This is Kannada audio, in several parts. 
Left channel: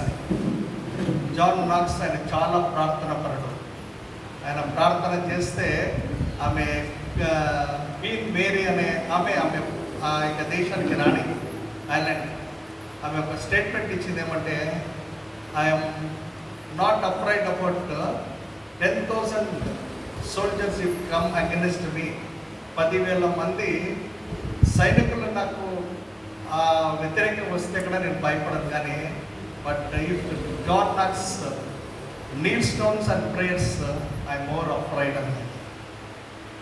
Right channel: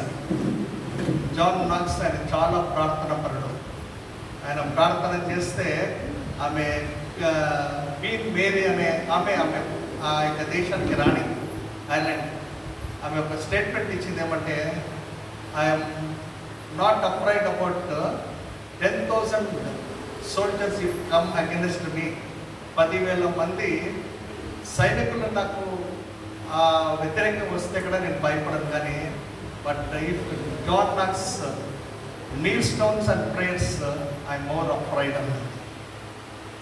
అని. జాన్ నాక్స్ ఆయన చాలా ప్రార్థన పరుడు. ఆయన ప్రార్థన చేస్తే ఆమె క్వీన్ మేరీ అనే ఆమె ఆ యొక్క దేశానికి రాణి, ఐర్లాండ్. ఆమె ఒక స్టేట్మెంట్ ఇచ్చింది ఏమంటే, I'm not afraid about 10,000 soldiers if come against మీ. 10,000 మంది సైనికులు నాకు వ్యతిరేకంగా వస్తే కూడా నేను భయపడను, కానీ but if John Knox kneel stones and prayers I more afraid అన్నది.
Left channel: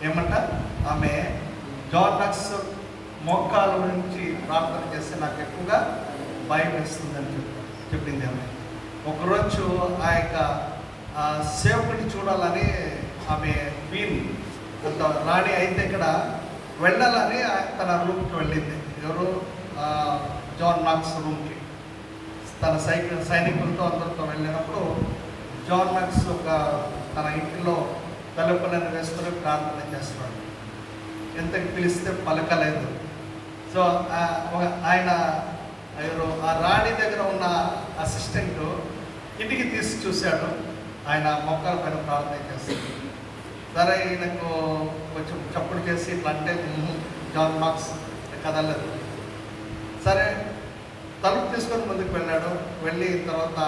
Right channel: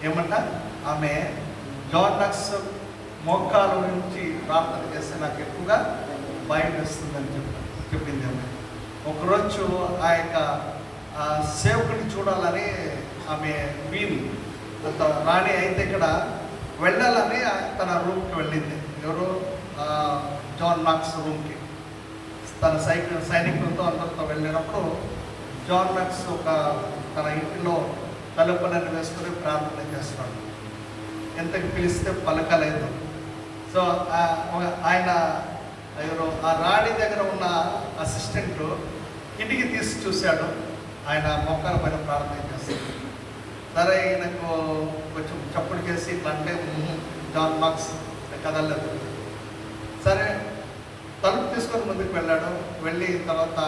ఏమంట, ఆమె జాన్ నాక్స్ మోకాల నుంచి ప్రార్థన చేస్తే నాకు ఎక్కువగా భయం వేస్తుందని చెప్పింది ఆమె. ఒకరోజు ఆ యొక్క సేవకుని చూడాలని ఆమె క్వీన్ అంత రాణి అయితే ఇక్కడ వెళ్ళాలని తన రూమ్కి వెళ్ళింది. ఎవరు? జాన్ నాక్స్ రూమ్కి తన సైనికులతో అందరితో వెళ్ళినప్పుడు జాన్ నాక్స్ తన ఇంటిలో తలుపులను వేసుకొని ప్రార్థన చేస్తున్నాడు. ఎంతకి పిలిస్తే పలకలేదు. సో ఆయన ఎవరు ఆ రాణి దగ్గర ఉన్న అసిస్టెంట్ ఇంటికి తీసి చూశాడు. ఆయన మొక్కల పైన ప్రార్థన చేస్తాడు. సరే, ఈయనకు కొంచెం చప్పుడు చేసి ఇట్లా అంటే జాన్ నాక్స్ కదలేదు. సరే, తలుపు తీసుకొని ముందుకు వెళ్ళాడు. వెళ్ళి తర్వాత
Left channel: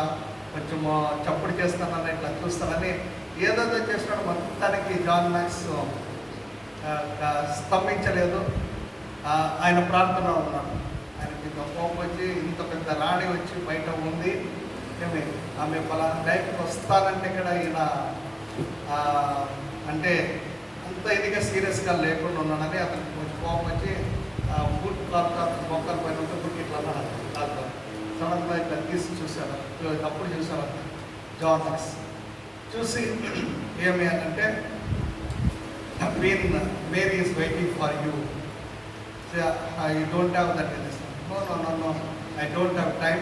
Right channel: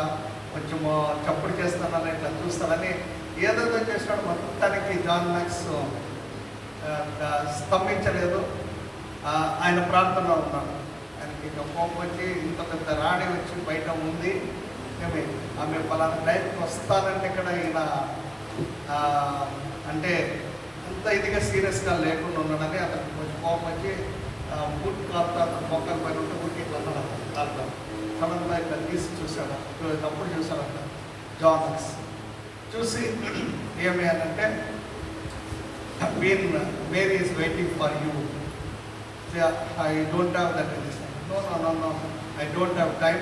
కొంచెం చప్పుడు చేస్తానని ఇట్లా చూస్తానని ఏదైతే చేసినాడు. మొత్తానికి జాన్ నాక్స్ స్తంభించలేదు. ఆయన ప్రార్థనలో ఉన్నాడు. ఆయనకి కోపం వచ్చి, ఇంత పెద్ద రాణి వచ్చి బయట ఉంది, ఆమె పలానా టైంకి వస్తానంటే ఇక్కడ ఈయన అంటే అంత ఇదిగా సీరియస్గా లేకుండా ఉన్నాడని అతనికి కొంచెం కోపం వచ్చి బుట్ కాలుతారు మొక్కల పైన ఉంటే బుట్ ఇట్లా అన్నాడు. కాలుతారు సడన్గా ఇట్లా తీసి చూశారు. అప్పుడు చూశారంట జాన్ నాక్స్. చూసి ఏమి అంటే, Queen Mary is waiting for you. I don't have that in this one. No, I don't have time.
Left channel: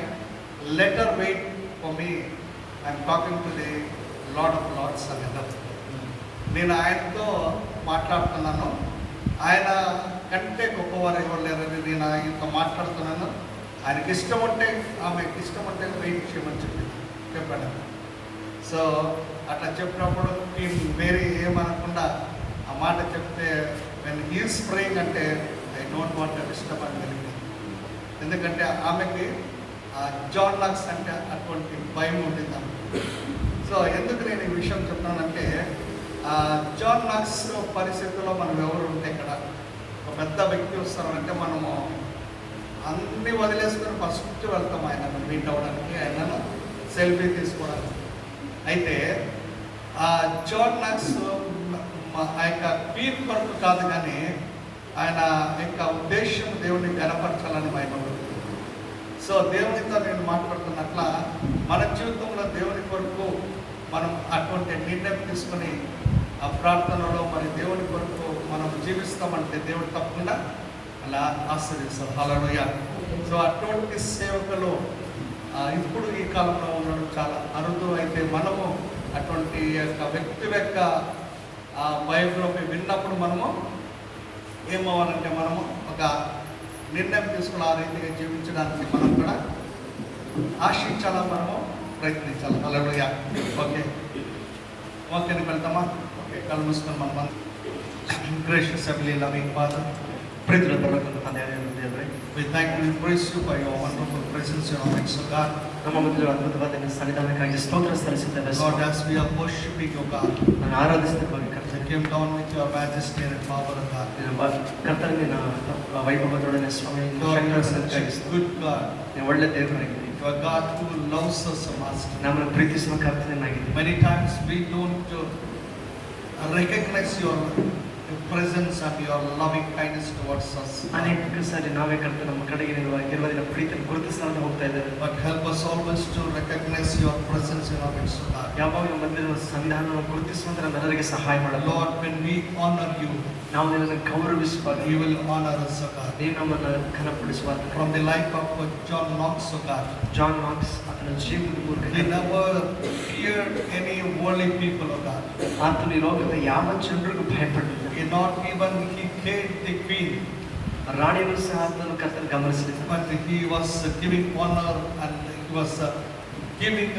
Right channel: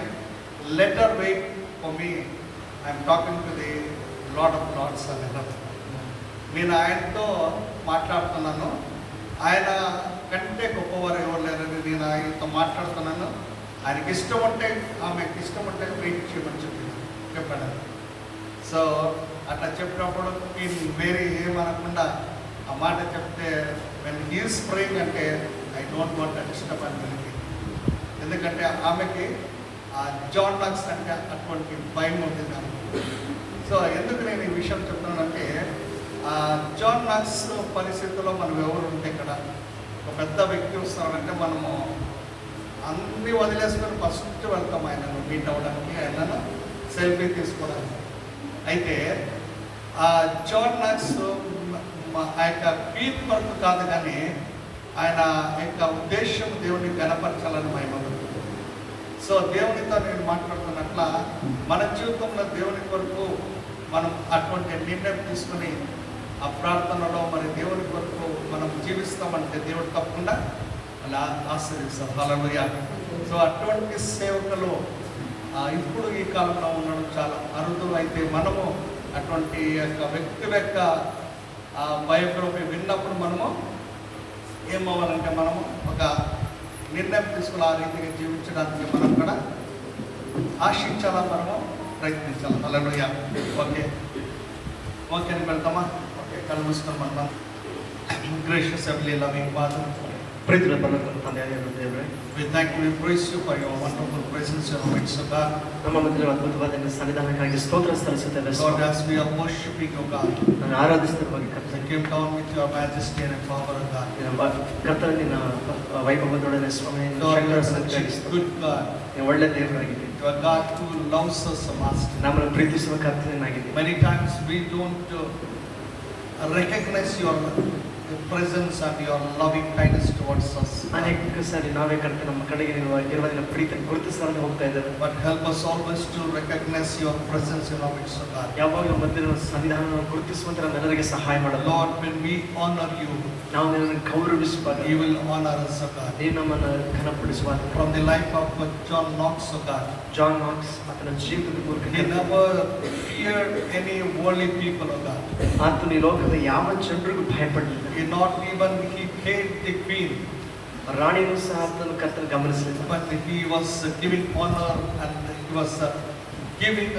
Let her wait for me. I'm talking to the Lord of Lords and another. నేను ఆయనతో మాట్లాడుతున్నాను. ఆయన కంటే గొప్పవారు ఎవరు లేరని నేను ఆయనతో మాట్లాడుతున్నాను. ఆయనకి ఇష్టం ఉంటే, ఆమెకి ఇష్టం ఉంటే వెయిట్ చేయమని చెప్పాడు. సో అట్లా చెప్పినప్పుడు మేరీ ఏమనకుండా ఆ మాట చెప్తే, వెన్ హీస్ ప్రేయింగ్ అంటే I don't want to disturb అని తెలిపి. ఎందుకంటే ఆమెకి జాన్ నాక్స్ అంటే అటువంటి భయం ఉంటుంది ఆమె. సో ఎందుకు నేను ఈ విషయం చెప్తానంటే, జాన్ నాక్స్ పరిస్థితుల్లో మనం ఎవరు ఉంటే ఇక్కడ ఒక పెద్ద వ్యక్తి వస్తామంటే మనము అన్నీ వదిలేసుకొని ఫస్ట్ వెళ్తాం ఆయనను మీట్ అవ్వడానికి, ఆయనను సెల్ఫీ తీసుకోవడానికి. అయితే జాన్ నాక్స్ ఆ యొక్క పీర్ కొరకు కాదు, కానీ ఆయన యొక్క ఉద్దేశం దేవుడిని గణపరచాలని ఆయన. సో దేవునితో నేను మాట్లాడుతున్నట్ల మన జీవితంలో దేవుని కొరకు మనం అటువంటి నిర్ణయం తీసుకొని ఆ ప్రార్థనలో మరి దేవుని కొరకు మనం జీవిస్తామంటే దేవుడు తప్పకుండా అలా ఆశీర్వదిస్తాం. హల్లెలూయా. సో అటువంటి సేవకులు ఇప్పుడు ఈ కాలంలో ఉండడం చాలా అరుదు. అయితే మనము అటువంటి యొక్క వ్యక్తుల యొక్క బయోగ్రఫీ విన్నప్పుడు మనము ఏమవ్వాలంటే, మనము ఒక నిర్ణయం తీసుకుని ఆ రీతిగా జీవించడానికి మనం కూడా ఆశించాలా, మనము ప్రయత్నించాలి. హల్లెలూయా. ఓకే వెళ్తామా? ఓకే, కళ్ళు మూసుకొని మనం గ్రేషియస్ heavenly loving Father, ప్రీతిలో పరలోకపు తండ్రి అయిన దేవుడే, we thank you, praise you for your wonderful presence in our midst, O God. ನಮ್ಮ ಮಧ್ಯೆ ಅದ್ಭುತವಾದ ನಿನ್ನ ಸನ್ನಿಧಾನಕ್ಕಾಗಿ ಸ್ತೋತ್ರ ಸಲ್ಲಿಸುತ್ತೇವೆ. Lord, as we are worshiping, O God, ನಾನು ಆರಾಧಿಸುತ್ತೇವೆ. you came down with your majesty and power, O God. ಕರ್ತನೇ, ನಿನ್ನ ವೈಭವದೊಡನೆ ಸ್ವಾಮಿ, good God, ನೀವು ಒಳ್ಳೆ ದೇವರಾಗಿದ್ದೀರಿ. you are God who loves us, Master. ನಮ್ಮನ್ನು ಪ್ರೀತಿಸುವ ಕರ್ತನಾಗಿದ್ದೀರಿ. Many times we don't recognize your presence and your loving kindness towards us. ಅನೇಕ ಸಾರಿ ನಾವೇ ಕರ್ತನೆ ನಮ್ಮ ಕಡೆಗೆ ನೀವು ಇರುವ ನಿನ್ನ ಪ್ರೀತಿಯನ್ನು ಗುರುತಿಸಲಾರದೆ ಹೋಗ್ತಾ ಇದ್ದೇವೆ. But help us always to recognize your presence in our midst, O God. ಯಾವಾಗ ನಮ್ಮ ಮಧ್ಯೆ ಸನ್ನಿಧಾನವನ್ನು ಗುರುತಿಸುವಂತೆ ನಮ್ಮೆಲ್ಲರಿಗೆ ಸಹಾಯ ಮಾಡಲು. Lord, when we honor you, ನಾವು ನಿನ್ನನ್ನು ಗೌರವಿಸುವಾಗ you will honor us, O God. ನೀನು ನಮ್ಮನ್ನು ಘನಪಡಿಸುವಾಗ. From the life of John Knox, O God, John Knox ಆತನ ಜೀವನದ ಮೂಲಕ he never feared any worldly people, O God. ಆತನು ಈ ಲೋಕದ ಯಾವ ಜನರಿಗೂ ಭಯಪಡಲಿಲ್ಲ. Not even he paid the queen, ರಾಣಿಯೂ ಸಹ ಆತನು ಕರ್ತನ ಗಮನಿಸಲಿಲ್ಲ. but he was giving honor and he was giving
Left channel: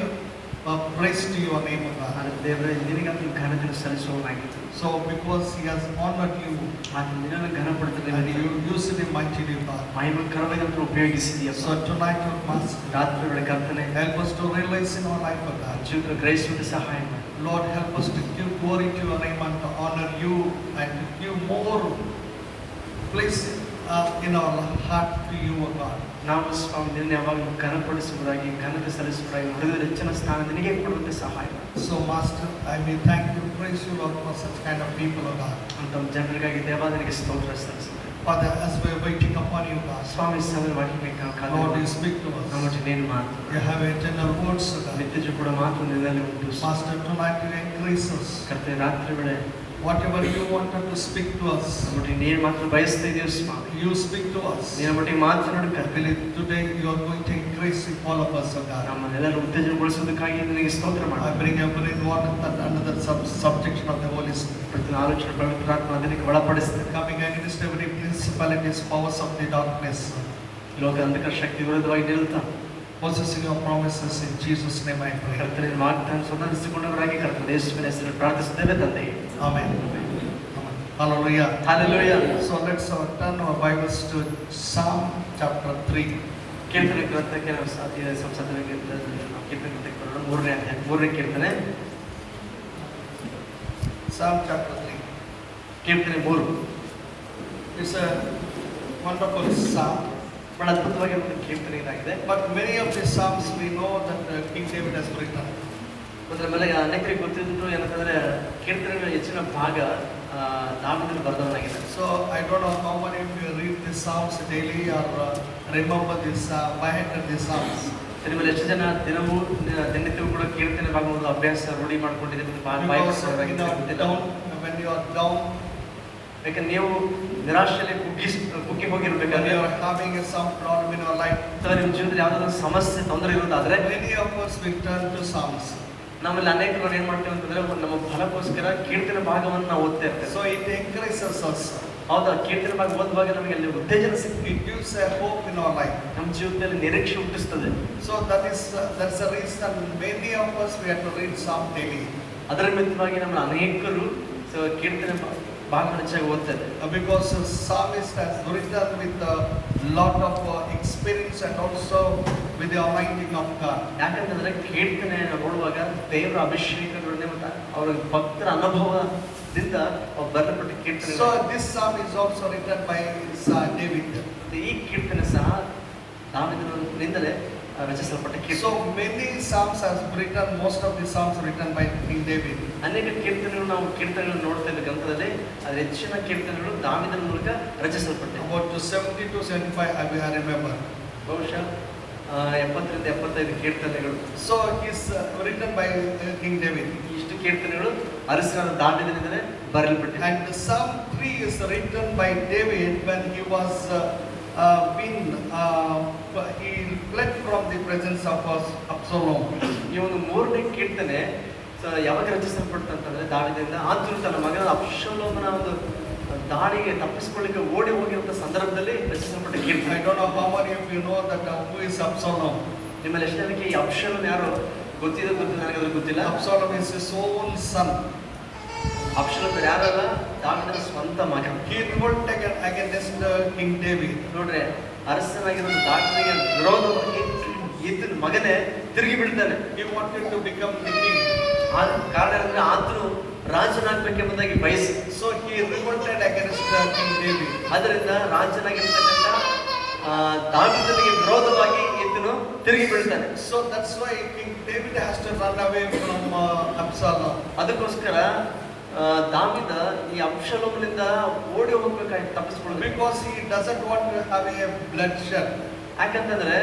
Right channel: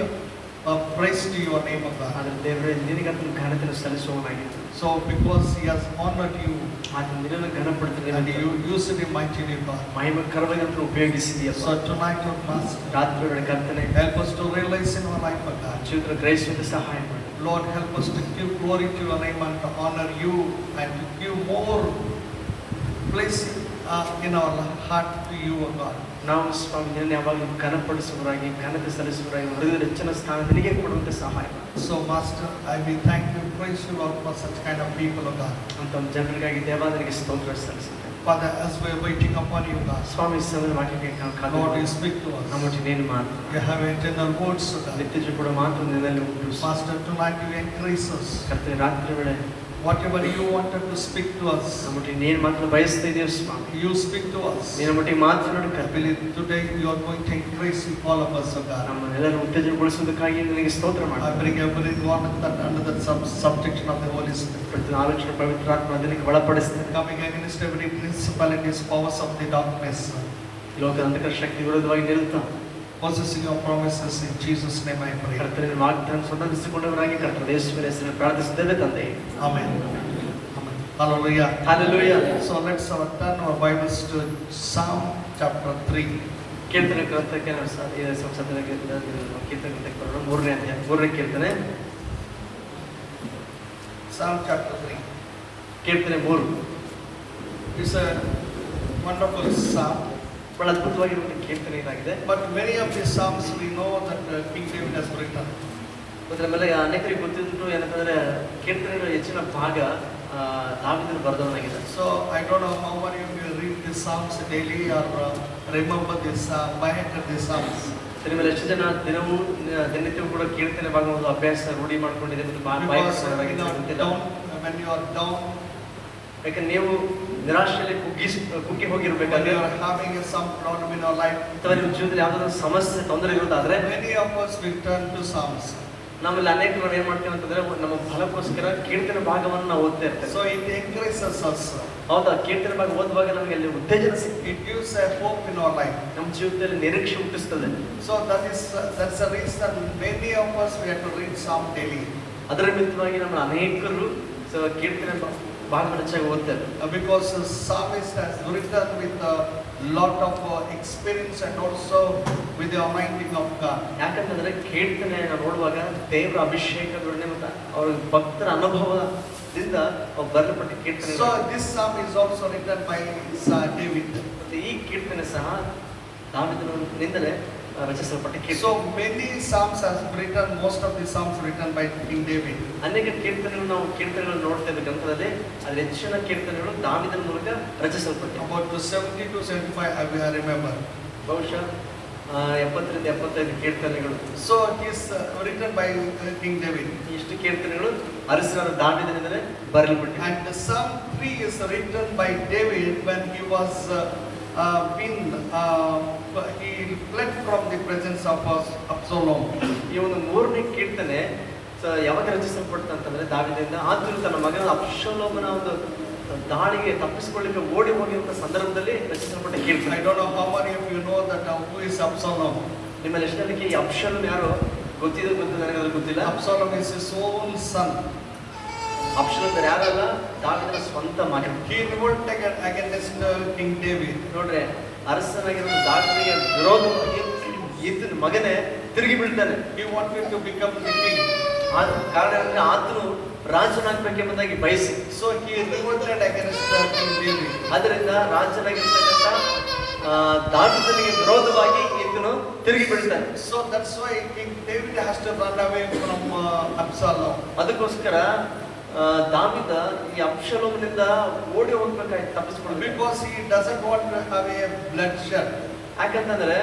praise to your name, O God. ಆದರೆ ದೇವರೇ ನಿನಗೆ ಆತನ ಘನತೆಯನ್ನು ಸಲ್ಲಿಸುವವನಾಗಿದ್ದಾನೆ. So because he has honored you ಆತನು ನಿನ್ನನ್ನು ಘನಪಡಿಸಿದ and you used him mightily, God. ಮಹಿಮಕರವಾಗಿ ಆತನು ಉಪಯೋಗಿಸಿದೆಯಪ್ಪ. So tonight, Lord Master, ರಾತ್ರಿ ವೇಳೆ ಕರ್ತನೆ help us to realize in our life, O God. ಜೀವಿತ ಗ್ರಹಿಸುವಂತೆ ಸಹಾಯ ಮಾಡು. Lord, help us to give glory to your name and to honor you and to give more place in our heart to you, O God. ನಾವು ಸ್ವಾಮಿ ನಿನ್ನ ಯಾವಾಗಲೂ ಘನಪಡಿಸುವವರಾಗಿ ಘನತೆ ಸಲ್ಲಿಸುವವರಾಗಿ ಹೃದಯದ ಹೆಚ್ಚಿನ ಸ್ಥಾನ ನಿನಗೆ ಕೊಡುವಂತೆ ಸಹಾಯ ಮಾಡು. So Master, I will thank you, praise you, Lord, for such kind of people, O God. ಅಂತ ಜನರಿಗಾಗಿ ದೇವಾಲಯಕ್ಕೆ ಸ್ತೋತ್ರ ಸಲ್ಲಿಸುತ್ತೇವೆ. Father, as we are waiting upon you, God, ಸ್ವಾಮಿ ಸಣ್ಣ ವಾಕ್ಯಕ್ಕೆ Lord, you speak to us. ನಮ್ಮೊಟ್ಟು ನೀನು ಮಾತು You have eternal words, O God. ನಿತ್ಯ ಕೂಡ ಮಾತು ನಿನ್ನಲ್ಲಿ ಉಂಟು. Master, tonight you increase us. ಕರ್ತನೆ ರಾತ್ರಿ ವೇಳೆ Whatever you wanted to speak to us, ನಮ್ಮೊಟ್ಟಿಗೆ ನೀನು ಮಾತು ಬಯಸ್ತಾ ಇದ್ದೀವಿ ಸ್ವಾಮಿ. you speak to us. ನೀನು ಒಟ್ಟಿಗೆ ಮಾತನಾಡು I ಕರ್ತನೆ. believe today you are going to increase in all of us, O God. ನಮ್ಮನ್ನೆಲ್ಲರೂ ಉತ್ತೇಜನಗೊಳಿಸುವುದಕ್ಕಾಗಿ ನಿನಗೆ ಸ್ತೋತ್ರ I ಮಾಡು. bring everyone under the subjection of the Holy Spirit. ಪ್ರತಿ ಆಲೋಚನೆ ಪವಿತ್ರಾತ್ಮ ಅದಕ್ಕೆ ಒಳಪಡಿಸ್ತೇನೆ. Coming against every principalities, powers of the darkness, ಲೋಕ ಅಂಧಕಾರ ಶಕ್ತಿ ವಿರುದ್ಧವಾಗಿ ನಿಲ್ತಾ possessing your promises in Jesus' name I pray. ಕರ್ತನೆ ವಾಗ್ದಾನ ಸ್ವತಂತ್ರಿಸಿಕೊಂಡವರಾಗಿ ಕರ್ತನೆ ಯೇಸುವಿನ ಹೆಸರಿನಲ್ಲಿ ಪ್ರಾರ್ಥಿಸುತ್ತೇವೆ ತಂದೆ. Amen. Hallelujah. Hallelujah. So let's turn our Bibles to Psalm chapter 3. ಕೀರ್ತನೆ ಗ್ರಂಥಕ್ಕೆ ನಾವು ಸಂಸದರಿಗೆ ಕೀರ್ತನೆ ಗ್ರಂಥಕ್ಕೆ ಮೂರನೇ ಅಧ್ಯಾಯ ಮೂರನೇ ಕೀರ್ತನೆ Psalm chapter 3. ಕೀರ್ತನೆ 3 It's a wonderful psalm. ಬಹಳ ಅದ್ಭುತವಾಗಿರುವ ಕೀರ್ತನೆ ಇದಾಗಿದೆ. But many of the psalms we know that King David has written. ಅದರ ಮೇಲೆ ಅನೇಕರಿಗೆ ಗೊತ್ತಿದ್ದು ಏನಂತಂದ್ರೆ ಕೀರ್ತನೆಗಳ ಹೆಚ್ಚಿನ ಭಾಗ ದಾವೀದನು ಬರೆದವನಾಗಿದೆ. So I don't know how many of you read these psalms daily or remember this by heart these psalms. ನಿಮ್ಮಲ್ಲಿ ಎಷ್ಟು ಜನ ದಿನನಿತ್ಯವೂ ಕೂಡ ಕೀರ್ತನೆ ಭಾಗವನ್ನು ಅಭ್ಯಾಸ ರೂಢಿ ಮಾಡ್ಕೊಂಡಿದ್ದೀರಿ ಮತ್ತು Because down, when you are down, ಯಾಕಂದ್ರೆ ನೀವು ನಿರಾಶೆಯಲ್ಲಿ ಕುಗ್ಗಿ when ಹೋಗಿರ್ಬೇಕಾದ್ರೆ you are having some problem in your life, ಅಥವಾ ನಿಮ್ಮ ಜೀವನದಲ್ಲಿ ಯಾವ್ದಾದ್ರು ಸಮಸ್ಯೆ ತೊಂದರೆ ಇರೋದಾದ್ರೆ many of us will turn to psalms. ನಾವೆಲ್ಲ ಅನೇಕರು ಏನ್ ಮಾಡ್ತೀವಿ ಅಂತಂದ್ರೆ ನಮ್ಮ ಫಲಕ್ಕೋಸ್ಕರ ಕೀರ್ತನೆ ಭಾಗವನ್ನು ನಾವು ಓದ್ತಾ ಇರ್ತೇವೆ. So it encourages us. ಹೌದಾ, ಕೀರ್ತನೆ ಭಾಗ ಓದುವಾಗ ನಮಗೆ ಅಲ್ಲಿ ಉತ್ತೇಜನ ಸಿಗ್ತದೆ. It gives a hope in our life. ನಮ್ಮ ಜೀವಿತದಲ್ಲಿ ನಿರೀಕ್ಷೆ ಹುಟ್ಟಿಸ್ತದೆ. So that's the reason many of us we have to read psalm daily. ಅದರ ನಿಮಿತ್ತವಾಗಿ ನಮ್ಮ ಅನೇಕರು ಕೀರ್ತನೆ ಭಾಗವನ್ನು ಹೆಚ್ಚಾಗಿ ಓದ್ತಾರೆ. Because the psalmist has written with a lot of experience and also with the anointing of God. ಯಾಕಂತಂದ್ರೆ ಕೀರ್ತನೆ ನೋಡುವಾಗ ದೇವರ ಅಭಿಷೇಕಗಳನ್ನೇ ಅವರ ಭಕ್ತರ ಅನುಭವದಿಂದ ಅವ್ರು ಬರೆಯಲ್ಪಟ್ಟ ಕೀರ್ತನೆ. So this psalm is also written by David. ಈ ಕೀರ್ತನೆ ಸಹ ದಾವೀದನಿಂದಲೇ ರಚಿಸಲ್ಪಟ್ಟ ಕೀರ್ತನೆ. So many psalms has written, most of the psalms written by King David. ಅನೇಕ ಕೀರ್ತನೆಗಳು ನಾವು ಕೀರ್ತನೆಗಳು ನೋಡ್ತಾ ಇದ್ದ ಗ್ರಂಥದಲ್ಲಿ ಅದ್ರ ಹೆಚ್ಚಿನ ಕೀರ್ತನೆಗಳು ದಾವೀದನ ಮೂಲಕ ರಚಿಸಲ್ಪಟ್ಟಿವೆ. About 70 to 75 I remember. ಬಹುಶಃ 70 ರಿಂದ 75 ಕೀರ್ತನೆಗಳು. So it is written by King David. ಇಷ್ಟು ಕೀರ್ತನೆಗಳು ಅರಸನಾದ ದಾವೀದನಿಂದಲೇ ಬರೆಯಲ್ಪಟ್ಟಿವೆ. And the Psalm 3 is written by David when he was he fled from the presence of Absalom. ಈ ಒಂದು ಮೂರನೇ ಕೀರ್ತನೆ ಯಾವಾಗ ರಚಿಸಲ್ಪಡ್ತಂತಂದ್ರೆ ದಾವೀದನಿಂದ ಆತನು ತನ್ನ ಮಗನ ಅಬ್ಷಾಲೋಮನ ಒಂದು ದಾಳಿಗೆ ತಪ್ಪಿಸಿಕೊಳ್ಳಿಕ್ಕೆ ಓಡಿ ಹೋಗಿರುವಂತ ಸಂದರ್ಭದಲ್ಲಿ ರಚಿಸಲ್ಪಟ್ಟ ಕೀರ್ತನೆ. I don't know how many of you know that who is Absalom. ನಿಮ್ಮಲ್ಲಿ ಎಷ್ಟು ಜನಕ್ಕೆ ಈ ಅಬ್ಷಾಲೋಮ್ ಯಾರು ಗೊತ್ತಿದೆ ನನಗೆ ಗೊತ್ತಿಲ್ಲ. Absalom is his own son. Absalom ಯಾರಲ್ಲ, ದಾವೀದನ ಸ್ವಂತ ಮಗ. He revolted against King David. ನೋಡ್ರೆ, ಅರಸನಾಗಿರುವ ದಾವೀದನಿಗೆ ವಿರೋಧವಾಗಿ ಈತನ ಮಗನೇ ತಿರುಗಿ ಬೀಳ್ತಾನೆ. He wanted to become the king. ಕಾರಣ ಅಂದ್ರೆ ಆತನು ರಾಜನಾಗಬೇಕೆಂಬುದಾಗಿ ಬಯಸಿ. So he revolted against King David. ಅದರಿಂದ ರಾಜನಾಗಿರ್ತಕ್ಕಂಥ ದಾವೀದನಿಗೆ ವಿರೋಧವಾಗಿ ಈತನು ತಿರುಗಿ ಬೀಳ್ತಾನೆ. So that's why King David has to run away from Absalom. ಅದಕ್ಕೋಸ್ಕರ ದಾವೀದ ಈ ಅಬ್ಷಾಲೋಮನಿಂದ ಓಡಿ ಹೋಗ್ಬೇಕಾಯ್ತು, ತಪ್ಪಿಸ್ಕೊಳ್ಳೋದು. Because he doesn't want to have a bloodshed. ಯಾಕಂತಂದ್ರೆ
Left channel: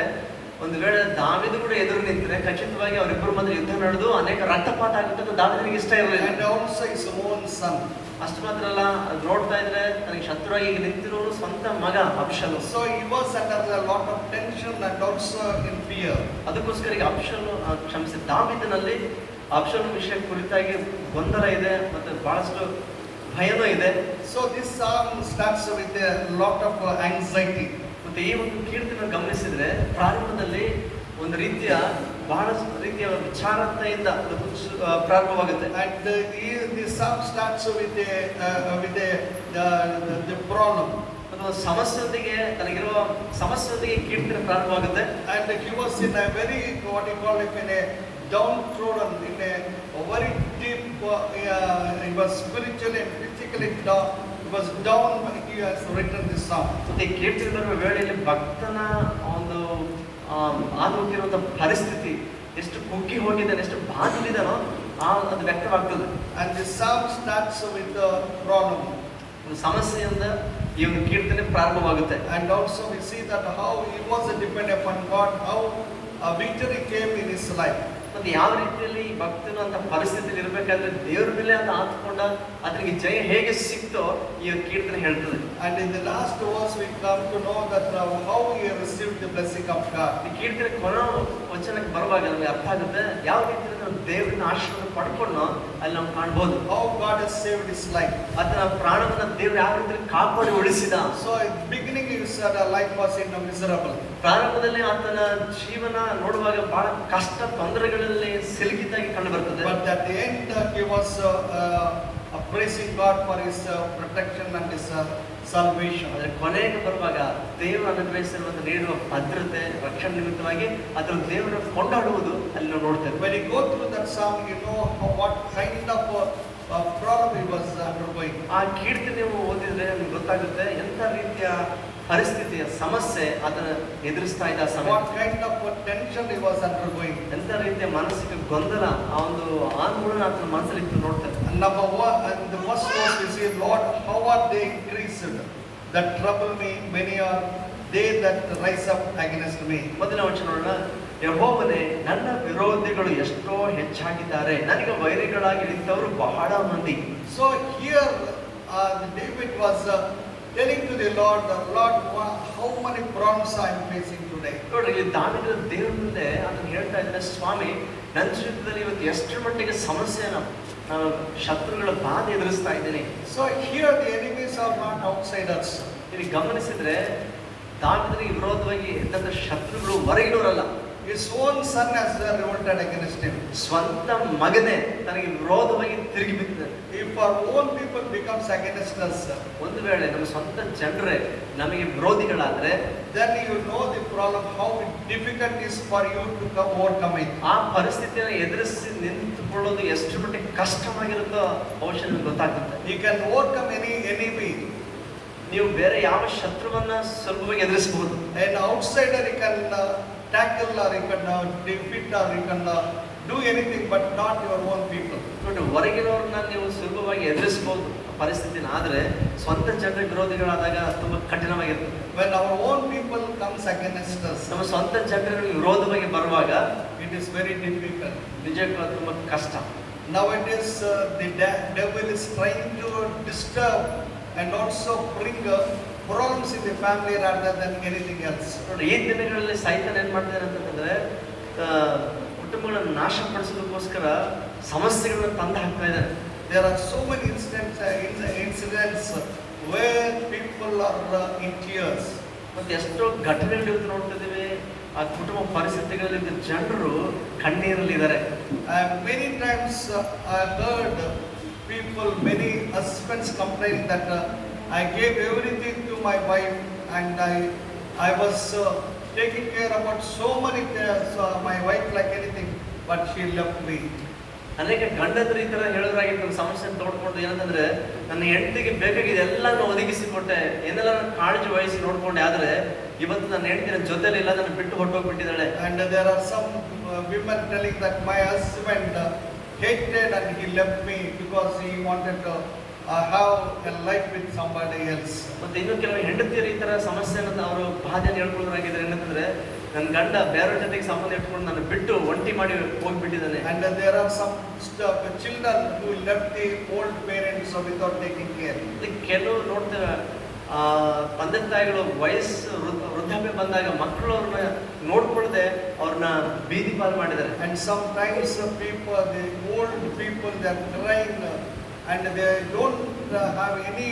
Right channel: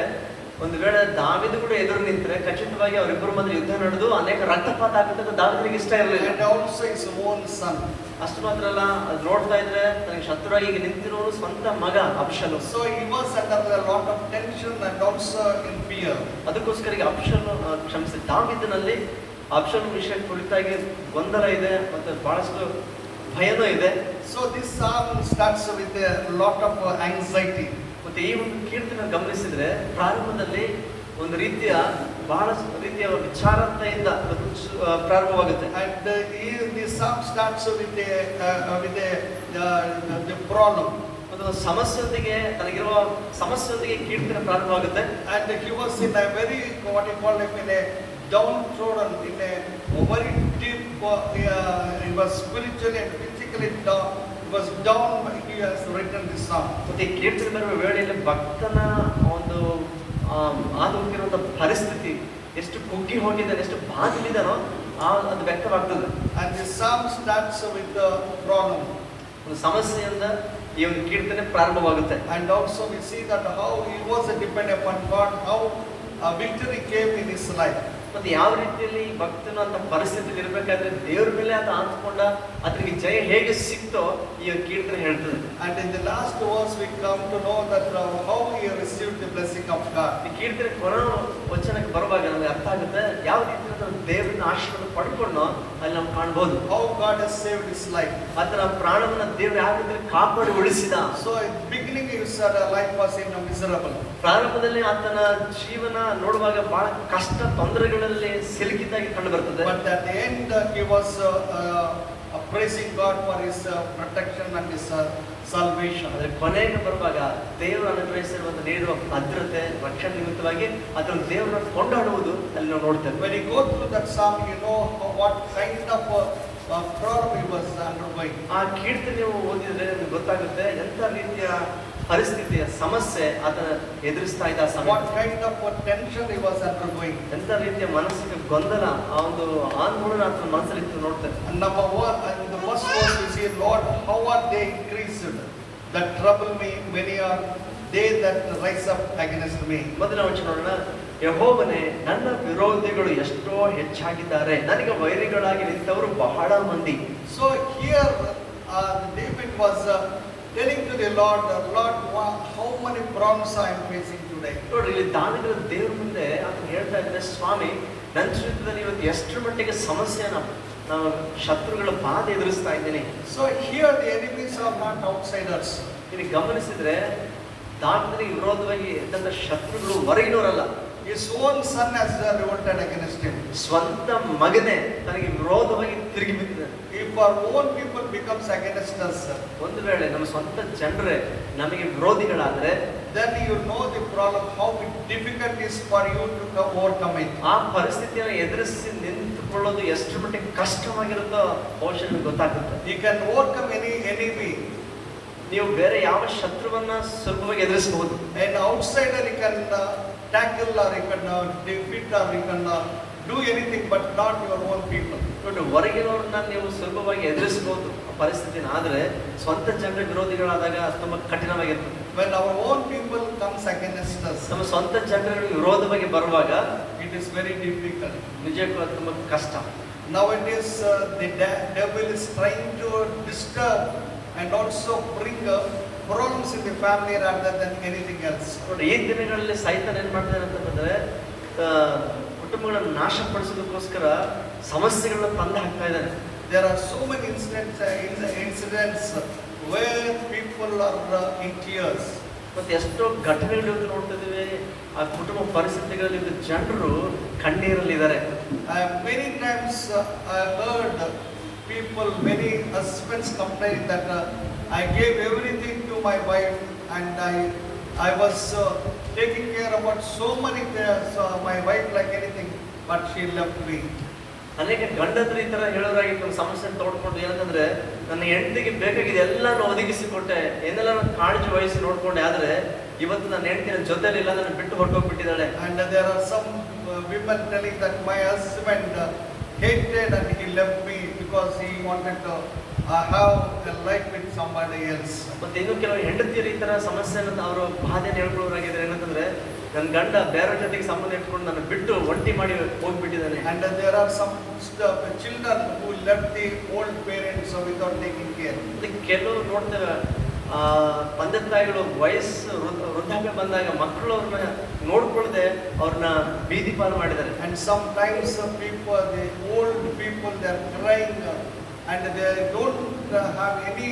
ಒಂದು ವೇಳೆ ದಾವೀದ ಕೂಡ ಎದುರು ನಿಂತರೆ ಖಚಿತವಾಗಿ ಅವರಿಬ್ಬರು ಮಧ್ಯೆ ಯುದ್ಧ ನಡೆದು ಅನೇಕ ರಕ್ತಪಾತ ಆಗುತ್ತದೆ. ದಾವೀದನಿಗೆ ಇಷ್ಟ ಇರಲಿಲ್ಲ. And also his own son. ಅಷ್ಟು ಮಾತ್ರ ಅಲ್ಲ, ಅದು ನೋಡ್ತಾ ಇದ್ರೆ ತನಗೆ ಶತ್ರುವಾಗಿ ನಿಂತಿರೋನು ಸ್ವಂತ ಮಗ Absalom. So he was under a lot of tension and also in fear. ಅದಕ್ಕೋಸ್ಕರ ಈಗ ಕ್ಷಮಿಸಿ ದಾವೀದನಲ್ಲಿ ಅಬ್ಷಾಲೋಮ್ ವಿಷಯ ಕುರಿತಾಗಿ ಗೊಂದಲ ಇದೆ ಮತ್ತು ಬಹಳಷ್ಟು ಭಯನೂ ಇದೆ. So this psalm starts with a lot of anxiety. ಮತ್ತೆ ಈ ಒಂದು ಕೀರ್ತನೆ ಗಮನಿಸಿದ್ರೆ ಪ್ರಾರಂಭದಲ್ಲಿ ಒಂದು ರೀತಿಯ ಬಹಳ ರೀತಿಯ ವಿಚಾರತೆಯಿಂದ ಪ್ರಾರಂಭವಾಗುತ್ತೆ. And the psalm starts with the problem. ಅದು ಸಮಸ್ಯೆಯೊಂದಿಗೆ ತನಗಿರುವ ಸಮಸ್ಯೆಯೊಂದಿಗೆ ಕೀರ್ತನೆ ಪ್ರಾರಂಭವಾಗುತ್ತೆ. And he was in a very, what you call it, in a downtrodden, in a very deep, he was spiritually and physically down. He was down when he has written this psalm. ಮತ್ತೆ ಈ ಕೀರ್ತನೆ ಬರುವ ವೇಳೆಯಲ್ಲಿ ಭಕ್ತನ ಒಂದು ಹಾದು ಹೋಗಿರುವಂತ ಪರಿಸ್ಥಿತಿ ಎಷ್ಟು ಕುಗ್ಗಿ ಹೋಗಿದ್ದಾನೆ, ಎಷ್ಟು ಬಾಧಲಿದ್ದಾನೋ ಅದು ವ್ಯಕ್ತವಾಗ್ತದೆ. And the psalm starts with the problem. ಒಂದು ಸಮಸ್ಯೆಯಿಂದ ಈ ಒಂದು ಕೀರ್ತನೆ ಪ್ರಾರಂಭವಾಗುತ್ತೆ. And also we see that how he was dependent upon God, how victory came in his life. ಮತ್ತೆ ಯಾವ ರೀತಿಯಲ್ಲಿ ಈ ಭಕ್ತನು ಅಂತ ಪರಿಸ್ಥಿತಿಯಲ್ಲಿ ಇರಬೇಕಾದ್ರೆ ದೇವ್ರ ಮೇಲೆ ಅಂತ ಆತ್ಕೊಂಡ ಅದಕ್ಕೆ ಜಯ ಹೇಗೆ ಸಿಕ್ತೋ ಈ ಕೀರ್ತನೆ ಹೇಳ್ತದೆ. And in the last verse we come to know that how he received the blessing of God. ಈ ಕೀರ್ತನೆ ಕೊನೆ ವಚನಕ್ಕೆ ಬರುವಾಗ ನಮಗೆ ಅರ್ಥ ಆಗುತ್ತೆ ಯಾವ ರೀತಿಯಲ್ಲಿ ನಾವು ದೇವರನ್ನ ಆಶೀರ್ವಾದ ಪಡ್ಕೊಂಡು ಅಲ್ಲಿ ನಾವು ಕಾಣಬಹುದು. How God has saved his life. ಅದರ ಪ್ರಾಣವನ್ನ ದೇವರು ಯಾವ ರೀತಿಯಲ್ಲಿ ಕಾಪಾಡಿ ಉಳಿಸಿದ. So in the beginning his life was in a miserable. ಪ್ರಾರಂಭದಲ್ಲಿ ಆತನ ಜೀವನ ನೋಡುವಾಗ ಬಹಳ ಕಷ್ಟ ತೊಂದರೆಗಳಲ್ಲಿ ಸಿಲುಕಿದ್ದಾಗಿ ಕಂಡು ಬರ್ತದೆ. But at the end he was praising God for his protection and his salvation. ಆದರೆ ಕೊನೆಗೆ ಬರುವಾಗ ದೇವರು ಅನುಗ್ರಹಿಸಿರುವಂತ ನೀಡುವ ಭದ್ರತೆ ರಕ್ಷಣೆ ನಿಮಿತ್ತವಾಗಿ ಅದನ್ನು ದೇವರನ್ನು ಕೊಂಡಾಡುವುದು ಅಲ್ಲಿ ನಾವು ನೋಡ್ತೇವೆ. When you go through that psalm, you know what kind of problem he was undergoing. ಆ ಕೀರ್ತನೆ ನೀವು ಓದಿದ್ರೆ ನಿಮ್ಗೆ ಗೊತ್ತಾಗುತ್ತೆ ಎಂಥ ರೀತಿಯ ಪರಿಸ್ಥಿತಿಯ ಸಮಸ್ಯೆ ಆತನ ಎದುರಿಸ್ತಾ ಇದ್ದ ಸಮಯ. What kind of tension he was undergoing. ಎಂಥ ರೀತಿಯ ಮಾನಸಿಕ ಗೊಂದಲ ಆ ಒಂದು ಆಂದೋಲನ ಆತನ ಮನಸ್ಸಲ್ಲಿ ಇತ್ತು ನೋಡ್ತೇವೆ. And number one, and the first verse we see, Lord, how are they increased that trouble me? Many are they that rise up against me. ಮೊದಲ ವಚನ ನೋಡೋಣ. ಯೆಹೋವನೇ, ನನ್ನ ವಿರೋಧಿಗಳು ಎಷ್ಟೋ ಹೆಚ್ಚಾಗಿದ್ದಾರೆ, ನನಗೆ ವೈರಿಗಳಾಗಿ ನಿಂತವರು ಬಹಳ ಮಂದಿ. So here David was telling to the Lord, Lord, how many problems I am facing today. ನೋಡ್ರಿ, ಇಲ್ಲಿ ದಾವೀದನ ದೇವರ ಮುಂದೆ ಅದನ್ನ ಹೇಳ್ತಾ ಇದ್ದಾನೆ, ಸ್ವಾಮಿ ನನ್ನ ಜೀವಿತದಲ್ಲಿ ಇವತ್ತು ಎಷ್ಟು ಮಟ್ಟಿಗೆ ಸಮಸ್ಯೆನ ನಾನು ಶತ್ರುಗಳ ಬಾಧೆ ಎದುರಿಸ್ತಾ ಇದ್ದೇನೆ. So here the enemies are not outsiders. ಇಲ್ಲಿ ಗಮನಿಸಿದ್ರೆ ದಾವೀದನಿಗೆ ವಿರೋಧವಾಗಿ ಇದ್ದಂತ ಶತ್ರುಗಳು ಹೊರಗಿನವರಲ್ಲ. His own son has revolted against him. ಸ್ವಂತ ಮಗನೇ ತನಗೆ ವಿರೋಧವಾಗಿ ತಿರುಗಿ ಬಿದ್ದಿದ್ದಾನೆ. If our own people becomes against us, ಒಂದು ವೇಳೆ ನಮ್ಮ ಸ್ವಂತ ಜನರೇ ನಮಗೆ ವಿರೋಧಿಗಳಾದ್ರೆ, then you know the problem, how difficult it is for you to overcome it. ಆ ಪರಿಸ್ಥಿತಿಯನ್ನು ಎದುರಿಸಿ ನಿಂತುಕೊಳ್ಳೋದು ಎಷ್ಟು ಮಟ್ಟಿಗೆ ಕಷ್ಟವಾಗಿರುತ್ತೋ ಬಹುಶಃ ನಿಮಗೆ ಗೊತ್ತಾಗುತ್ತೆ. You can overcome any enemy. ನೀವು ಬೇರೆ ಯಾವ ಶತ್ರುವನ್ನ ಸುಲಭವಾಗಿ ಎದುರಿಸಬಹುದು. An outsider you can tackle or you can defeat or you can do anything, but not your own people. ನೋಡಿ, ಹೊರಗಿನವ್ರನ್ನ ನೀವು ಸುಲಭವಾಗಿ ಎದುರಿಸಬಹುದು ಪರಿಸ್ಥಿತಿನ, ಆದ್ರೆ ಸ್ವಂತ ಜನರ ವಿರೋಧಿಗಳಾದಾಗ ತುಂಬಾ ಕಠಿಣವಾಗಿರ್ತದೆ. When our own people comes against us, ನಮ್ಮ ಸ್ವಂತ ಜನರ ವಿರೋಧವಾಗಿ ಬರುವಾಗ it is very difficult. ನಿಜಕ್ಕೂ ತುಂಬಾ ಕಷ್ಟ. Nowadays the devil is trying to disturb and also bring problems in the family rather than anything else. ನೋಡಿ, ಈ ದಿನಗಳಲ್ಲಿ ಸೈತಾನ ಏನ್ ಮಾಡ್ತಾನೆ ಅಂತಂದ್ರೆ ಕುಟುಂಬಗಳನ್ನು ನಾಶಪಡಿಸೋದಕ್ಕೋಸ್ಕರ ಸಮಸ್ಯೆಗಳನ್ನ ತಂದು ಹಾಕ್ತಾ ಇದ್ದಾನೆ. There are so many incidents where people are in tears. ಮತ್ತೆ ಎಷ್ಟೋ ಘಟನೆಗಳು ನೋಡ್ತಿದ್ದೀವಿ. ಆ ಕುಟುಂಬ ಪರಿಸ್ಥಿತಿಗಳಲ್ಲಿ ಜನರು ಕಣ್ಣೀರಲ್ಲಿದ್ದಾರೆ. Many times I heard people, many husbands complaining that I gave everything to my wife and I was taking care about so many things, my wife like anything, but she left me. ಅನೇಕ ಗಂಡಂದ್ರು ಈ ತರ ಹೇಳೋರಾಗಿ ಒಂದು ಸಮಸ್ಯೆ ತೋಡ್ಕೊಂಡು ಏನಂದ್ರೆ ನನ್ನ ಹೆಂಡತಿಗೆ ಬೇಕಾಗಿದೆ ಎಲ್ಲ ಒದಗಿಸಿಕೊಟ್ಟೆ, ಏನೆಲ್ಲ ಕಾಳಜಿ ವಹಿಸಿ ನೋಡ್ಕೊಂಡೆ, ಆದ್ರೆ ಇವತ್ತು ನನ್ನ ಹೆಂಡತಿನ ಜೊತೆಲಿಲ್ಲ, ನನ್ನ ಬಿಟ್ಟು ಹೊರಟೋಗ್ಬಿಟ್ಟಿದ್ದಾಳೆ. And there are some women telling that my husband hated and he left me because he wanted to have a life with somebody else. ಮತ್ತೆ ಇನ್ನು ಕೆಲವು ಹೆಂಡತಿಯರು ಈ ತರ ಸಮಸ್ಯೆನ ಅವರು ಬಾಧೆಯನ್ನು ಹೇಳ್ಕೊಳ್ಳೋರಾಗಿದ್ದಾರೆ. ಏನಂತಂದ್ರೆ ನನ್ನ ಗಂಡ ಬೇರೆ ಜೊತೆಗೆ ಸಂಬಂಧ ಇಟ್ಕೊಂಡು ನನ್ನ ಬಿಟ್ಟು ಒಂಟಿ ಮಾಡಿ ಹೋಗ್ಬಿಟ್ಟಿದ್ದಾನೆ. And there are some children who left the old parents without taking care. ಕೆಲವು ನೋಡ್ತೇವೆ ತಂದೆ ತಾಯಿಗಳು ವಯಸ್ಸು ವೃದ್ಧಾಪ್ಯ ಬಂದಾಗ ಮಕ್ಕಳು ಅವ್ರನ್ನ ನೋಡ್ಕೊಳ್ಳದೆ ಅವ್ರನ್ನ ಬೀದಿ ಪಾಲು ಮಾಡಿದ್ದಾರೆ. And sometimes people, the old people, they are crying and they don't have any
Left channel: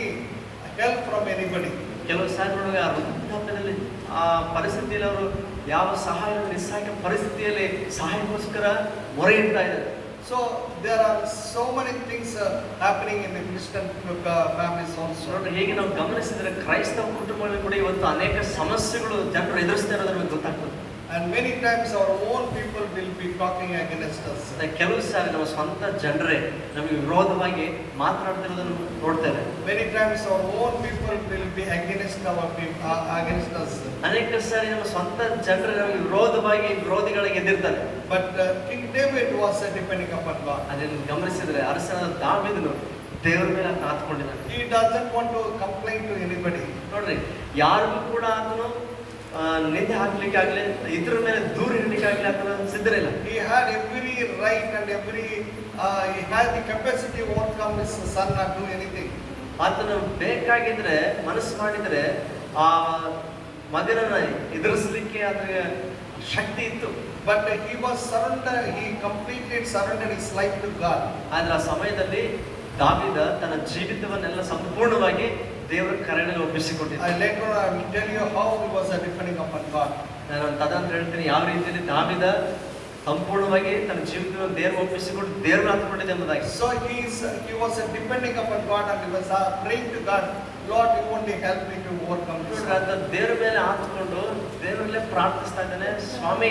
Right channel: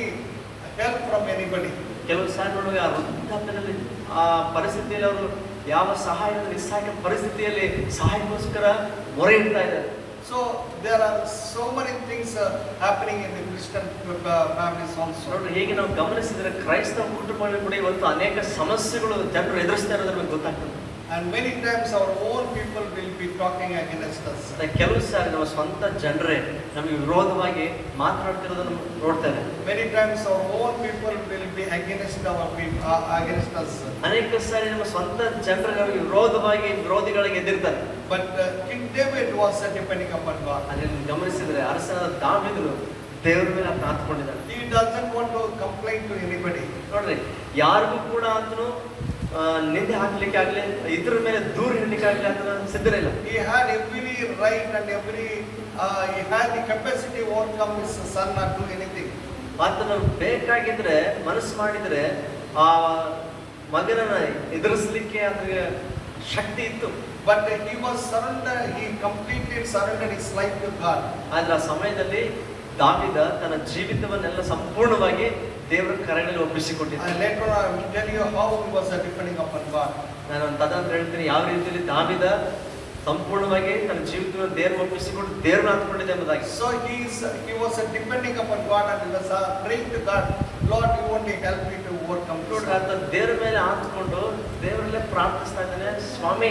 help from anybody. ಕೆಲವು ಸಾರಿ ನೋಡುವಾಗ ಆ ವೃದ್ಧಾಪ್ಯದಲ್ಲಿ ಆ ಪರಿಸ್ಥಿತಿಯಲ್ಲಿ ಅವರು ಯಾವ ಸಹಾಯ ನಿಸ್ಸಹಾಯಕ ಪರಿಸ್ಥಿತಿಯಲ್ಲಿ ಸಹಾಯಕ್ಕೋಸ್ಕರ ಮೊರೆ ಇಡ್ತಾ ಇದ್ದಾರೆ. So there are so many things happening in the Christian families also. ನೋಡ್ರಿ, ಹೀಗೆ ನಾವು ಗಮನಿಸಿದ್ರೆ ಕ್ರೈಸ್ತ ಕುಟುಂಬಗಳು ಕೂಡ ಇವತ್ತು ಅನೇಕ ಸಮಸ್ಯೆಗಳು ಜನರು ಎದುರಿಸ್ತಾ ಇರೋದು ನಮಗೆ ಗೊತ್ತಾಗ್ತದೆ. And many times our own people will be talking against us. ಕೆಲವು ಸಾರಿ ನಮ್ಮ ಸ್ವಂತ ಜನರೇ ನಮಗೆ ವಿರೋಧವಾಗಿ ಮಾತನಾಡ್ತಿರೋದನ್ನು ನೋಡ್ತೇವೆ. Many times our own people will be against our people, against us. ಅನೇಕ ಸಾರಿ ನಮ್ಮ ಸ್ವಂತ ಜನರು ನಮಗೆ ವಿರೋಧಿಗಳಿಗೆ ಎದುರ್ತಾರೆ. But King David was depending upon God. ಅದನ್ನು ಗಮನಿಸಿದ್ರೆ ಅರಸನಾದ ದಾವೀದನು ದೇವರ ಮೇಲೆ ಕಾತ್ಕೊಂಡಿದ್ದಾನೆ. He doesn't want to complain to anybody. ನೋಡ್ರಿ, ಯಾರಿಗೂ ಕೂಡ ಆತನು ನಿಂದೆ ಹಾಕ್ಲಿಕ್ಕೆ ಆಗ್ಲಿ, ಇದ್ರ ಮೇಲೆ ದೂರ ಇಡ್ಲಿಕ್ಕೆ ಆಗ್ಲಿ ಆತನ ಸಿದ್ಧರಿಲ್ಲ. He had every right and he had the capacity to overcome his son or do anything. ಆತನು ಬೇಕಾಗಿದ್ರೆ ಮನಸ್ಸು ಮಾಡಿದ್ರೆ ಆ ಮಗನನ್ನ ಎದುರಿಸಲಿಕ್ಕೆ ಅದಕ್ಕೆ ಶಕ್ತಿ ಇತ್ತು. But he was surrendered. He completely surrendered his life to God. ಆದ್ರೆ ಆ ಸಮಯದಲ್ಲಿ ದಾವೀದ ತನ್ನ ಜೀವಿತವನ್ನೆಲ್ಲ ಸಂಪೂರ್ಣವಾಗಿ ದೇವರ ಕರೆಯಲ್ಲಿ ಒಪ್ಪಿಸಿಕೊಟ್ಟಿದ್ದ. Later I will tell you how he was depending upon God. ನಾನು ತದಂತರ ಹೇಳ್ತೀನಿ ಯಾವ ರೀತಿಯಲ್ಲಿ ದಾವೀದ ಸಂಪೂರ್ಣವಾಗಿ ತನ್ನ ಜೀವಿತವನ್ನು ದೇವರು ಒಪ್ಪಿಸಿಕೊಂಡು ದೇವರನ್ನ ಹತ್ಕೊಂಡಿದೆ ಎಂಬುದಾಗಿ. So he was depending upon God and he was praying to God, Lord, you only help me to overcome. ನೋಡ್ರಿ, ಆತ ದೇವರ ಮೇಲೆ ಹಾತ್ಕೊಂಡು ದೇವರಲ್ಲೇ ಪ್ರಾರ್ಥಿಸ್ತಾ ಇದ್ದಾನೆ, ಸ್ವಾಮಿ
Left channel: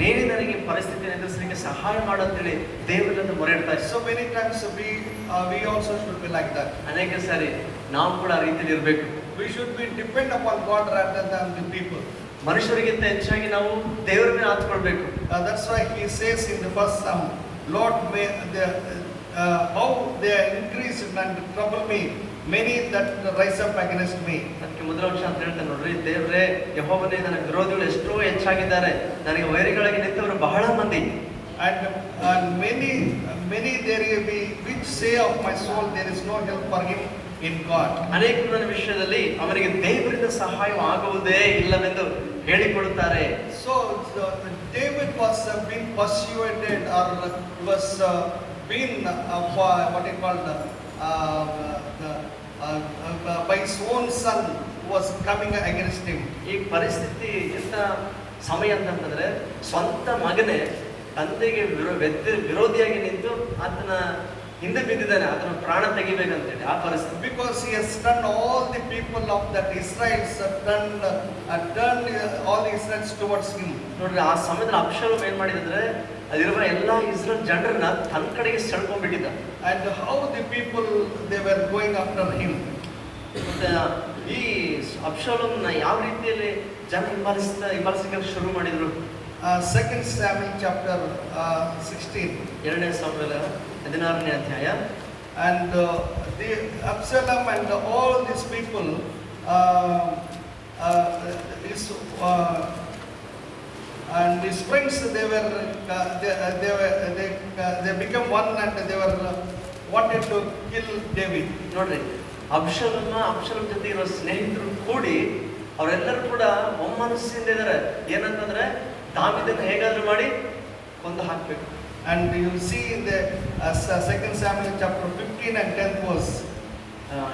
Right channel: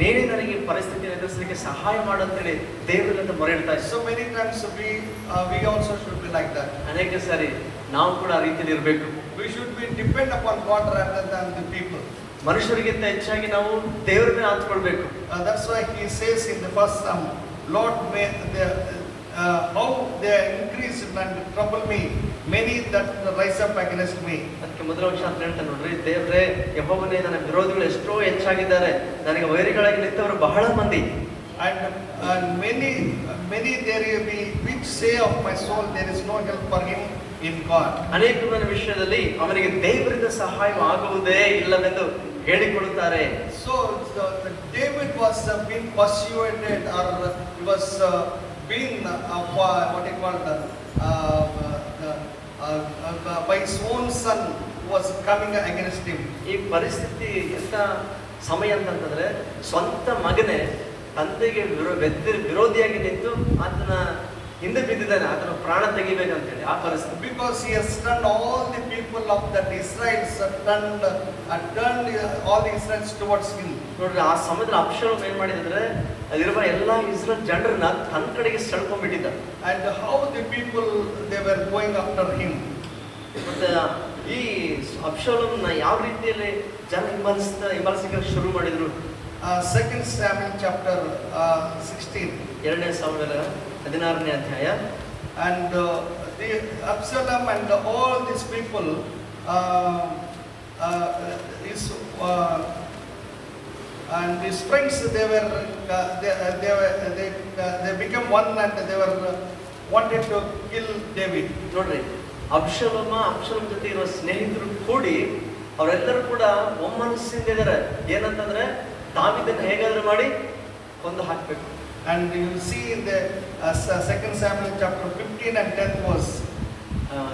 ನೀನೇ ನನಗೆ ಪರಿಸ್ಥಿತಿಯನ್ನು ಎದುರಿಸಲಿಕ್ಕೆ ಸಹಾಯ ಮಾಡು ಅಂತೇಳಿ ದೇವರನ್ನ ಮೊರೆ ಇಡ್ತಾ ಇದ್ದ. So many times we also should be like that. ಅನೇಕ ಸಾರಿ ನಾವು ಕೂಡ ಆ ರೀತಿಯಲ್ಲಿ ಇರಬೇಕು. We should be depend upon God rather than the people. ಮನುಷ್ಯರಿಗಿಂತ ಹೆಚ್ಚಾಗಿ ನಾವು ದೇವರ ಮೇಲೆ ಹಾತ್ಕೊಳ್ಬೇಕು. That's why he says in the first Psalm, Lord, how they increased and trouble me, many that rise up against me. ಅದಕ್ಕೆ ಮೊದಲ ಅಂಶ ಅಂತ ಹೇಳ್ತಾನೆ ನೋಡ್ರಿ, ದೇವರೇ ಯೆಹೋವನೇ, ನನ್ನ ವಿರೋಧಿಗಳು ಎಷ್ಟೋ ಹೆಚ್ಚಾಗಿದ್ದಾರೆ, ನನಗೆ ವೈರಿಗಳಾಗಿ ನಿಂತವರು ಬಹಳ ಮಂದಿ. And many there will be which say of my soul, there is no help for him in God. ಅನೇಕರು ನನ್ನ ವಿಷಯದಲ್ಲಿ ಅವನಿಗೆ ದೇವರಿಂದ ಸಹಾಯ ಆಗುವುದೇ ಇಲ್ಲವೆಂದು ಹೇಳಿಕೊಳ್ಳುತ್ತಾರೆ. So David was being persuaded, or he was being what he called by his own son who was coming against him. ಈ ಪರಿಸ್ಥಿತಿ ಎಂತ ಸಮಯ ಅಂತಂದ್ರೆ ಸ್ವಂತ ಮಗನೇ ತಂದೆಗೆ ವಿರೋಧಿಯಾಗಿ ನಿಂತು ಆತನ ಹಿಂದೆ ಬಿದ್ದಿದ್ದಾನೆ, ಆತನ ಪ್ರಾಣ ತೆಗಿಬೇಕಂತೇಳಿ ಆ ಪರಿಸ್ಥಿತಿ. Because he has turned all the people of that Israelites turned all the Israelites towards him. ನೋಡ್ರಿ, ಆ ಸಮಯದಲ್ಲಿ ಅಬ್ಷಾಲೋಮ್ ಏನ್ ಮಾಡಿದ್ರೆ ಅಲ್ಲಿರುವ ಎಲ್ಲಾ ಇಸ್ರೇಲ್ ಜನರನ್ನ ತನ್ನ ಕಡೆಗೆ ಸೆಳ್ಕೊಂಡ್ಬಿಟ್ಟಿದ್ದ. And how the people they were going after him. ಮತ್ತೆ ಈ ಅಬ್ಷಾಲೋಮ್ನ ಯಾವ ರೀತಿಯಲ್ಲಿ ಜನ ಹಿಂಬಾಲಿಸಲಿಕ್ಕೆ ಶುರು ಮಾಡಿದ್ರು. 2 Samuel chapter 16. 2ನೇ ಸಾಮುವೇಲ 16ನೇ ಅಧ್ಯಾಯ. And the Absalom and all these people and his friends, they became one and they were wanted to kill David. ನೋಡ್ರಿ, ಅಬ್ಷಾಲೋಮ್ ಜೊತೆ ಇರೋ ಸ್ನೇಹಿತರು ಕೂಡಿ ಅವರೆಲ್ಲರೂ ಕೂಡ ಒಮ್ಮನಸ್ಸಿಂದ ಇದ್ದಾರೆ. ಏನಂತಂದ್ರೆ ದಾವೀದನ್ನ ಹೇಗಾದ್ರೂ ಮಾಡಿ ಕೊಂದು ಹಾಕ್ಬೇಕು. And you see in the 2 Samuel chapter 15 and 10 verse.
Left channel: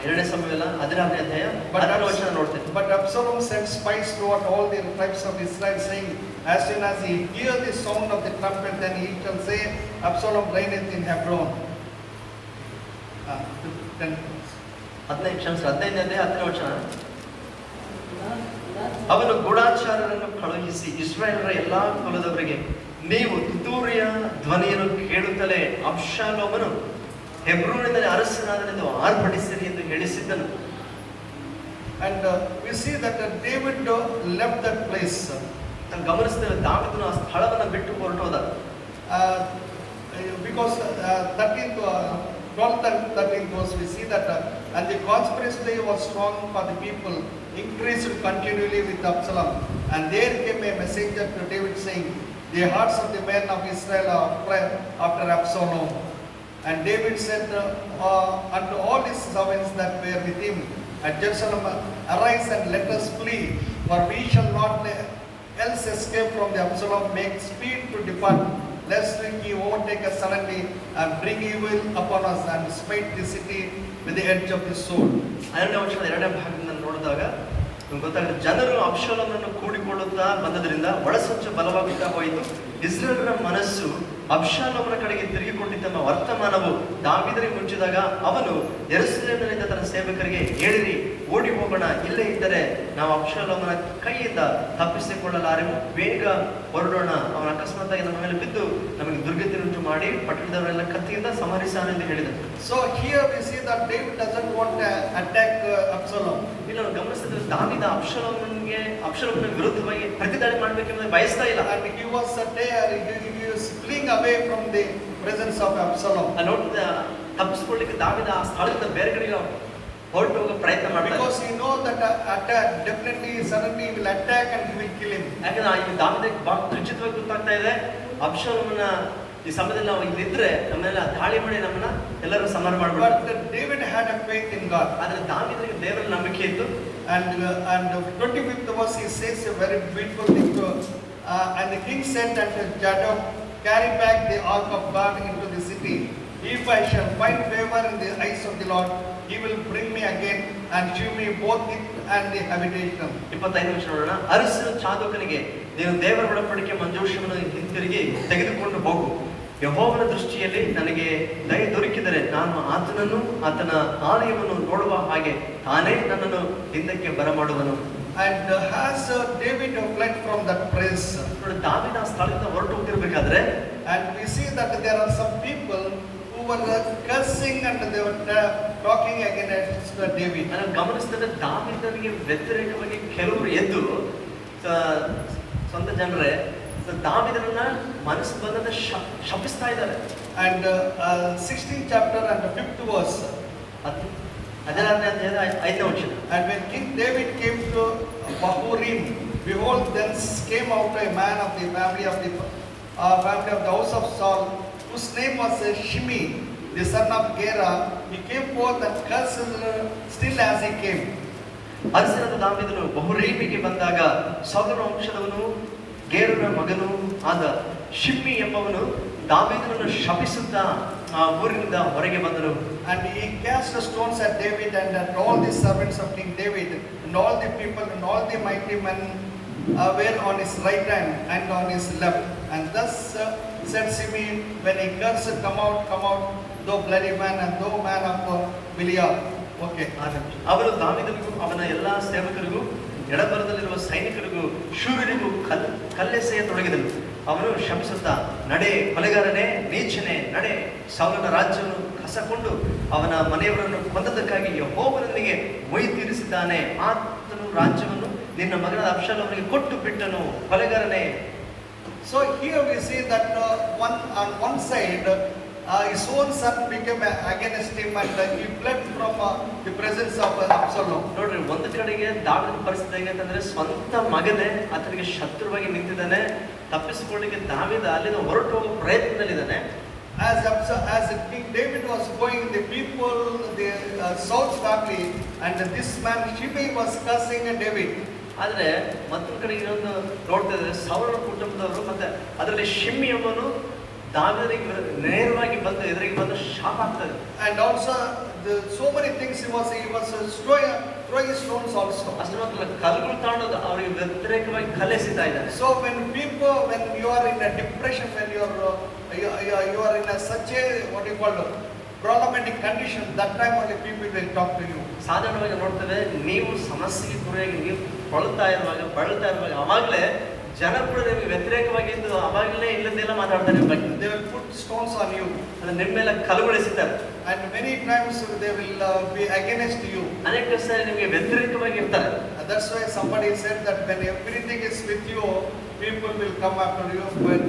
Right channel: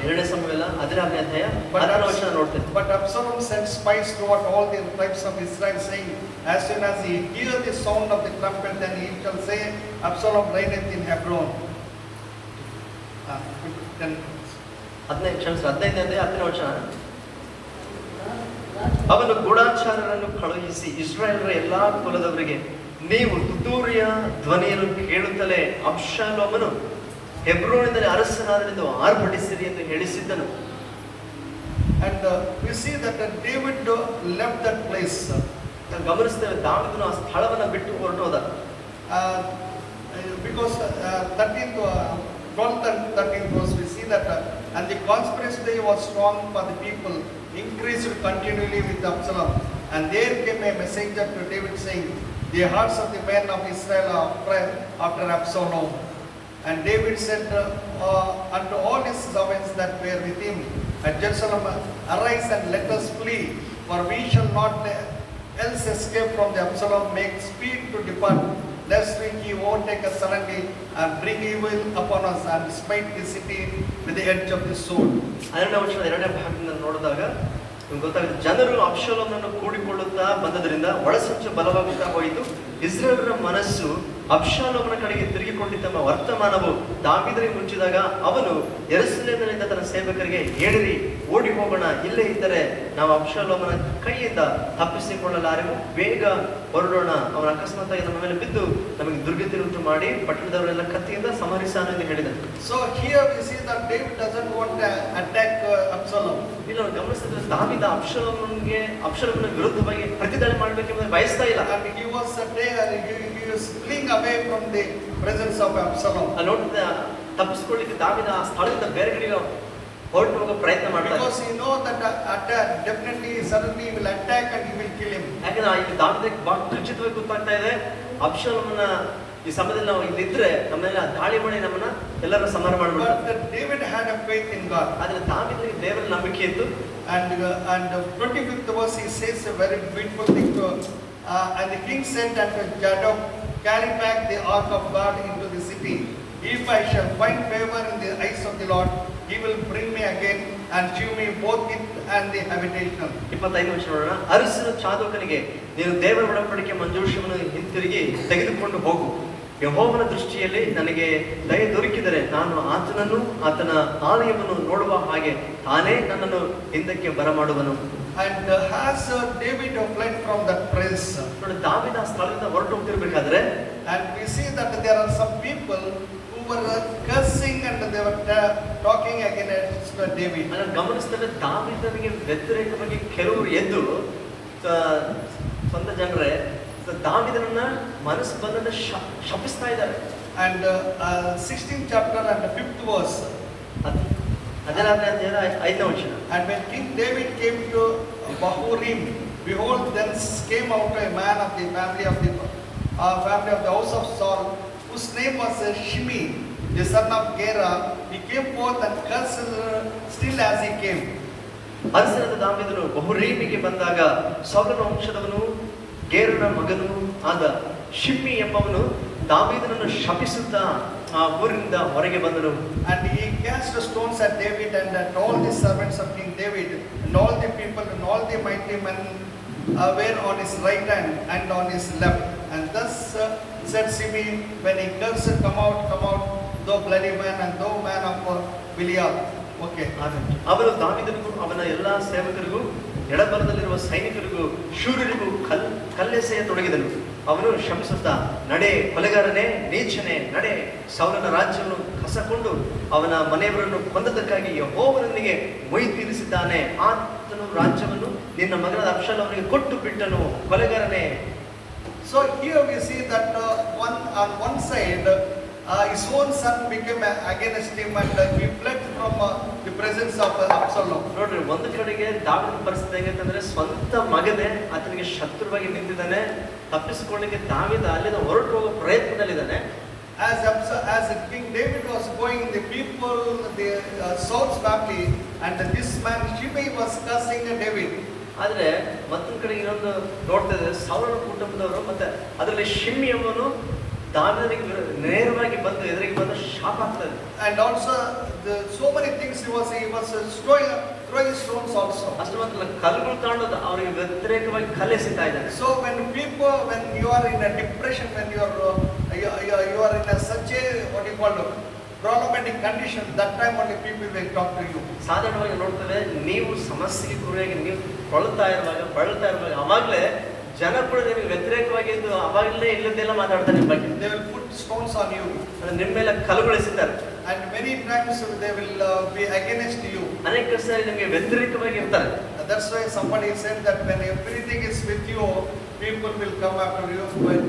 2ನೇ ಸಾಮುವೇಲ 16ನೇ ಅಧ್ಯಾಯ 10ನೇ ವಚನ ನೋಡ್ತೇವೆ. But Absalom sent spies throughout all the tribes of Israel, saying, as soon as he hear the sound of the trumpet, then he shall say, Absalom reigneth in Hebron. 15ನೇ ಅಧ್ಯಾಯ 10ನೇ ವಚನ. ಅವನು ಗೂಢಾಚಾರರನ್ನು ಕಳುಹಿಸಿ ಇಸ್ರಾಯೇಲರ ಎಲ್ಲಾ ಕುಲದವರಿಗೆ, ನೀವು ತುತ್ತೂರಿಯ ಧ್ವನಿಯನ್ನು ಕೇಳುತ್ತಲೇ ಅಬ್ಷಾಲೋಮನು ಹೆಬ್ರೋನಿನಲ್ಲಿ ಅರಸನಾದನೆಂದು ಆರ್ಭಟಿಸಿರಿ ಎಂದು ಹೇಳಿಸಿದ್ದನು. And we see that David left that place. ನಾವು ಗಮನಿಸ್ತೇವೆ, ದಾವೀದನು ಆ ಸ್ಥಳವನ್ನು ಬಿಟ್ಟು ಹೊರಟೋದ. Because 12th and 13th verse we see that and the conspiracy was strong for the people, increased continually with Absalom. And there came a messenger to David saying, the hearts of the men of Israel are after Absalom. And David said unto all his servants that were with him at Jerusalem, arise and let us flee, for we shall not else escape from the Absalom. Make speed to depart, lest he overtake us suddenly and bring evil upon us and smite the city with the edge of the sword. 12ನೇ ವಚನದ 2ನೇ ಭಾಗದಿಂದ ನೋಡಿದಾಗ ನಿಮ್ಗೆ ಗೊತ್ತಾಗುತ್ತೆ, ಜನರು ಅಬ್ಷಾಲೋಮನನ್ನು ಕೂಡಿಕೊಳ್ಳುತ್ತಾ ಬಂದದ್ರಿಂದ ಒಳಸಂಚು ಬಲವಾಗುತ್ತಾ ಹೋಯಿತು. ಇಸ್ರಾಯೇಲರ ಮನಸ್ಸು ಅಬ್ಷಾಲೋಮನ ಕಡೆಗೆ ತಿರುಗಿಕೊಂಡಿದ್ದ ವರ್ತಮಾನವು ದಾವೀದನಿಗೆ ಮುಂಚಿದಾಗ ಅವನು ಯೆರೂಸಲೇಮಿನಿಂದ ತನ್ನ ಸೇವಕರಿಗೆ, ಹೇಳಿರಿ, ಓಡಿ ಹೋಗೋಣ, ಇಲ್ಲೇ ಇದ್ದರೆ ನಾವು ಅಬ್ಷಾಲೋಮನ ಕೈಯಿಂದ ತಪ್ಪಿಸಿಕೊಳ್ಳಲಾರೆವು, ಬೇಗ ಹೊರಡೋಣ, ಅವನ ಅಕಸ್ಮಾತ್ ನಮ್ಮ ಮೇಲೆ ಬಿದ್ದು ನಮಗೆ ದುರ್ಗತಿಯುಂಟು ಮಾಡಿ ಪಟ್ಟಣದವರೆಲ್ಲ ಕತ್ತಿಯಿಂದ ಸಂಹರಿಸಾನು ಎಂದು ಹೇಳಿದರು. So here we see that David doesn't want to attack Absalom. ಇಲ್ಲಿ ನಾವು ಗಮನಿಸಿದ್ರೆ ದಾವೀದ ಅಬ್ಷಾಲೋಮನ ವಿರುದ್ಧವಾಗಿ ಪ್ರತಿದಾಳಿ ಮಾಡಬೇಕೆಂಬುದು ಬಯಸ್ತಾ ಇಲ್ಲ. And he was fleeing away from the presence of Absalom. ನೋಡಿದ ತಪ್ಪಿಸ್ಕೊಳ್ಳಿಕ್ಕೆ ದಾವೀದ ಆ ಸ್ಥಳದಿಂದ ಬೇರೆ ಕಡೆಗೆ ಹೊರಟು ಹೋಗೋ ಪ್ರಯತ್ನ ಮಾಡ್ತಾರೆ. Because he knows that attack definitely suddenly he will attack and he will kill him. ಯಾಕಂದ್ರೆ ಈಗ ದಾವೀದಕ್ಕೆ ಬಹಳ ಖಚಿತವಾಗಿ ಗೊತ್ತಾಗ್ತಾ ಇದೆ, ಅಬ್ಷಾಲೋಮನ ಈ ಸಮಯದಲ್ಲಿ ನಾವು ಇಲ್ಲಿದ್ರೆ ನಮ್ಮನ್ನೆಲ್ಲ ದಾಳಿ ಮಾಡಿ ನಮ್ಮನ್ನ ಎಲ್ಲರೂ ಸಂಹಾರ ಮಾಡ್ಬಿಡ್ತಾರೆ. But David had a faith in God. ಆದ್ರೆ ದಾವೀದನಿಗೆ ದೇವರ ನಂಬಿಕೆ ಇತ್ತು. And 25th verse he says a very beautiful thing to and the king said unto Zadok, carry back the ark of God into the city. If I shall find favor in the eyes of the Lord, he will bring me again and shew me both it and the habitation. 25 ನಿಮಿಷ ನೋಡೋಣ. ಅರಸನು ಚಾದೋಕನಿಗೆ, ನೀನು ದೇವರ ಒಡಂಬಡಿಕೆ ಮಂಜೂಷವನ್ನು ಹಿಂತಿರುಗಿ ತೆಗೆದುಕೊಂಡು ಹೋಗು. ಯೆಹೋವನ ದೃಷ್ಟಿಯಲ್ಲಿ ನನಗೆ ದಯೆ ದೊರಕಿದರೆ ನಾನು ಆತನನ್ನು ಆತನ ಆಲಯವನ್ನು ನೋಡುವ ಹಾಗೆ ತಾನೇ ನನ್ನನ್ನು ಹಿಂದಕ್ಕೆ ಬರಮಾಡುವನು. And has David fled from that place? ನೋಡಿ, ದಾವೀದ ಆ ಸ್ಥಳದಿಂದ ಹೊರಟು ಹೋಗ್ತಿರ್ಬೇಕಾದ್ರೆ and we see that there are some people who were cursing and they were talking against David. ನಾನು ಗಮನಿಸಿದರೆ ದಾವೀದನಿಗೆ ವ್ಯತಿರೇಕವಾಗಿ ಕೆಲವರು ಎದ್ದು ಸ್ವಂತ ಜನರೇ ದಾವೀದನನ್ನ ಮನಸ್ಸು ಬಂದಂತೆ ಶಪಿಸ್ತಾ ಇದ್ದಾರೆ. And 16th chapter and 5th verse. 17ನೇ ಅಧ್ಯಾಯದ 5ನೇ ವಚನ. And when King David came to Bahurim, behold, thence came out a man of the family of the house of Saul, whose name was Shimei, the son of Gera. He came forth and cursed still as he came. ಅರಸನಾದ ದಾವೀದನು ಬಹುರೀಮಿಗೆ ಬಂದಾಗ ಸೌಲನ ವಂಶದವನು ಗೇರನ ಮಗನೂ ಆದ ಶಿಮ್ಮಿ ಎಂಬವನು ದಾವೀದನನ್ನು ಶಪಿಸುತ್ತಾ ಆ ಊರಿನಿಂದ ಹೊರಗೆ ಬಂದನು. And he cast stones at David and at all the servants of King David, and all the people and all the mighty men were on his right hand and on his left. And thus said Shimei, when he cursed, come out, thou bloody man, and thou man of Belial. Okay. ಅವರು ದಾವೀದನಿಗೂ ಅವನ ಎಲ್ಲಾ ಸೇವಕರಿಗೂ ಎಡಬಲದಲ್ಲಿರುವ ಸೈನಿಕರಿಗೂ ಶೂರರಿಗೂ ಕಲ್ಲೆಸೆಯ ತೊಡಗಿದನು. ಅವನು ಶಪಿಸುತ್ತಾ, ನಡೆ ಕೊಲೆಗಾರನೇ, ನೀಚನೆ, ನಡೆ, ಸೌಲನ ರಾಜ್ಯವನ್ನು ಕಸಕೊಂಡು ಅವನ ಮನೆಯವರನ್ನು ಕೊಂದದಕ್ಕಾಗಿ ಯೆಹೋವನಿಗೆ ಮೊಯಿ ತೀರಿಸಿದ್ದಾನೆ. ಆತನು ರಾಜ್ಯವನ್ನು ನಿನ್ನ ಮಗನಾದ ಅಬ್ಷಾಲೋಮನಿಗೆ ಕೊಟ್ಟು ಬಿಟ್ಟನು, ಕೊಲೆಗಾರನೇ. So here we see that on one side his own son became against him and he fled from the presence of Absalom. ನೋಡ್ರಿ, ಒಂದು ಕಡೆಗೆ ದಾವೀದನ ಪರಿಸ್ಥಿತಿ ಹೇಗಂತಂದ್ರೆ ಸ್ವಂತ ಮಗನೇ ಆತನಿಗೆ ಶತ್ರುವಾಗಿ ನಿಂತಿದ್ದಾನೆ. ತಪ್ಪಿಸಿಕೊಳ್ಳಿಕ್ಕೆ ದಾವೀದ ಅಲ್ಲಿಂದ ಹೊರಟು ಹೋಗೋ ಪ್ರಯತ್ನದಲ್ಲಿದ್ದಾನೆ. As King David was going, the people, the Saul's family and this man Shimei was cursing David. ಆದ್ರೆ ಮತ್ತೊಂದು ಕಡೆ ಇನ್ನೊಂದು ನೋಡ್ತಾ ಇದ್ರೆ ಸೌಲನ ಕುಟುಂಬದವರು ಮತ್ತೆ ಅದರಲ್ಲಿ ಶಿಮ್ಮಿ ಎಂಬನು ದಾವೀದನಿಗೆ ನೇರವಾಗಿ ಬಂದು ಎದುರಿಗೆ ಬಂದು ಶಾಪ ಆಗ್ತದೆ. And also so many things he was throwing stones also. ಅಷ್ಟು ಮಾತ್ರ ಕಲ್ಲುಗಳು ತಗೊಂಡು ಅವರಿಗೆ ವ್ಯತಿರೇಕವಾಗಿ ಕಲೆಸಿತಾ ಇದ್ದಾರೆ. So when you are in a depression, when you are in a such a what you call problematic condition, that time only people will talk to you. ಸಾಧಾರಣವಾಗಿ ನೋಡ್ತೇವೆ, ನೀವು ಸಮಸ್ಯೆಗೆ ಗುರಿಯಾಗಿ ನೀವು ಬಳಲ್ತಾ ಇರುವಾಗ ಅವಾಗಲೇ ಜನ ಕೂಡ ನಿಮಗೆ ವ್ಯತಿರೇಕವಾಗಿ ಇದ್ದು ಅವಾಗಲೇ ಇಲ್ಲದೆಲ್ಲ ಮಾತಾಡ್ತಾರೆ ನಿಮ್ಮ ಬಗ್ಗೆ. They will put stones on you. ಅಂದ್ರೆ ನಿಮ್ಮ ಮೇಲೆ ಕಲ್ಲುಗಳಿಸಿದ್ದಾರೆ. And many times they will be against you. ಅನೇಕ ಸಾರಿ ನಿಮಗೆ ವ್ಯತಿರೇಕವಾಗಿ ಇರ್ತಾರೆ. That's why somebody said that when everything is with you, people will come after you. When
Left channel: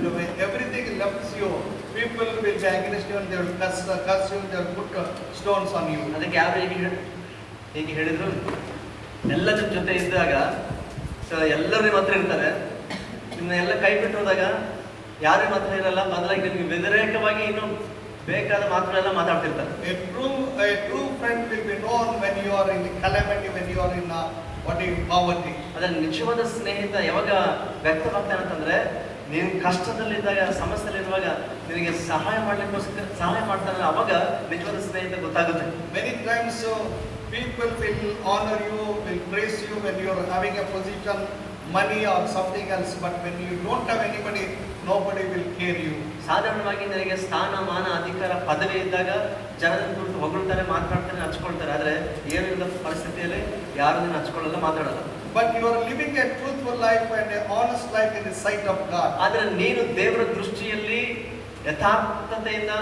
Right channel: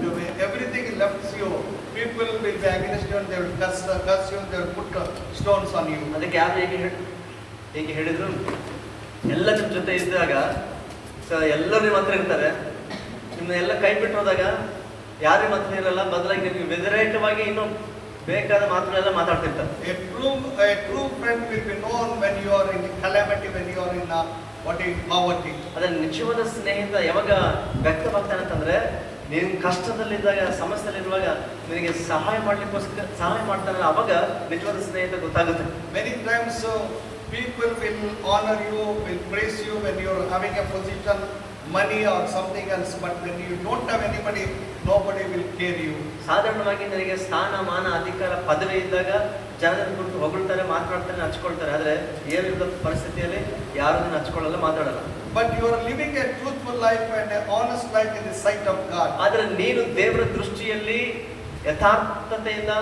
everything left you, people will be against you and they will curse you and they will put stones on you. ಅದಕ್ಕೆ ಯಾರು ಹೇಗೆ ಹೇಳಿದ್ರು, ಎಲ್ಲ ಜೊತೆ ಇದ್ದಾಗ ಎಲ್ಲರೂ ನಿಮ್ಮ ಹತ್ರ ಇರ್ತಾರೆ, ನಿಮ್ಮನ್ನೆಲ್ಲ ಕೈ ಬಿಟ್ಟು ಹೋದಾಗ ಯಾರು ನಿಮ್ಮ ಹತ್ರ ಇರಲ್ಲ, ಬದಲಾಗಿ ನಿಮ್ಗೆ ವ್ಯತಿರೇಕವಾಗಿ ಇನ್ನೂ ಬೇಕಾದ ಮಾತುಗಳೆಲ್ಲ ಮಾತಾಡ್ತಿರ್ತಾರೆ. A true friend will be known when you are in calamity, when you are in poverty. ಅದ್ರ ನಿಜವಾದ ಸ್ನೇಹಿತ ಯಾವಾಗ ವ್ಯಕ್ತವಾಗ್ತಾನೆ ಅಂತಂದ್ರೆ, ನೀನು ಕಷ್ಟದಲ್ಲಿದ್ದಾಗ, ಸಮಸ್ಯೆಯಲ್ಲಿರುವಾಗ ನಿನಗೆ ಸಹಾಯ ಮಾಡ್ತಾನಲ್ಲ, ಅವಾಗ ನಿಜವಾದ ಸ್ನೇಹಿತ ಗೊತ್ತಾಗುತ್ತೆ. Many times people will honor you, will praise you when you're having a position, money or something else. But when you don't have anybody, nobody will care you. ಸಾಧಾರಣವಾಗಿ ನನಗೆ ಸ್ಥಾನ ಮಾನ ಅಧಿಕಾರ ಪದವಿ ಇದ್ದಾಗ ಜನರ ಕುರಿತು ಹೊಗಳ್ತಾರೆ, ಮಾತನಾಡ್ತಾರೆ, ಹಚ್ಕೊಳ್ತಾರೆ. ಆದರೆ ಏನಿಲ್ಲ ಪರಿಸ್ಥಿತಿಯಲ್ಲಿ ಯಾರು ಹಚ್ಕೊಳ್ಳಲ್ಲ, ಮಾತಾಡಲ್ಲ. But you are living a truthful life and a honest life in the sight of God. ಆದರೆ ನೀನು ದೇವರ ದೃಷ್ಟಿಯಲ್ಲಿ ಯಥಾರ್ಥತೆಯಿಂದ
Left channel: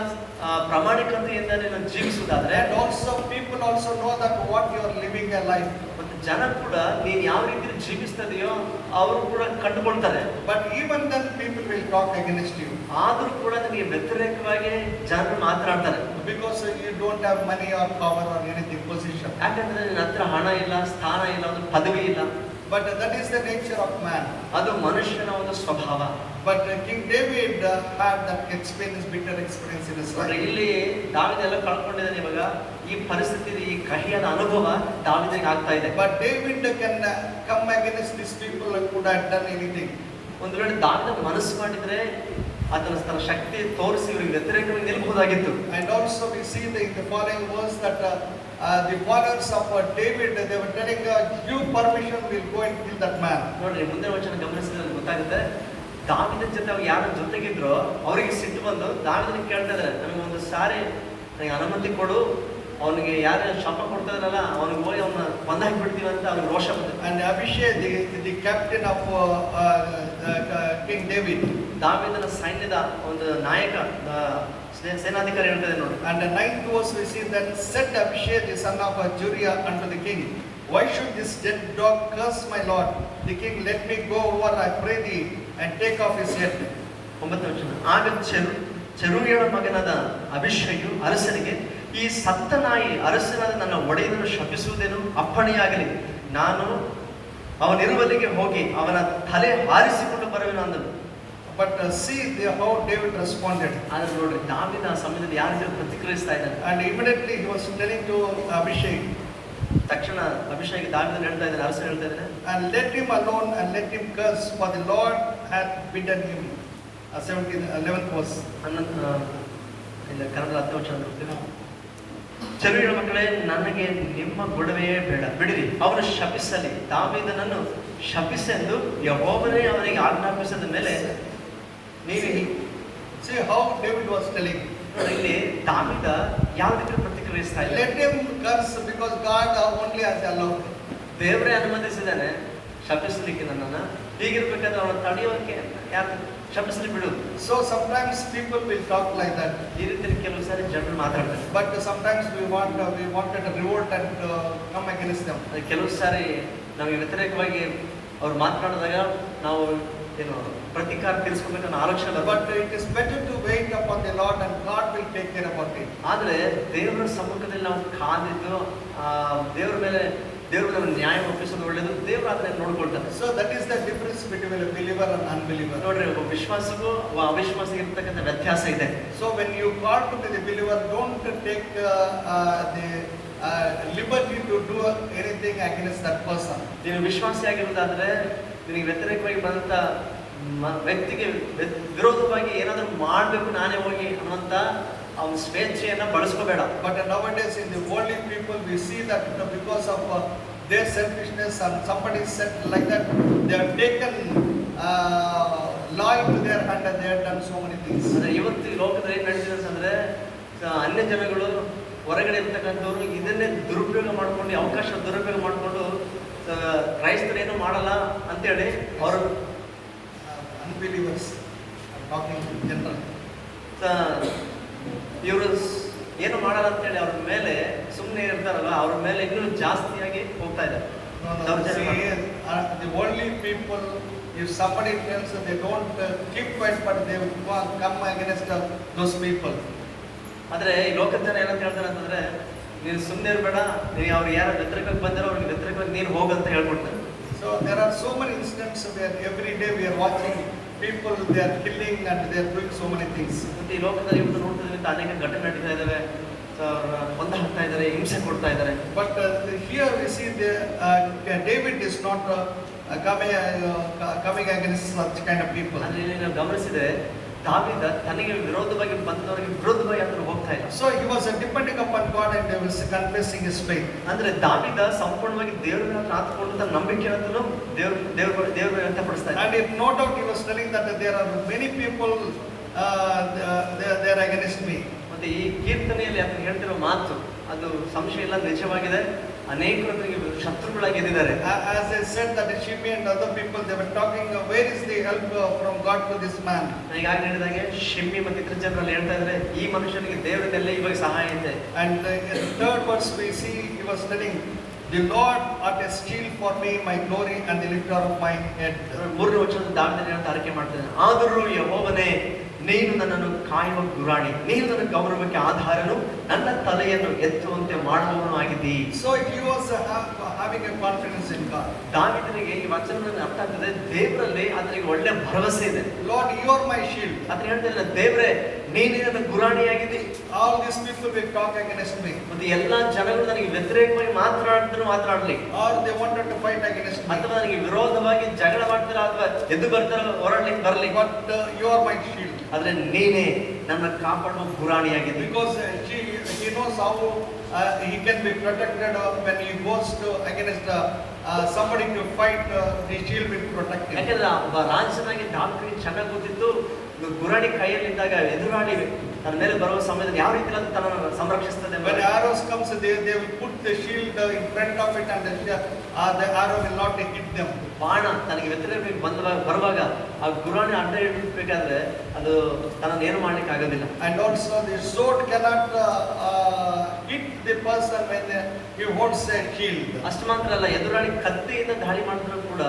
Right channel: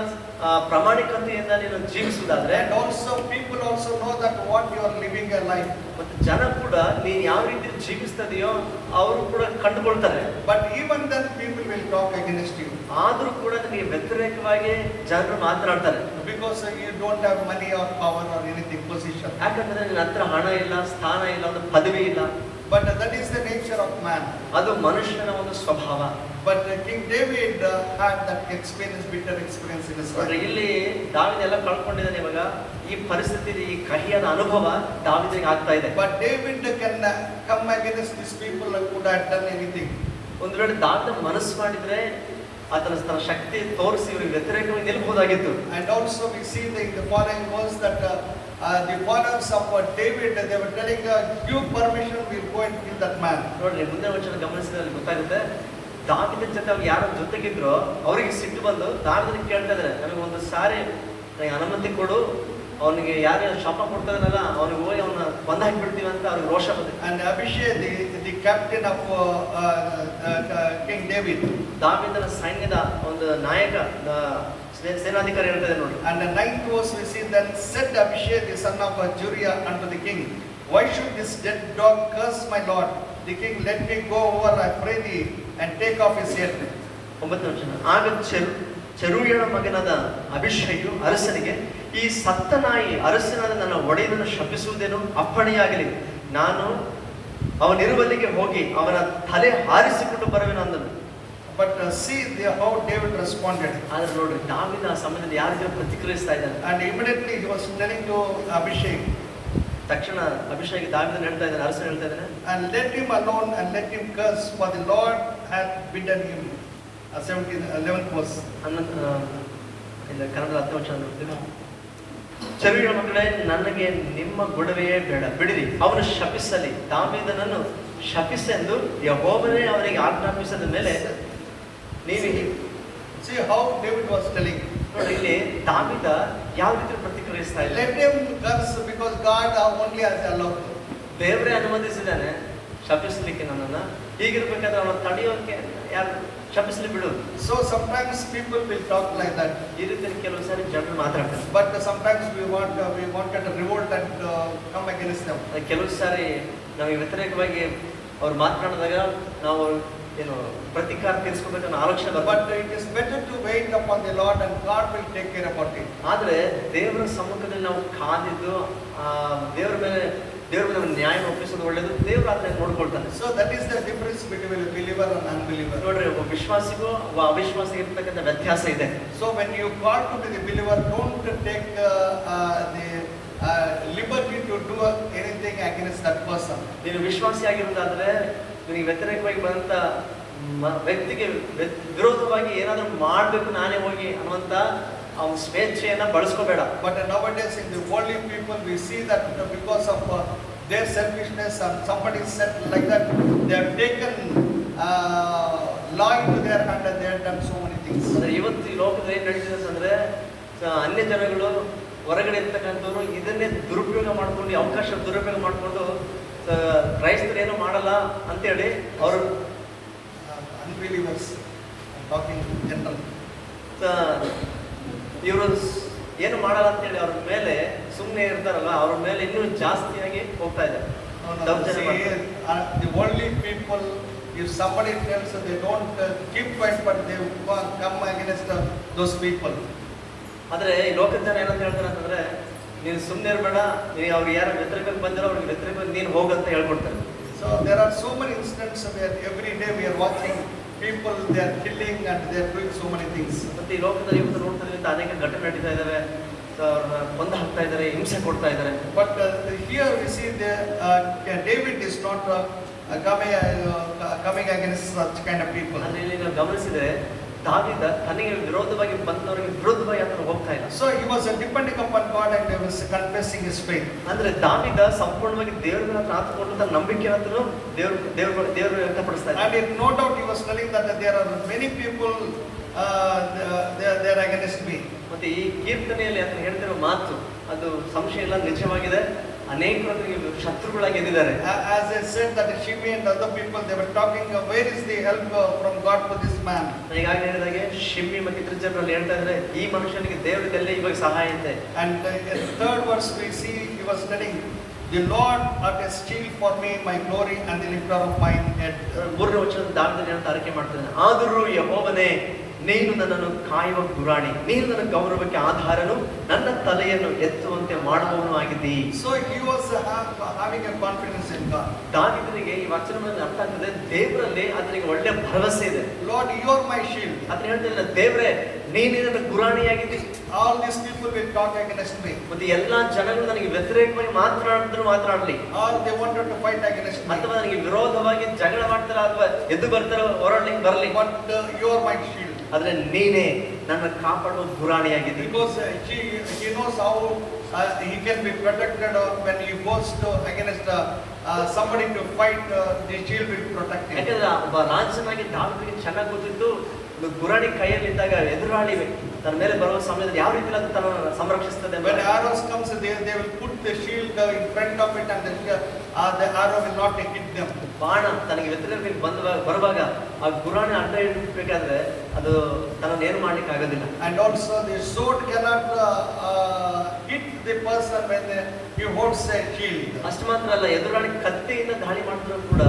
ಪ್ರಾಮಾಣಿಕತೆಯಿಂದ ನೀನು ಜೀವಿಸುವುದಾದ್ರೆ, And also people also know that what you are living a life. ಮತ್ತು ಜನ ಕೂಡ ನೀನು ಯಾವ ರೀತಿ ಜೀವಿಸ್ತದೆಯೋ ಅವರು ಕೂಡ ಕಂಡುಕೊಳ್ತಾರೆ. But even then people will talk against you. ಆದರೂ ಕೂಡ ನಿನಗೆ ವ್ಯತಿರೇಕವಾಗಿ ಜನರು ಮಾತನಾಡ್ತಾರೆ. Because you don't have money or power or anything, position. ಯಾಕಂದ್ರೆ ನಿನ್ನ ಹತ್ರ ಹಣ ಇಲ್ಲ, ಸ್ಥಾನ ಇಲ್ಲ, ಒಂದು ಪದವಿ ಇಲ್ಲ. But that is the nature of man. ಅದು ಮನುಷ್ಯನ ಒಂದು ಸ್ವಭಾವ. But King David had that experience, bitter experience in his ನೋಡ್ರಿ, life. ಇಲ್ಲಿ ದಾವಿದೆಲ್ಲ ಕಳ್ಕೊಂಡಿದ್ದಾನೆ. ಇವಾಗ ಈ ಪರಿಸ್ಥಿತಿ, ಈ ಕಹಿಯಾದ ಅನುಭವ ದಾವಿದನಿಗೆ ಆಗ್ತಾ ಇದೆ. But David can come against these people who could have done anything. ಒಂದು ವೇಳೆ ದಾವಿದ ಮನಸ್ಸು ಮಾಡಿದ್ರೆ ತನ್ನ ಶಕ್ತಿ ತೋರಿಸಿ ಇವ್ರಿಗೆ ವ್ಯತಿರೇಕವಾಗಿ ನಿಲ್ಬಹುದಾಗಿತ್ತು. And also we see in the following verse that the followers of David, they were telling, give permission, we'll go and kill that man. ನೋಡ್ರಿ, ಮುಂದೆ ವಚನ ಗಮನಿಸಿದ್ರೆ ಗೊತ್ತಾಗುತ್ತೆ. ದಾವಿದನ ಜೊತೆ ಅವ್ರು ಯಾರು ಜೊತೆಗಿದ್ರು ಅವರಿಗೆ ಸಿಟ್ಟು ಬಂದು ದಾವಿದನಿಗೆ ಕೇಳ್ತಾ ಇದ್ದಾರೆ, ನನಗೆ ಒಂದು ಸಾರಿ ನನಗೆ ಅನುಮತಿ ಕೊಡು, ಅವನಿಗೆ ಯಾರು ಶಾಪ ಕೊಡ್ತಾರಲ್ಲ ಅವನಿಗೆ ಹೋಗಿ ಅವನ್ನ ಕೊಂದು ಹಾಕಿಬಿಡ್ತೀವಿ ಅಂತ ಅವ್ರಿಗೆ ರೋಷ ಬಂದಿದೆ. And Abishai, the captain of King David, ದಾವಿದನ ಸೈನ್ಯದ ಒಂದು ನಾಯಕ, ಸೇನಾಧಿಕಾರಿ ಹೇಳ್ತಾ ಇದೆ ನೋಡಿ. and the 9th verse we see that said Abishai the son of Zeruiah unto the king, why should this dead dog curse my lord the king? Let me go over, I pray thee, and take off his head. 9ನೇ ವಚನ. ಆಗ ಚೆರೂಯನ ಮಗನಾದ ಅಭಿಷೇಕು ಅರಸನಿಗೆ, ಈ ಸತ್ತ ನಾಯಿ ಅರಸನಾದ ನನ್ನ ಒಡೆಯನನ್ನು ಶಪಿಸುವುದೇನು? ಅಪ್ಪಣೆಯಾಗಲಿ, ನಾನು ಅವನಿರುವಲ್ಲಿಗೆ ಹೋಗಿ ಅವನ ತಲೆ ಹಾರಿಸಿಕೊಂಡು ಬರುವೆನು ಅಂದನು. But see how David responded. ಆದ್ರೆ ನೋಡ್ರಿ, ದಾವಿದ ಆ ಸಮಯದಲ್ಲಿ ಯಾರಿಗೆ ಪ್ರತಿಕ್ರಿಯಿಸ್ತಾ ಇದ್ದಾನೆ. And immediately he was telling to Abishai, ತಕ್ಷಣ ಅಭಿಷೇಕ ದಾವಿದನ ಹೇಳ್ತಾ ಇದ್ದಾನೆ, ಅರಸನ ಹೇಳ್ತಾ ಇದ್ದಾನೆ, and let him alone and let him curse, for the Lord hath bidden him. 11th verse. ಇಲ್ಲ, ಕನ್ನಡ 10ನೇ ವಚನ. ಚೆರೂಯನ ಮಕ್ಕಳೇ, ನನಗೆ ನಿಮ್ಮ ಗೊಡವೆಯೇ ಬೇಡ, ಬಿಡಿರಿ, ಅವನು ಶಪಿಸಲಿ. ದಾವೀದನನ್ನು ಶಪಿಸೆಂದು ಯೆಹೋವನೇ ಅವನಿಗೆ ಆಜ್ಞಾಪಿಸಿದ ಮೇಲೆ ನೀವು See how David was telling. ನೋಡಿ, ಇಲ್ಲಿ ದಾವೀದ ಯಾವ ರೀತಿ ಪ್ರತಿಕ್ರಿಯಿಸ್ತಾ ಇಲ್ಲ. Let him curse because God only has allowed him. ದೇವರೇ ಅನುಮತಿಸಿದ್ದಾನೆ ಶಪಿಸಲಿಕ್ಕೆ ನನ್ನನ್ನು. ಹೀಗಿರ್ಬೇಕಾದ್ರೆ ಅವನು ತಡೆಯೋಕೆ ಯಾರು ಶಪಿಸಲಿ ಬಿಡು. So sometimes people will talk like that. ಈ ರೀತಿ ಕೆಲವು ಸಾರಿ ಜನರು ಮಾತಾಡ್ತಾರೆ. But sometimes we wanted to revolt and come against them. ಕೆಲವು ಸಾರಿ ನಮಗೆ ವ್ಯತಿರೇಕವಾಗಿ ಅವ್ರು ಮಾತನಾಡಿದಾಗ ನಾವು ಏನು ಪ್ರತಿಕಾರ ತೀರಿಸ್ಕೋಬೇಕನ್ನೋ ಆಲೋಚನೆ ಬರ್ತದೆ. But it is better to wait upon the Lord and God will take care about it. ಆದ್ರೆ ದೇವರ ಸಮ್ಮುಖದಲ್ಲಿ ನಾವು ಕಾದಿದ್ದು ದೇವರ ಮೇಲೆ ನ್ಯಾಯ ಒಪ್ಪಿಸೋದು ಒಳ್ಳೆಯದು. ದೇವರು ಅದನ್ನ ನೋಡ್ಕೊಳ್ತಾನೆ. So that is the difference between a believer and unbeliever. ನೋಡ್ರಿ, ಒಬ್ಬ ವಿಶ್ವಾಸಿಗೂ ಒಬ್ಬ ಅವಿಶ್ವಾಸಿಗೆ ಇರ್ತಕ್ಕಂಥ ವ್ಯತ್ಯಾಸ ಇದೆ. So when you call to be the believer, don't take the liberty to do anything against that person. ನೀನು ವಿಶ್ವಾಸಿ ಆಗಿರೋದಾದ್ರೆ ನಿನಗೆ ವ್ಯತಿರೇಕವಾಗಿ ಬಂದಂತ ವ್ಯಕ್ತಿಗೆ ವಿರೋಧವಾಗಿ ಏನಾದರೂ ಮಾಡಬೇಕು ನಾನೇ ಹೋಗಿ ಅನ್ನುವಂತ ಅವನ ಸ್ವೇಚ್ಛೆಯನ್ನ ಬಳಸ್ಕೋಬೇಡ. But nowadays in the worldly people we see that because of their selfishness and somebody said like that, they have taken law into their hand and they have done so many things. ಅಂದ್ರೆ ಇವತ್ತು ಈ ಲೋಕದಲ್ಲಿ ಏನ್ ನಡೀತಿದೆ ಅಂತಂದ್ರೆ, ಅನ್ಯ ಜನಗಳು ಹೊರಗಡೆ ಇರ್ತಕ್ಕಂಥವ್ರು ಇದನ್ನೇ ದುರುಪಯೋಗ ಮಾಡ್ಕೊಂಡು, ಅವಕಾಶ ದುರುಪಯೋಗ ಮಾಡಿಕೊಂಡು ಕ್ರೈಸ್ತರು ಏನೂ ಮಾಡಲ್ಲ ಅಂತೇಳಿ ಅವರು unbelievers, I'm talking in general. ಇವರು ಏನು ಮಾಡಲ್ಲ ಅಂತೇಳಿ ಅವ್ರ ಮೇಲೆ ಸುಮ್ಮನೆ ಇರ್ತಾರಲ್ಲ, ಅವ್ರ ಮೇಲೆ ಇನ್ನೂ ಜಾಸ್ತಿಯಾಗಿ ಹೋಗ್ತಾ ಇದೆ. The worldly people, if somebody tells they don't keep quiet, but they come against those people. ಆದರೆ ಈ ಲೋಕದ ಜನ ಏನಂತ ಹೇಳ್ತಾರೆ ಅಂತಂದ್ರೆ, ನೀನು ಸುಮ್ಮನೆ ಇರಬೇಡ, ನೀನು ಅವ್ರು ಯಾರು ವ್ಯತಿರೇಕಕ್ಕೆ ಬಂದಿರೋ ಅವ್ರಿಗೆ ವ್ಯತಿರೇಕವಾಗಿ ನೀನು ಹೋಗಂತ ಹೇಳ್ಕೊಡ್ತಾರೆ. So there are so many incidents where every day we are watching people, they are killing and they are doing so many things. ಮತ್ತೆ ಈ ಲೋಕದಲ್ಲಿ ಇವತ್ತು ನೋಡ್ತಿದ್ದಂತ ಅನೇಕ ಘಟನೆ ನಡೀತಾ ಇದ್ದಾವೆ. ಕೊಂದು ಹಾಕ್ತಾ ಇದ್ದಾರೆ, ಹಿಂಸೆ ಕೊಡ್ತಾ ಇದ್ದಾರೆ. But here we see David is not coming against such kind of people. ಅಲ್ಲಿ ನಾವು ಗಮನಿಸಿದ್ರೆ ದಾವೀದ ತನಗೆ ವಿರೋಧವಾಗಿ ಬಂದವರಿಗೆ ವಿರೋಧವಾಗಿ ಅಂತ ಹೋಗ್ತಾ ಹೋಗ್ತಾ ಇಲ್ಲ. So he was depending upon God and he was confessing his faith. ಅಂದ್ರೆ ದಾವೀದ ಸಂಪೂರ್ಣವಾಗಿ ದೇವರ ಮೇಲೆ ಆತುಕೊಂಡು ತನ್ನ ನಂಬಿಕೆಯನ್ನು ದೇವರು ವ್ಯಕ್ತಪಡಿಸ್ತಾ ಇದ್ದ. And no doubt he was telling that there are many people they are against me. ಮತ್ತೆ ಈ ಕೀರ್ತನೆಯಲ್ಲಿ ಆತನು ಹೇಳ್ತಿರೋ ಮಾತು ಅದು ಸಂಶಯ ಇಲ್ಲ, ನಿಜವಾಗಿದೆ. ಅನೇಕರು ನನಗೆ ಶತ್ರುಗಳಾಗಿ ಎದ್ದಿದ್ದಾರೆ. As I said that Shimei and other people they were talking where is the help from God to this man. ಈಗಾಗಲೇ ಹೇಳಿದಾಗೆ ಶಿಮ್ಮಿ ಮತ್ತು ಇತರ ಜನರಲ್ಲಿ ಹೇಳ್ತಾ ಇದ್ದಾರೆ ಈ ಮನುಷ್ಯನಿಗೆ ದೇವರಿಂದಲೇ ಇವಾಗ ಸಹಾಯ ಇದೆ. And in third verse we see he was telling the Lord art a shield for me, my glory and the lifter of my head. ಮೂರನೇ ವಚನದ ದಾವಿದನು ಹೇಳ್ತಾ ಅರಿಕೆ ಮಾಡ್ತಿದ್ದಾನೆ, ಆದರೂ ಯೆಹೋವನೇ ನೀನು ನನ್ನನ್ನು ಕಾಯುವ ಗುರಾಣಿ, ನೀನು ನನ್ನ ಗೌರವಕ್ಕೆ ಆಧಾರನು, ನನ್ನ ತಲೆಯನ್ನು ಎತ್ತುವಂತೆ ಮಾಡುವವನು ಆಗಿದ್ದಿ. So he was having a confidence in God. ದಾವಿದನಿಗೆ ಈ ವಚನವನ್ನು ಅರ್ಥ ಆಗ್ತದೆ, ದೇವರಲ್ಲಿ ಆತನಿಗೆ ಒಳ್ಳೆ ಭರವಸೆ ಇದೆ. Lord, you are my shield. ಆತನು ಹೇಳ್ತಿದ್ದಾನೆ, ದೇವರೇ ನೀನೇ ನನ್ನ ಗುರಾಣಿಯಾಗಿದ್ದಿ. All these people will talk against me. ಮತ್ತೆ ಎಲ್ಲಾ ಜನಗಳು ನನಗೆ ವ್ಯತಿರೇಕವಾಗಿ ಮಾತನಾಡಲಿ, or they wanted to fight against me, ಅಥವಾ ನನಗೆ ವಿರೋಧವಾಗಿ ಜಗಳ ಮಾಡ್ತಾರ ಅಥವಾ ಎದ್ದು ಬರ್ತಾರ ಹೋರಾಡ್ಲಿಕ್ಕೆ ಬರಲಿ, but you are my shield. ಆದ್ರೆ ನೀನೇ ನನ್ನ ಕಾಪಾಡುವ ಗುರಾಣಿಯಾಗಿದ್ದಿ. Because he knows how he can be protected when he goes to against somebody to fight, the shield will protect him. ಯಾಕಂದ್ರೆ ಒಬ್ಬ ರಾಜನಾಗಿ ದಾವಿದನಿಗೆ ಚೆನ್ನಾಗಿ ಗೊತ್ತಿತ್ತು, ಗುರಾಣಿ ಕೈಯಲ್ಲಿದ್ದಾಗ ಎದುರಾಳಿ ತನ್ನ ಮೇಲೆ ಬರುವ ಸಮಯದಲ್ಲಿ ಯಾವ ರೀತಿ ತನ್ನ ಸಂರಕ್ಷಿಸ್ತದೆ. When arrows comes, they will put the shield in front of it and the arrow will not hit them. ಬಾಣ ತನಗೆ ವ್ಯತಿರೇಕವಾಗಿ ಬರುವಾಗ ಆ ಗುರಾಣಿ ಅಡ್ಡ ಇಡಬೇಕಾದ್ರೆ ಅದು ತನ್ನನ್ನು ಏನು ಮಾಡ್ಲಿಕ್ಕೆ ಆಗೋದಿಲ್ಲ. And also the sword cannot hit the person when he holds a shield. ಅಷ್ಟು ಮಾತ್ರ ಅಲ್ಲ, ಎದುರಾಳಿ ಕತ್ತಿಯಿಂದ ದಾಳಿ ಮಾಡಿದ್ರು ಕೂಡ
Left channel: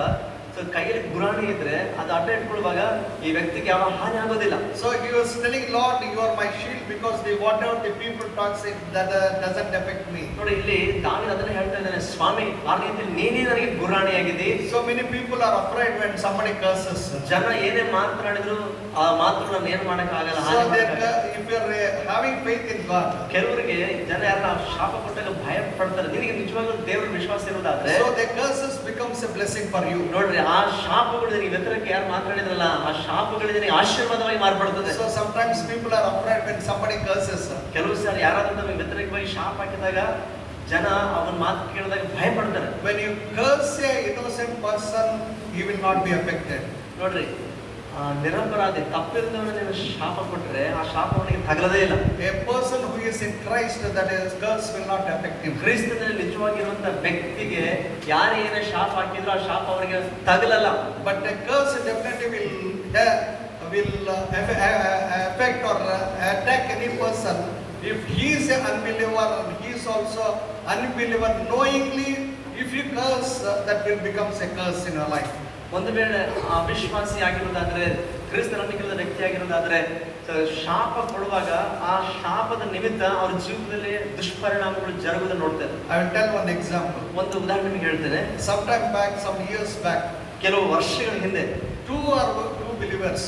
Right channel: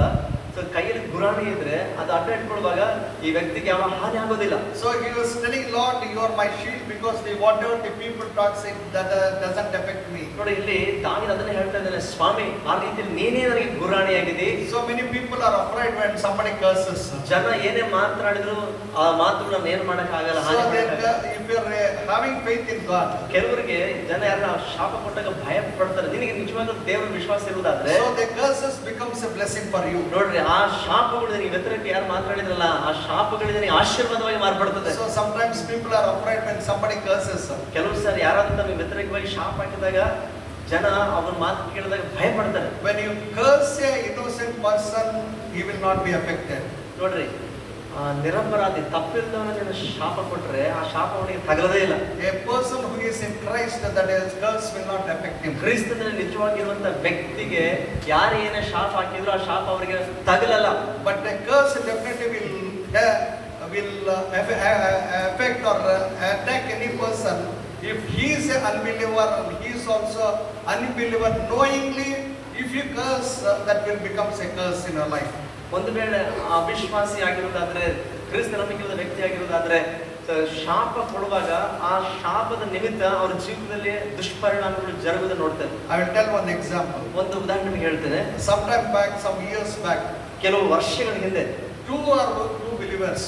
ಸೊ ಕೈಯಲ್ಲಿ ಗುರಾಣಿ ಇದ್ರೆ ಅದು ಅಡ್ಡ ಇಟ್ಕೊಳ್ಳುವಾಗ ಈ ವ್ಯಕ್ತಿಗೆ ಯಾವ ಹಾನಿ ಆಗೋದಿಲ್ಲ. So he was telling Lord, you are my shield, because whatever the people talk say that doesn't affect me. ನೋಡಿ ಇಲ್ಲಿ ದಾವೀದ ಅದನ್ನ ಹೇಳ್ತಾ ಇದ್ದಾನೆ, ಸ್ವಾಮಿ ಆ ರೀತಿಯಲ್ಲಿ ನೀನೇ ನನಗೆ ಗುರಾಣಿಯಾಗಿದ್ದಿ. So many people are afraid when somebody curses. ಜನ ಏನೇ ಮಾತನಾಡಿದ್ರು ಆ ಮಾತುಗಳನ್ನ ಏನು ಮಾಡಕ್ ಆಗಲ್ಲ. So if you are having faith in God, ಕೆಲವರಿಗೆ ಜನ ಯಾರನ್ನ ಶಾಪ ಕೊಟ್ಟಾಗ ಭಯ ಪಡ್ತಾರೆ. ನಿನಗೆ ನಿಜವಾಗ್ಲೂ ದೇವರ ವಿಶ್ವಾಸ ಇರುವುದಾದ್ರೆ so the curses becomes a blessing for you. ನೋಡ್ರಿ, ಆ ಶಾಪಗಳು ನಿನಗೆ ವ್ಯತಿರೇಕ ಯಾರು ಮಾತನಾಡಿದ್ರಲ್ಲ ಆ ಶಾಪಗಳು ನಿನಗೆ ಆಶೀರ್ವಾದವಾಗಿ ಮಾರ್ಪಡುತ್ತದೆ. So sometimes people are afraid when somebody curses. ಕೆಲವು ಸಾರಿ ಯಾರಾದ್ರೂ ನಮಗೆ ವ್ಯತಿರೇಕವಾಗಿ ಶಾಪ ಹಾಕಿದಾಗ ಜನ ಅವನ ಮಾತು ಕೇಳಿದಾಗ ಭಯ ಪಡ್ತಾರೆ. When you curse a innocent person, he will not be affected. ನೋಡ್ರಿ, ನಿರಪರಾಧಿ ತಪ್ಪಿದ್ದವನ ನೀನು ಶಾಪ ಕೊಟ್ರೆ ಆ ಶಾಪ ಅವನಿಗೆ ತಗಲದೇ ಇಲ್ಲ. A person who is in Christ, that his curse will not affect him. ಕ್ರಿಸ್ತನಲ್ಲಿ ನಿಜವಾಗಿರುವಂತ ವ್ಯಕ್ತಿಗೆ ಯಾರು ಏನೇ ಶಾಪ ಹಾಕಿದ್ರು ಆ ಶಾಪ ಅವರಿಗೆ ತಗಲಲ್ಲ. But a curse definitely will affect or attack any person if he is an unbeliever and he is also unbeliever knowingly. If you curse, that will becomes a curse in your life. ಒಂದು ವೇಳೆ ಅವಿಶ್ವಾಸಿ ಆಗಿರೋದಾದ್ರೆ, ಕ್ರಿಸ್ತ ನಂಬಿಕೆಯಿಲ್ಲದ ವ್ಯಕ್ತಿ ಆಗಿರೋದಾದ್ರೆ ಶಾಪ ಕೊಡುವಾಗ ಆ ಶಾಪದ ನಿಮಿತ್ತ ಅವ್ರ ಜೀವನದಲ್ಲಿ ದುಷ್ಪರಿಣಾಮಗಳು ಜರುಗುವುದನ್ನು ನೋಡ್ತಾರೆ. I will tell one example. ಒಂದು ಉದಾಹರಣೆ ಹೇಳ್ತೇನೆ. Sometime back, some years back, ಕೆಲವು ವರ್ಷಗಳ ಹಿಂದೆ two believers.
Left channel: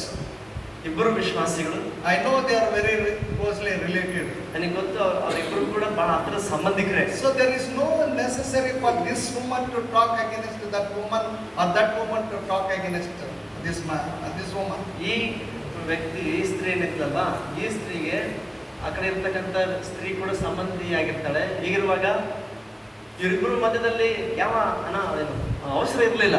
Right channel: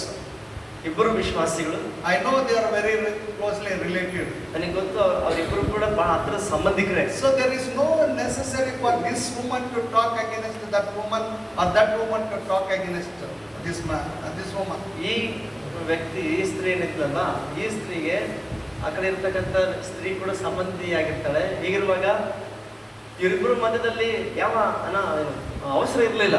ಇಬ್ಬರು ವಿಶ್ವಾಸಿಗಳು. I know they are very closely related. ನನಗೆ ಗೊತ್ತು ಅವರಿಬ್ಬರು ಕೂಡ ಬಹಳ ಹತ್ತಿರ ಸಂಬಂಧಿಕರೇ. So there is no necessary for this woman to talk against that woman or that woman to talk against this man this woman. ಈ ವ್ಯಕ್ತಿ ಈ ಸ್ತ್ರೀ ಏನಿತ್ತಲ್ಲ, ಈ ಸ್ತ್ರೀಗೆ ಆ ಕಡೆ ಇರ್ತಕ್ಕಂಥ ಸ್ತ್ರೀ ಕೂಡ ಸಂಬಂಧಿಯಾಗಿರ್ತಾಳೆ. ಹೀಗಿರುವಾಗ ಇವರಿಬ್ಬರು ಮಧ್ಯದಲ್ಲಿ ಯಾವ ಅವಸರ ಇರಲಿಲ್ಲ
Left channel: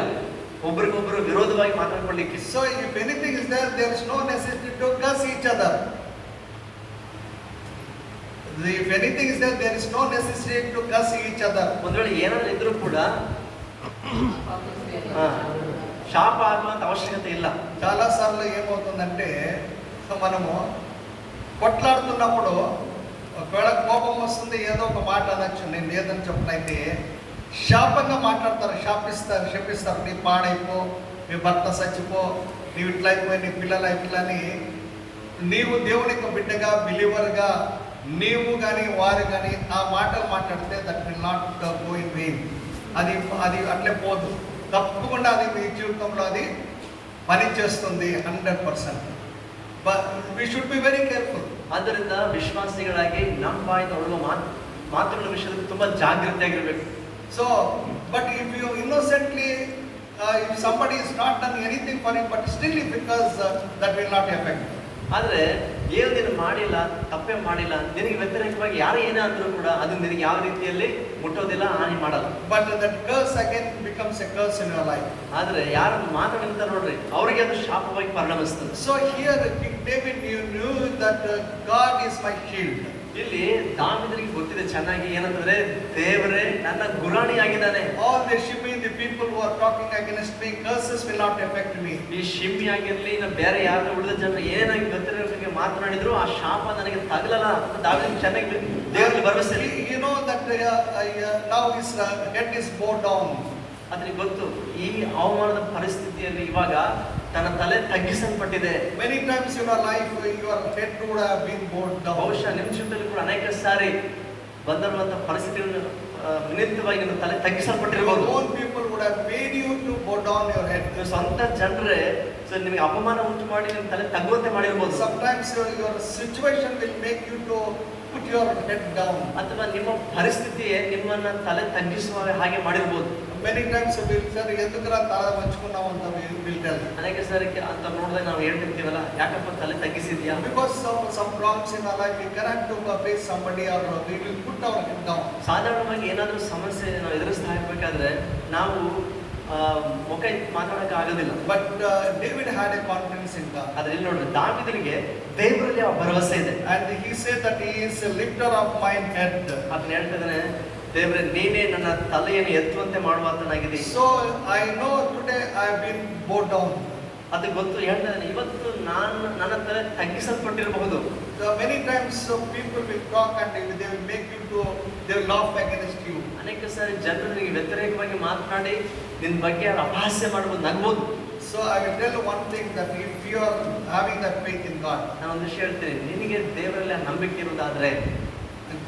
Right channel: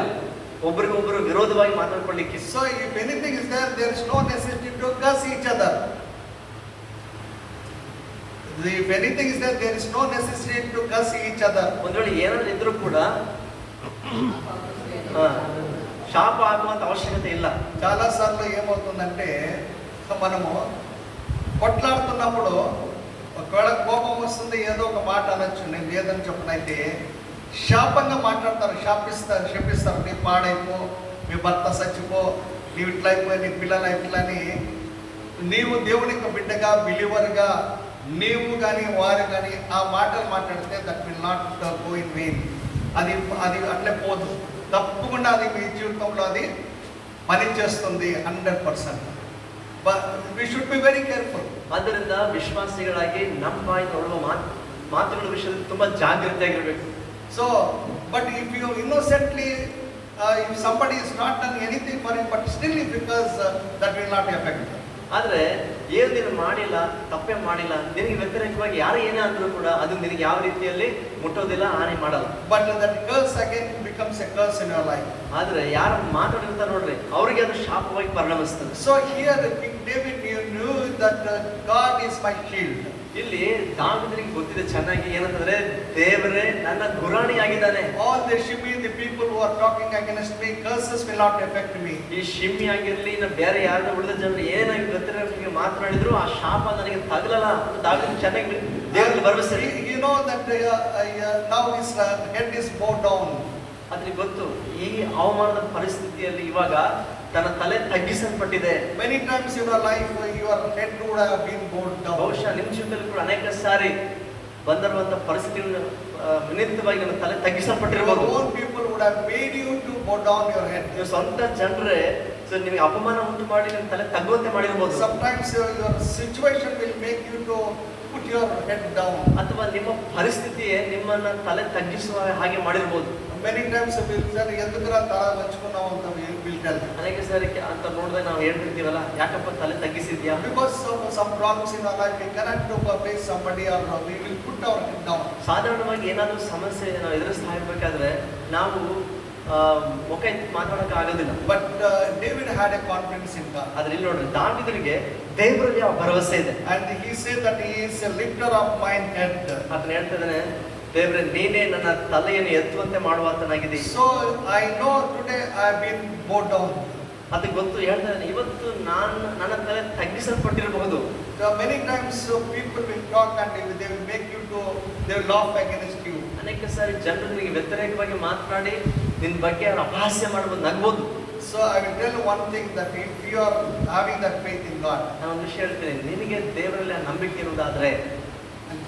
ಒಬ್ರಿಗೊಬ್ರು ವಿರೋಧವಾಗಿ ಮಾತಾಡ್ಕೊಳ್ಳಿಕ್ಕೆ. So if anything is there is no necessity to curse each other. If anything is there is no necessity to curse each other. ಒಂದ್ ವೇಳೆ ಏನಾದ್ರು ಇದ್ರೂ ಕೂಡ శాప ఆత్మంత అవశ్యకత ಇಲ್ಲ. చాలా సార్లు ఏమవుతుందంటే మనము కొట్లాడుతున్నప్పుడు ఒకవేళ కోపం వస్తుంది, ఏదో ఒక మాట అనొచ్చు, నేను లేదని చెప్పనైతే శాపంగా మాట్లాడతారు, శపిస్తారు, నీ పాడైపో, నీ భర్త చచ్చిపో, నీవు ఇట్లా అయిపోయి, నీ పిల్లలు అయిపోయిలని. నీవు దేవునికి బిడ్డగా బిలీవర్గా నీవు కానీ వారు కానీ ఆ మాటలు మాట్లాడితే that will not go in vein. అది అట్లే పోదు, తప్పకుండా అది మీ జీవితంలో అది పనిచేస్తుంది 100%. But we should be very careful. ಆದ್ದರಿಂದ ವಿಶ್ವಾಸಿಗಳಾಗಿ ನಮ್ಮ ಬಾಯಿ ಹೊರಡುವ ಮಾತುಗಳ ವಿಷಯದಲ್ಲಿ ತುಂಬಾ ಜಾಗೃತಿಯಾಗಿರಬೇಕು. So, but if you innocently, if somebody is not done anything for you, but still because that will not affect. ಆದ್ರೆ ಏನು ನೀನು ಮಾಡಿಲ್ಲ, ತಪ್ಪೇ ಮಾಡಿಲ್ಲ, ನಿನಗೆ ವ್ಯತಿರೇಕವಾಗಿ ಯಾರು ಏನೇ ಅಂದ್ರೂ ಕೂಡ ಅದು ನಿನಗೆ ಯಾವ ರೀತಿಯಲ್ಲಿ ಮುಟ್ಟೋದಿಲ್ಲ, ಹಾನಿ ಮಾಡಲ್ಲ. But that curse again becomes a curse in your life. ಆದ್ರೆ ಯಾರು ಮಾತಾಡಿರ್ತಾರೆ ನೋಡ್ರಿ, ಅವರಿಗೆ ಅದು ಶಾಪವಾಗಿ ಪರಿಣಮಿಸ್ತದೆ. So here King David knew that God is my shield. ಇಲ್ಲಿ ದಾವೀದನಿಗೆ ಗೊತ್ತಿದೆ ಚೆನ್ನಾಗಿ ಏನಂದ್ರೆ ದೇವರೇ ನನ್ನ ಗುರಾಣಿ ಆಗಿದ್ದಾನೆ. All the Shimei, the people who are talking against me, curses will not affect me. ಈ ಶಿಮ್ಮಿ ಆಗಿರ್ಲಿ, ಇನ್ನು ಬೇರೆ ಯಾರನ್ನ ಉಳಿದ ಜನರು ಏನಾಗಿ ಗೊತ್ತಿರೋರಿಗೆ ಮಾತನಾಡಿದ್ರು ಆ ಶಾಪ ನನಗೆ ತಗಲಲ್ಲ ಅಂತ ದಾವೀದನಿಗೆ ಚೆನ್ನಾಗಿ ದೇವರಲ್ಲಿ ಭರವಸೆ. You know that now his head is bowed down. ಅದಕ್ಕೆ ಗೊತ್ತು ಈ ಅವಮಾನದ ಪರಿಸ್ಥಿತಿಯಲ್ಲಿ ಇವಾಗ ತನ್ನ ತಲೆ ತಗ್ಗಿಸಲ್ಪಟ್ಟಿದೆ. Many times in your life your head would have been bowed down. ಬಹುಶಃ ನಿಮ್ಮ ಜೀವನದಲ್ಲಿ ಕೂಡ ಅನೇಕ ಸಾರಿ ಬಂದಿರುವಂತಹ ಪರಿಸ್ಥಿತಿಗಳ ನಿಮಿತ್ತವಾಗಿ ನಿಮ್ಮ ತಲೆ ತಗ್ಗಿಸಲ್ಪಟ್ಟಿರಬಹುದು. Your own people would have made you to bow down your head. ನೀವು ಸ್ವಂತ ಜನರೇ ನಿಮಗೆ ಅಪಮಾನ ಉಂಟು ಮಾಡಿ ನಿಮ್ಮ ತಲೆ ತಗ್ಗುವಂತೆ ಮಾಡಿರ್ಬೋದು. Sometimes your situation will make you to put your head down. ಅಥವಾ ನಿಮ್ಮ ಪರಿಸ್ಥಿತಿಯೇ ನಿಮ್ಮನ್ನ ತಲೆ ತಗ್ಗಿಸುವ ಹಾಗೆ ಮಾಡಿರ್ಬೋದು. Many times we will say ಎಂತಂದ್ರ ತಲೆ ಹಂಚ್ಕೊಂಡು ನಾವು ಅಂತ will tell. ಅನೇಕ ಸಾರಿ ಅಂತ ನೋಡಿದ್ರೆ ನಾವು ಹೇಳ್ತಿರ್ತೀವಲ್ಲ, ಯಾಕಪ್ಪ ತಲೆ ತಗ್ಗಿಸಿದ್ಯಾ? Because of some problems in our life we cannot to face somebody or we will put our head down. ಸಾಧಾರಣವಾಗಿ ಏನಾದರೂ ಸಮಸ್ಯೆ ನಾವು ಎದುರಿಸ್ತಾ ಇರಬೇಕಾದ್ರೆ ನಾವು ಮುಖ ಎತ್ತಿ ಮಾತಾಡಕ್ಕೆ ಆಗೋದಿಲ್ಲ. But David had a confidence in God. ಆದ್ರೆ ಇಲ್ಲಿ ನೋಡ್ರಿ, ದಾವೀದನಿಗೆ ದೇವರಲ್ಲಿ ಆ ಭರವಸೆ ಇದೆ. And he said that he is a lifter of mine head. ಅದನ್ನ ಹೇಳ್ತಿದ್ದಾನೆ, ದೇವರೇ ನೀನೇ ನನ್ನ ತಲೆಯನ್ನು ಎತ್ತುವಂತೆ ಮಾಡುವಾತನಾಗಿದೆ. So I know today I have been bowed down. ಅದಕ್ಕೆ ಗೊತ್ತು ಹೇಳ್ತಾನೆ, ಇವತ್ತು ನನ್ನ ತಲೆ ತಗ್ಗಿಸಲ್ಪಟ್ಟಿರಬಹುದು. Many times people will talk and they will make you to they will laugh against you. ಅನೇಕ ಸಾರಿ ಜನರು ನಿಮಗೆ ವ್ಯತಿರೇಕವಾಗಿ ಮಾತನಾಡಿ ನಿನ್ನ ಬಗ್ಗೆ ಅವ್ರು ಅಪಹಾಸ್ಯ ಮಾಡ್ಬೋದು, ನಗ್ಬೋದು. So I will tell you one thing, that if you are having that faith in God, ನಾನು ಒಂದು ವಿಷಯ ಹೇಳ್ತೇನೆ, ನಿನಗೆ ದೇವರಲ್ಲಿ ನಂಬಿಕೆ ಇರುವುದಾದ್ರೆ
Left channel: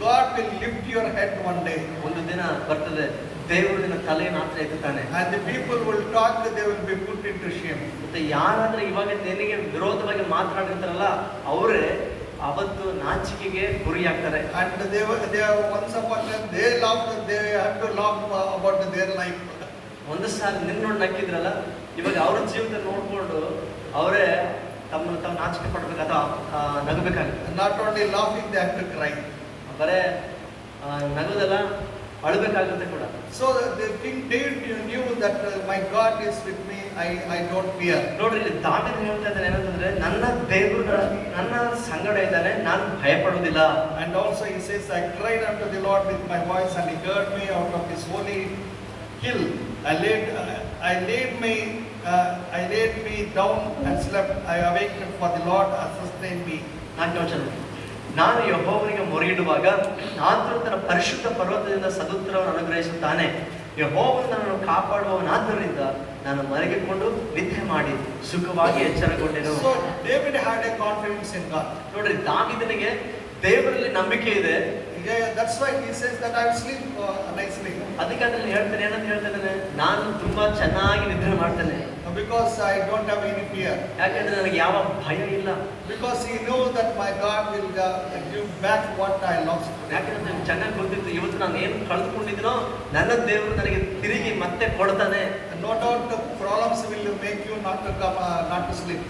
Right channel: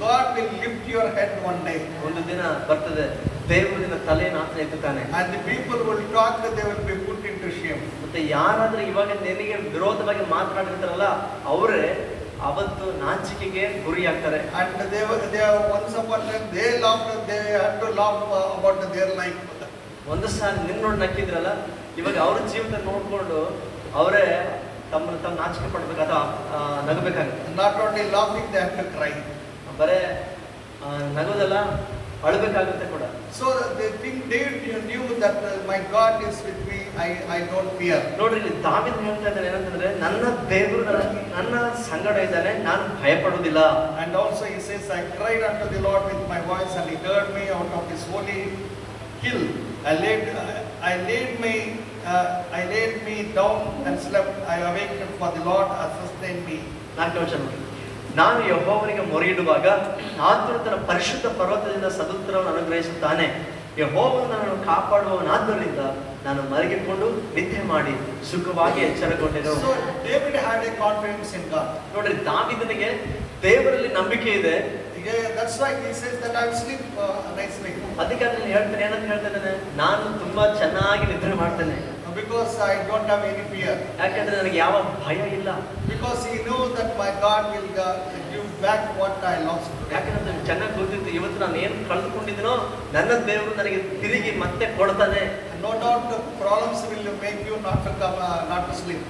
God will lift your head one day. ಒಂದು ದಿನ ಬರ್ತದೆ, ದೇವರು ನಿನ್ನ ತಲೆಯನ್ನು ಆತ ಎತ್ತುತ್ತಾನೆ. And the people will talk, they will be put into shame. ಮತ್ತೆ ಯಾರಾದ್ರೂ ಇವಾಗ ನಿನಗೆ ವಿರೋಧವಾಗಿ ಮಾತನಾಡಿರ್ತಾರಲ್ಲ, ಅವರೇ ಅವತ್ತು ನಾಚಿಕೆಗೆ ಗುರಿಯಾಗ್ತಾರೆ. And they once upon a time they laughed, they had to laugh about their life. ಒಂದು ಸಾರಿ ನಿನ್ನ ನೋಡಿ ನಕ್ಕಿದ್ರಲ್ಲ, ಇವಾಗ ಅವ್ರ ಜೀವನ ನೋಡ್ಕೊಂಡು ಅವರೇ ತಮ್ಮನ್ನು ತಾವು ನಾಚಿಕೆ ಪಡ್ಬೇಕು ಅಥವಾ ನಗಬೇಕಾಗುತ್ತೆ. Not only laughing, they have to cry. ಬರೇ ನಗೋದಲ್ಲ, ಅಳಬೇಕಾಗುತ್ತೆ ಕೂಡ. So the king David knew that my God is with me, I don't fear. ನೋಡ್ರಿ, ಇಲ್ಲಿ ದಾವೀದನು ಹೇಳ್ತಾ ಇದ್ದಾನೆ ಏನಂತಂದ್ರೆ, ನನ್ನ ದೇವರು ನನ್ನ ಸಂಗಡ ಇದ್ದಾನೆ, ನಾನು ಭಯಪಡುವುದಿಲ್ಲ. And also he says, I cried unto the Lord with my voice, and he heard me out of his holy hill. I laid me down and slept. I awakened, for the Lord has sustained me. ನಾನು ಯೆಹೋವನಿಗೆ ಮೊರೆಯಿಡುವಾಗ ಆತನು ತನ್ನ ಪರಿಶುದ್ಧ ಪರ್ವತದಿಂದ ಸದುತ್ತರವನ್ನು ಅನುಗ್ರಹಿಸುತ್ತಾನೆ. ಯೆಹೋವನು ನನ್ನನ್ನು ಕಾಪಾಡುವವನಾದ್ದರಿಂದ ನಾನು ಮಲಗಿಕೊಂಡು ನಿದ್ದೆ ಮಾಡಿ ಸುಖವಾಗಿ ಎಚ್ಚರಗೊಂಡೆನು. So David had a confidence in God. ನೋಡ್ರಿ, ದಾವೀದನಿಗೆ ದೇವರಲ್ಲಿ ನಂಬಿಕೆ ಇದೆ. That's why he says that I will sleep nicely. ಅದಕ್ಕೆ ಅದನ್ನು ಹೇಳ್ತಾನೆ, ಏನಂತ ಹೇಳ್ತಾನೆ, ನಾನು ತುಂಬಾ ಚೆನ್ನಾಗಿ ನಿದ್ರೆ ಮಾಡ್ತೇನೆ. Because I don't have any fear. ಯಾಕಂದ್ರೆ ನನಗೆ ಯಾವ ಭಯ ಇಲ್ಲ. Because he knew that my God will give back what I lost. ಯಾಕಂದ್ರೆ ನನಗೆ ಚೆನ್ನಾಗಿ ಗೊತ್ತಿತ್ತು, ಇವತ್ತು ನಾನು ಏನು ಕಳೆದುಕೊಂಡಿದ್ದೀನೋ ನನ್ನ ದೇವರು ನನಗೆ ತಿರುಗಿ ಮತ್ತೆ ಕೊಡ್ತಾನೆ. No doubt the problems will make you not to come, not to sleep.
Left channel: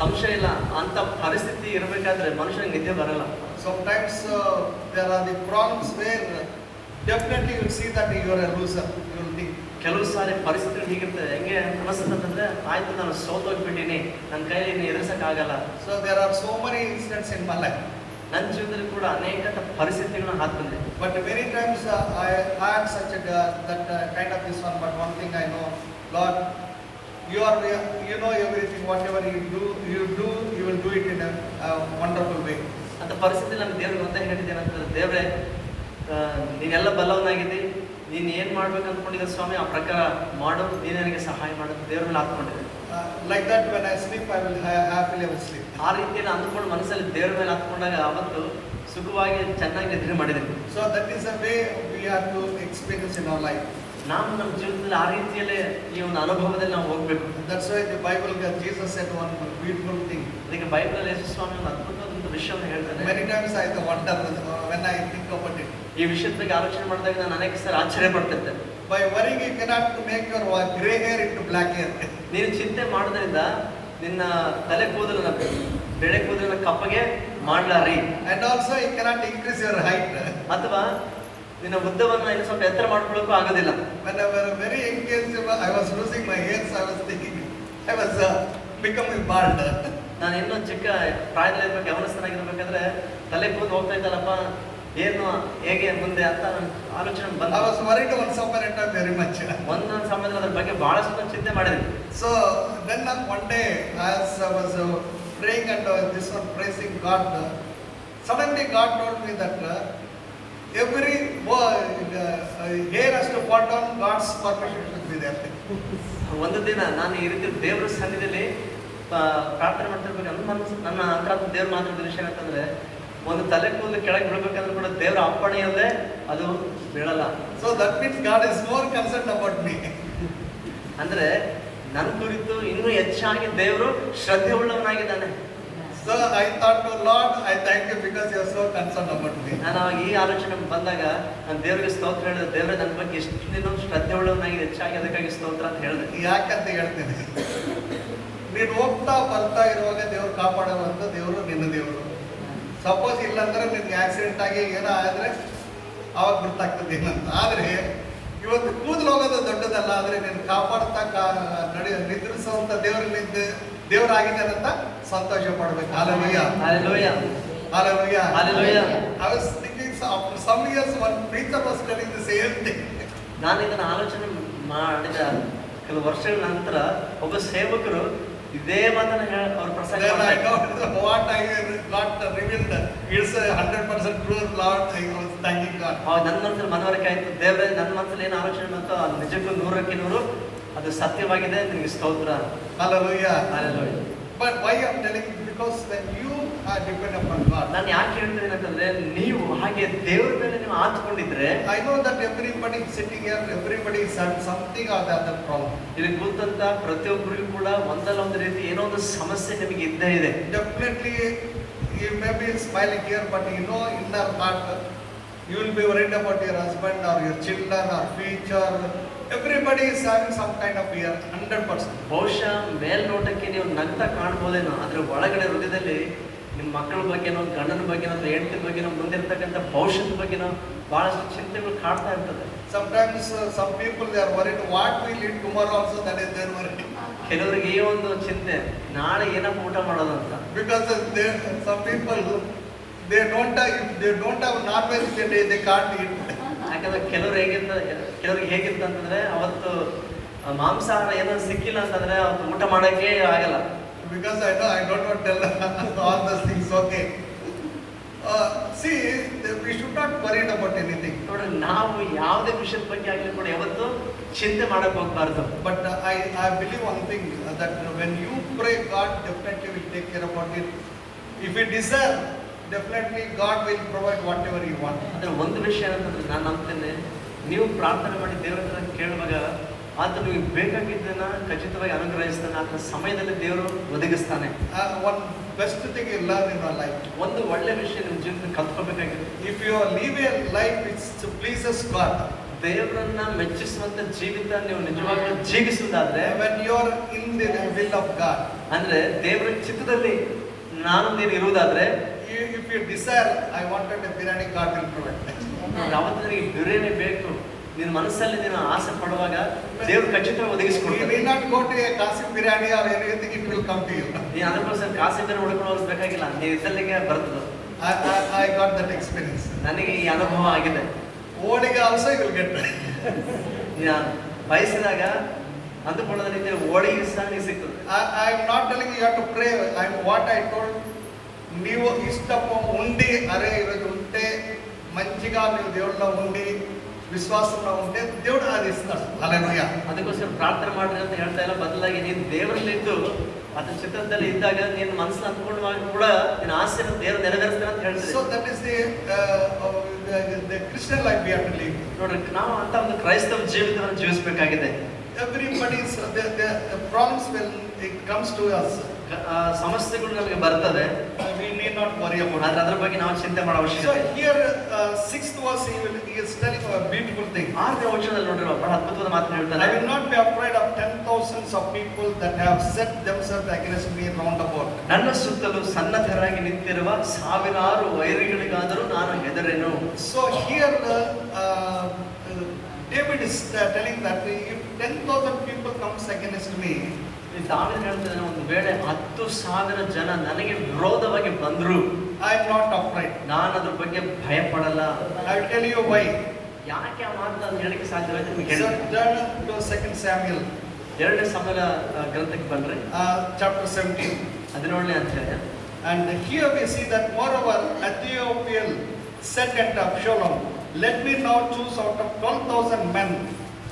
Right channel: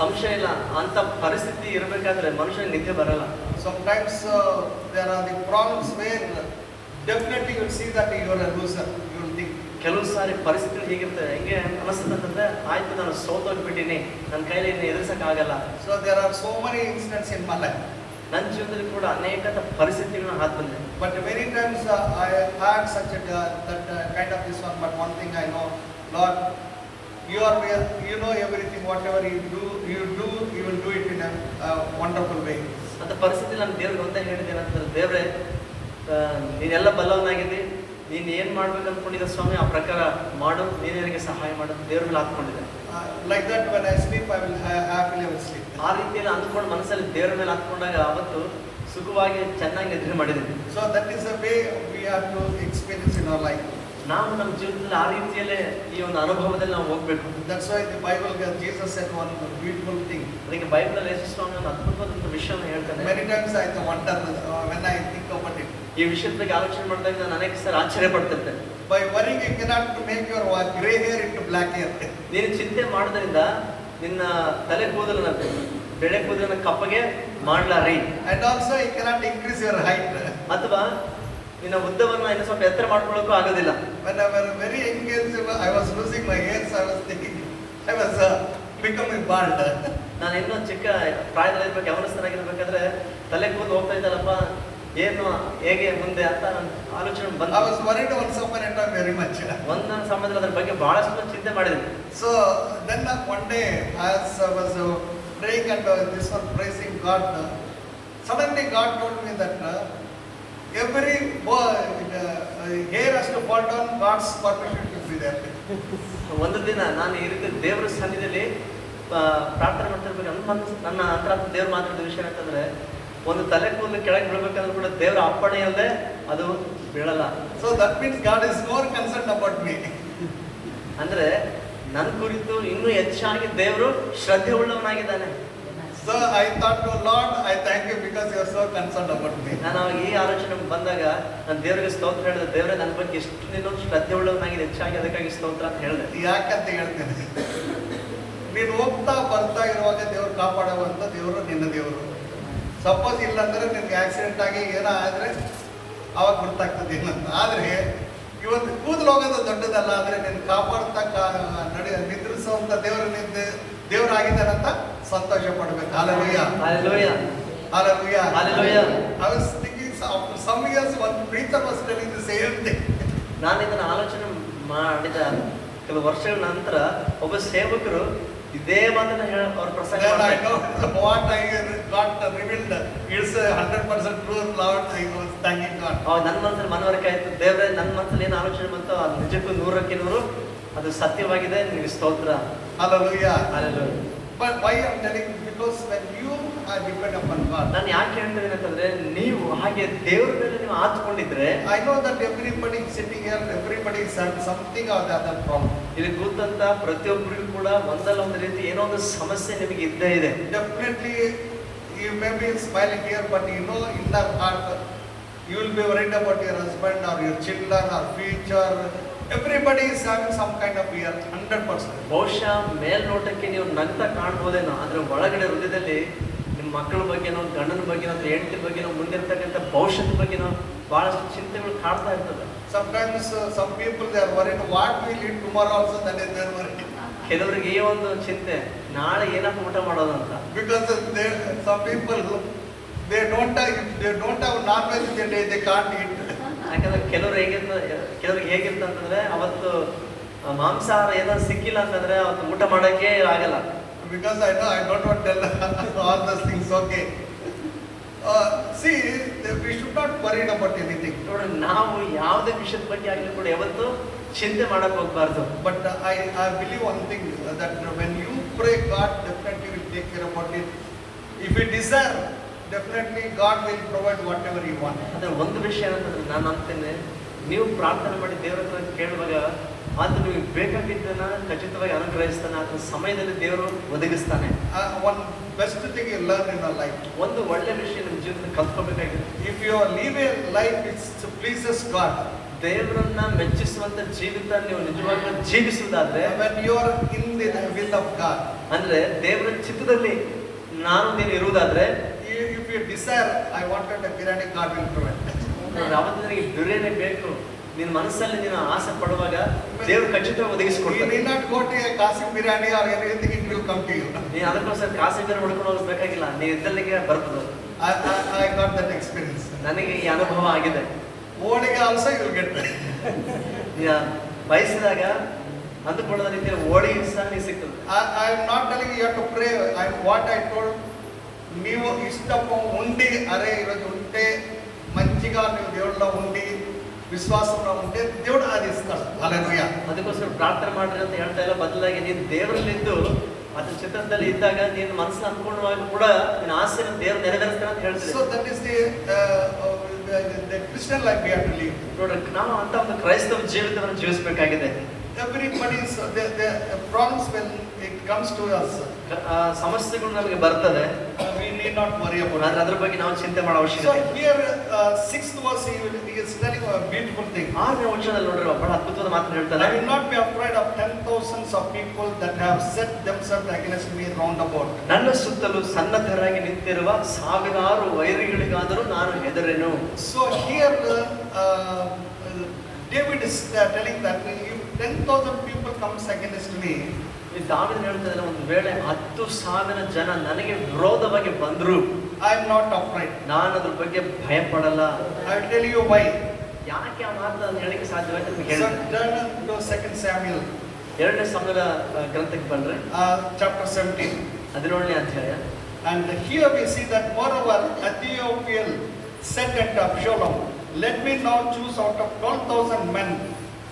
ಸಂಶಯ ಇಲ್ಲ, ಅಂತ ಪರಿಸ್ಥಿತಿ ಇರಬೇಕಾದ್ರೆ ಮನುಷ್ಯನಿಗೆ ನಿದ್ದೆ ಬರಲ್ಲ. Sometimes there are the problems where definitely you will see that you are a loser. You will think. ಕೆಲವು ಸಾರಿ ಪರಿಸ್ಥಿತಿ ಹೇಗಿರ್ತದೆ, ಹೆಂಗೆ ಅನಿಸ್ತದೆ ಅಂತಂದ್ರೆ, ಆಯ್ತು ನಾನು ಸೋತೋಗ್ಬಿಟ್ಟಿನಿ, ನನ್ನ ಕೈಲಿ ಇನ್ನು ಎದುರಿಸಕ್ಕಾಗಲ್ಲ. So there are so many incidents in my life. ನನ್ನ ಜೀವನದಲ್ಲಿ ಕೂಡ ಅನೇಕ ಪರಿಸ್ಥಿತಿಗಳನ್ನ ಹಾದು ಬಂದೆ. But many times I had such a that kind of this one. But one thing I know, Lord, you know everything. Whatever you will do it in a wonderful way. ಅಂತ ಪರಿಸ್ಥಿತಿ ನಾನು ದೇವ್ರಿಗೆ ಒಂದೇ ಹೇಳಿದ್ದೇನೆ ಅಂತಂದ್ರೆ, ದೇವ್ರೆ ನೀನೆಲ್ಲ ಬಲ್ಲವನಾಗಿದ್ದಿ, ನೀನು ಏನು ಮಾಡ್ಬೇಕು ಅಂದ್ಕೊಂಡಿದ್ದ ಸ್ವಾಮಿ, ಆ ಪ್ರಕಾರ ಮಾಡು, ನೀನು ನನಗೆ ಸಹಾಯ ಮಾಡು, ದೇವ್ರಲ್ಲಿ ಹಾಕ್ಕೊಂಡಿದ್ದೆ. Like that, when I sleep, I will happily sleep. ಆ ರೀತಿಯಲ್ಲಿ ಅಂದ್ಕೊಂಡು ಮನಸ್ಸಲ್ಲಿ ದೇವರ ಮೇಲೆ ಹಾಕ್ಕೊಂಡಾಗ ಅವತ್ತು ಸುಖವಾಗಿ ಚೆನ್ನಾಗಿ ನಿದ್ರೆ ಮಾಡಿದ್ದೇನೆ. So that is the way we have to experience in our life. ನಾವು ನಮ್ಮ ಜೀವನದಲ್ಲಿ ಆ ರೀತಿಯಲ್ಲೇ ಈ ಒಂದು ಅನುಭವದಲ್ಲಿ ನಾವು ಹೋಗ್ಬೇಕು. That's why the Bible, Jesus said one beautiful thing. ಅದಕ್ಕೆ ಬೈಬಲ್ ಯೇಸು ಸ್ವಾಮಿ ಒಂದು ಅದ್ಭುತವಾದ ಒಂದು ವಿಷಯವನ್ನು ಹೇಳ್ತಾನೆ. Many times I wonder when I think about it. ಈ ವಿಷಯದ ಬಗ್ಗೆ ಆಲೋಚನೆ ಮಾಡಿದಾಗ ನಾನು ಅನೇಕ ಸಾರಿ ಆಶ್ಚರ್ಯ ಪಡ್ತಿರ್ತೇನೆ. By worrying, you cannot make your gray hair into black hair. ನೀನು ಚಿಂತೆ ಮಾಡೋದ್ರಿಂದ ನಿನ್ನ ತಲೆ ಕೂದಲನ್ನ ಬೆಳೆ ಕೂದಲನ್ನು ಕಪ್ಪಗೆ ಮಾಡ್ಲಾರಿ. And also I cannot increase your height. ಅಥವಾ ನಿನ್ನ ಉದ್ದವನ್ನು ಇನ್ನು ಸ್ವಲ್ಪ ಎತ್ತರ ಮಾಡ್ಕೊಳ್ಳೋಕ್ಕೂ ಆಗೋದಿಲ್ಲ. When I was very young age, I was losing my hairs. I was thinking I was becoming bald. ನಾನು ಇನ್ನೂ ಚಿಕ್ಕ ಪ್ರಾಯದಲ್ಲಿರ್ಬೇಕು, ಯವನಸ್ಥನಾಗಿರ್ಬೇಕಾದ್ರೆ ತಲೆ ಕೂದಲು ಹೋಗ್ತಾ ಇದ್ದಲ್ಲಪ್ಪ, ಏನು ಹೇಗೆ ಮುಂದೆ ಅಂತ ನನ್ನ ಆಲೋಚನೆ I ಬಂತು. was worried once upon a time very much. ಒಂದೊಂದು ಸಮಯದಲ್ಲಿ ಅದ್ರ ಬಗ್ಗೆ ಬಹಳಷ್ಟು ಚಿಂತೆ ಮಾಡಿದ್ದೀನಿ. So then one day as I was praying and this one praising God, suddenly God told me that every hair has to fall down, God's permission should be there. ಒಂದು ದಿನ ನಾನು ಈ ರೀತಿ ದೇವರ ಸನ್ನಿಧಿಯಲ್ಲಿ ಪ್ರಾರ್ಥನೆ ಮಾಡ್ತಿರ್ಬೇಕು, ನನ್ನ ಅಂತರಾತ್ಮ ದೇವ್ರು ಮಾತಾಡಿದ ವಿಷಯ ಅಂತಂದ್ರೆ, ಒಂದು ತಲೆ ಕೂದಲು ಕೆಳಗೆ ಬಿಡಬೇಕಂದ್ರೆ ಕೂಡ ದೇವರ ಅಪ್ಪಣೆ ಇಲ್ಲದೆ ಅದು ಬೀಳಲ್ಲ. So that means God is more concerned about me. ಅಂದ್ರೆ ನನ್ನ ಕುರಿತು ಇನ್ನೂ ಹೆಚ್ಚಾಗಿ ದೇವರು ಶ್ರದ್ಧೆ ಉಳ್ಳವನಾಗಿದ್ದಾನೆ. So I thought, oh Lord, I thank you because you are so concerned about me. ನಾನು ಅವಾಗ ಈ ಆಲೋಚನೆ ಬಂದಾಗ ನಾನು ದೇವರಿಗೆ ಸ್ತೋತ್ರ ಹೇಳಿದೆ, ದೇವರೇ ನನ್ನ ಬಗ್ಗೆ ಇಷ್ಟು ನೀನು ಶ್ರದ್ಧೆ ಉಳ್ಳವನಾಗಿದೆ, ಹೆಚ್ಚಾಗಿ ಅದಕ್ಕಾಗಿ ಸ್ತೋತ್ರ ಅಂತ ಹೇಳಿದೆ. ಯಾಕಂತ ಹೇಳ್ತೇನೆ, ನೀನು ಹೋಗ್ತಾ ಬರ್ತಾ ಇರುವಾಗ ದೇವರು ಕಾಪಾಡುವಂತ ದೇವರು ನಿನ್ನ ದೇವರು. ಸಪೋಸ್ ಇಲ್ಲಾಂದ್ರೆ ನಿನ್ಗೆ ಆಕ್ಸಿಡೆಂಟ್ ಆಗಿ ಏನೋ ಆದ್ರೆ ಅವಾಗ ಗೊತ್ತಾಗ್ತದೆ ಏನಂತ. ಆದ್ರೆ ಇವತ್ತು ಕೂದಲು ಹೋಗೋದು ದೊಡ್ಡದಲ್ಲ, ಆದ್ರೆ ನೀನು ಕಾಪಾಡ್ತಾ ನಿದ್ರಿಸುವಂತ ದೇವರಾಗಿದ್ದಾರಂತ ಸಂತೋಷ ಪಡ್ಬೇಕು. Hallelujah. Hallelujah. Hallelujah. Hallelujah. I was thinking after some years one preacher was telling the same thing. ನಾನು ಇದನ್ನು ಆಲೋಚನೆ ಮಾಡಿದ ಕೆಲವು ವರ್ಷಗಳ ನಂತರ ಒಬ್ಬ ಸೇವಕರು ಇದೇ ಮಾತನ್ನ ಅವ್ರ ಪ್ರಸಂಗ Then I know what I got revealed. It's 100% truth, Lord. I was thanking God. ನನ್ನ ಮನಸ್ಸಲ್ಲಿ ಮನವರಿಕೆ ಆಯ್ತು, ದೇವರೇ ನನ್ನ ಮನಸ್ಸಲ್ಲಿ ಏನು ಆಲೋಚನೆ ಬಂತು ಅದು ನಿಜಕ್ಕೂ 100% ಅದು ಸತ್ಯವಾಗಿದೆ, ನಿಮಗೆ ಸ್ತೋತ್ರ. Hallelujah. Hallelujah. But why I'm telling you? Because when you are depend upon God. ನಾನು ಯಾಕೆ ಹೇಳ್ತೀನಿ ಅಂತಂದ್ರೆ, ನೀವು ಹಾಗೆ ದೇವರ ಮೇಲೆ ನೀವು ಆತ್ಕೊಂಡಿದ್ರೆ, I know that everybody sitting here, everybody is having something or the other problem. ಇಲ್ಲಿ ಕೂತಂತ ಪ್ರತಿಯೊಬ್ಬರಿಗೂ ಕೂಡ ಒಂದಲ್ಲ ಒಂದು ರೀತಿ ಏನೋ ಒಂದು ಸಮಸ್ಯೆ ನಿಮಗೆ ಇದ್ದೇ ಇದೆ. Definitely you may be smiling here, but you know in the heart you will be worried about your husband or your children or future. Everybody is having some kind of fear, 100%. ಬಹುಶಃ ಮೇಲ್ನೋಟಕ್ಕೆ ನೀವು ನಗ್ತಾ ಕಾಣ್ಬೋದೇನೋ, ಆದ್ರೆ ಒಳಗಡೆ ಹೃದಯದಲ್ಲಿ ನಿಮ್ಮ ಮಕ್ಕಳ ಬಗ್ಗೆನೋ, ಗಂಡನ ಬಗ್ಗೆನೋ, ಹೆಂಡತಿ ಬಗ್ಗೆನೋ, ಮುಂದಿರ್ತಕ್ಕಂಥ ಭವಿಷ್ಯದ ಬಗ್ಗೆನೋ ಬಹಳಷ್ಟು ಚಿಂತೆಗಳು ಕಾಡ್ತಾ ಇರ್ತದೆ. Sometimes some people they are worried what will eat tomorrow also, that is their worry. ಕೆಲವರಿಗೆ ಈ ಒಂದು ಚಿಂತೆ, ನಾಳೆ ಏನಪ್ಪ ಊಟ ಮಾಡೋದು ಅಂತ. Because some people they don't have non-veg, they can't eat. ಯಾಕಂದ್ರೆ ಕೆಲವ್ರಿಗೆ ಹೇಗಿತ್ತು ಅಂತಂದ್ರೆ, ಅವತ್ತು ಮಾಂಸಾಹಾರ ಏನೋ ಸಿಕ್ಕಿಲ್ಲ ಅಂತಂದ್ರೆ ಅವತ್ತು ಊಟ ಮಾಡೋಕೆ ಆಗಲ್ಲ. Because I know I don't want to tell all those things. Okay. See, we should not worry about anything. ನೋಡಿ, ನಾವು ಯಾವುದೇ ವಿಷಯದ ಬಗ್ಗೆ ಆಗಲಿ ಕೂಡ ಯಾವತ್ತು ಚಿಂತೆ ಮಾಡಕ್ ಹೋಗ್ಬಾರ್ದು. But I believe one thing, that when you pray, God definitely will take care about it. If you desire, definitely God will provide whatever you want. ಅಂದ್ರೆ ಒಂದು ವಿಷಯ ಏನಂತಂದ್ರೆ, ನಾನು ಅಂತೇನೆ, ನೀವು ಪ್ರಾರ್ಥನೆ ಮಾಡಿ ದೇವರ ಹತ್ರ ಕೇಳುವಾಗ ಆತ ನಿಮಗೆ ಬೇಕಾಗಿದ್ದನ್ನ ಖಚಿತವಾಗಿ ಅನುಗ್ರಹಿಸ್ತಾನೆ, ಆತನ ಸಮಯದಲ್ಲಿ ದೇವರು ಒದಗಿಸ್ತಾನೆ. One best thing you learn in your life. ಒಂದು ಒಳ್ಳೆ ವಿಷಯ ನಿಮ್ಮ ಜೀವನದಲ್ಲಿ ಕಲ್ತ್ಕೋಬೇಕಾಗಿದೆ. If you live a life which pleases God, ದೇವರನ್ನ ಮೆಚ್ಚಿಸುವಂತ ಜೀವಿತ ನೀವು ನಿಜವಾಗ್ಲೂ ಜೀವಿಸುವುದಾದ್ರೆ, when you are in the will of God, ಅಂದ್ರೆ ದೇವರ ಚಿತ್ತದಲ್ಲಿ ನೀನು ಇರುವುದಾದ್ರೆ, if you desire, I wanted a biryani, God will provide. ಯಾವತ್ತು ನನಗೆ ಬಿರಿಯಾನಿ ಬೇಕು, ನಿನ್ನ ಮನಸ್ಸಲ್ಲಿ ನೀನು ಆಸೆ ಪಡುವಾಗ ದೇವರು ಖಚಿತವಾಗಿ ಒದಗಿಸಿಕೊಡ್ತಾನೆ. You need not go to a Kasi biryani or anything, it will come to you. ನೀನು ಅದಕ್ಕೋಸ್ಕರ ಕಾಸಿ ಬೇರೆ ಹುಡುಕೊಂಡು ಹೋಗ್ಬೇಕಾಗಿಲ್ಲ, ನೀವು ಇದ್ದಲ್ಲಿಗೆ ಬರ್ತದೆ. I got that experience. ನನಗೆ ಈ ಅನುಭವ ಆಗಿದೆ. Holige also you will get. ವಯಸ್ಸಿದಾಗ ಅಂದುಕೊಳ್ಳದ ರೀತಿಯ ಹೋಳಿಗೆ ಸಹ ನಿಮಗೆ ಸಿಗ್ತದೆ. I am not telling you have to pray. What I told, ನೀವು ಇಷ್ಟಪ್ಪ ಉಂಡಿ ಅರೆ ಇರೋದು ಉಂಟೆ మంచిగా ನೀವು దేవుళ్ళో ఉండి ವಿಶ್ವಾಸಂలో ఉంటే దేవుడు అది ఇస్తాడు. హల్లెలూయా. ಅದಕ್ಕೋಸ್ಕರ ಪ್ರಾರ್ಥನೆ ಮಾಡ್ರಿ ಅಂತ ಹೇಳ್ತಾ ಇಲ್ಲ, ಬದಲಾಗಿ ನೀನು ದೇವರಲ್ಲಿದ್ದು ಆತನ ಚಿತ್ರದಲ್ಲಿ ಇದ್ದಾಗ ನೀನು ಮನಸ್ಸನ್ನ ಅಂದ್ಕೊಳ್ಳುವಾಗ ಕೂಡ ನಿನ್ನ ಆಸೆಯನ್ನು ದೇವರು ನೆರವೇರಿಸ್ತಾನೆ ಅಂತ ಹೇಳ್ತೀವಿ. So that is the Christian life we have to live. ನೋಡ್ರಿ, ನಾವು ಅಂತ ಒಂದು ಕ್ರೈಸ್ತವ ಜೀವಿತವನ್ನು ಜೀವಿಸಬೇಕಾಗಿದೆ. Everybody's the problems when it comes to us. ಸಮಸ್ಯೆಗಳು ನಮಗೆ ಬರ್ತದೆ. We need not worry about ಆದ್ರೆ it. ಅದ್ರ ಬಗ್ಗೆ ನಾವು ಚಿಂತೆ ಮಾಡೋ So ಅವಶ್ಯಕತೆ ಇಲ್ಲ. here, 6th verse, he is telling a beautiful thing. 6ನೇ ವಚನದಲ್ಲಿ ನೋಡ್ರಿ ಬಹಳ ಅದ್ಭುತವಾದ ಮಾತನ್ನ I ಹೇಳ್ತಾನೆ. will not be afraid of 10,000s of people that have set themselves against me round about. ನನ್ನ ಸುತ್ತಲೂ ಸನ್ನದ್ಧರಾಗಿ ನಿಂತಿರುವ ಸಾವಿರಾರು ವೈರಿಗಳಿಗಾದರೂ ನಾನು ಹೆದರೆನು. So here, David is telling that if 10,000 people comes against me, ಈ ದಾವೀದನು ಹೇಳ್ತಾನೆ, ಒಂದು ವೇಳೆ 10,000 ಜನ ನನಗೆ ವಿರೋಧವಾಗಿ ಬಂದ್ರು I am not afraid. ನಾನು ಅದ್ರ ಬಗ್ಗೆ ಭಯ ಪಡಲ್ಲ. I will tell you why. ಯಾಕೆ ಆ ಮಾತನ್ನು ಹೇಳಕ್ಕೆ ಸಾಧ್ಯವಾಯ್ತು ನಿಮ್ಗೆ So ಹೇಳಿ. turn to 2 Samuel, 2ನೇ ಸಮುವೇಲ ಗ್ರಂಥಕ್ಕೆ ಬಂದ್ರೆ chapter 17. 17ನೇ ಅಧ್ಯಾಯ. And here we see that moreover Ahithophel said unto Absalom, let me now choose out of 12,000 men,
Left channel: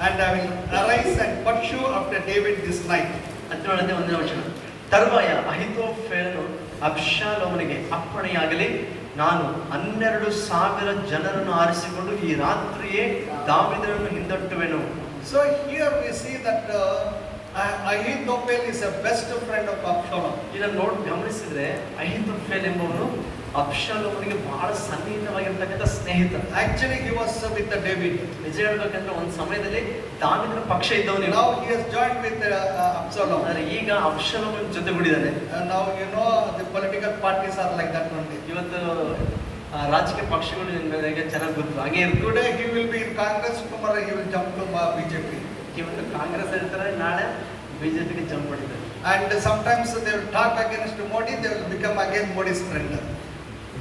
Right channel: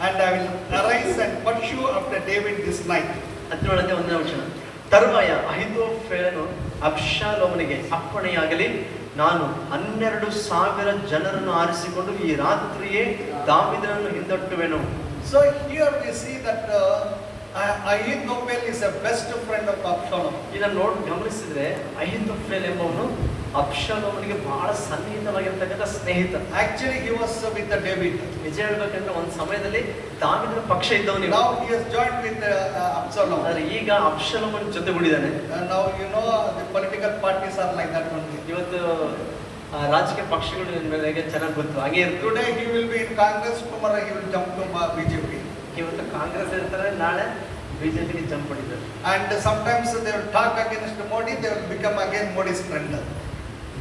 and I will arise and pursue after David this night. 17ನೇ 1ನೇ ವಚನ. ತರುವಾಯ ಅಹೀತೋಫೆಲನು ಅಬ್ಷಾಲೋಮನಿಗೆ ಅಪ್ಪಣೆಯಾಗಲಿ, ನಾನು 12,000 ಜನರನ್ನು ಆರಿಸಿಕೊಂಡು ಈ ರಾತ್ರಿಯೇ ದಾವೀದನನ್ನು ಹಿಂದಟ್ಟುವೆನು. So here we see that Ahithophel is a best friend of Absalom. ಇದನ್ನ ಗಮನಿಸಿದ್ರೆ ಅಹೀತೋಫೆಲ್ ಎಂಬವನು ಅಬ್ಷಾಲೋಮನಿಗೆ ಬಹಳ ಸನ್ನಿಹಿತವಾಗಿರ್ತಕ್ಕಂಥ ಸ್ನೇಹಿತ. Actually he was with David. ನಿಜ ಹೇಳ್ಬೇಕಂದ್ರೆ ಒಂದು ಸಮಯದಲ್ಲಿ ದಾವೀದನ ಪಕ್ಷ ಇದ್ದವನು. Now he has joined with Absalom. ಆದ್ರೆ ಈಗ ಅಬ್ಷಾಲೋಮನ ಜೊತೆಗೂಡಿದ್ದಾನೆ. Now you know the political parties are like that only. ಇವತ್ತು ರಾಜಕೀಯ ಪಕ್ಷಗಳು ನನಗೆ ಚೆನ್ನಾಗಿ ಗೊತ್ತು. ಹಾಗೆ Today he will be in Congress, tomorrow he will jump to BJP. ಇವತ್ತು ಕಾಂಗ್ರೆಸ್ ಇರ್ತಾರೆ, ನಾಳೆ ಬಿಜೆಪಿಗೆ ಜಂಪ್ ಮಾಡಿದ್ದಾರೆ. And sometimes they will talk against Modi, they will become again Modi's friend.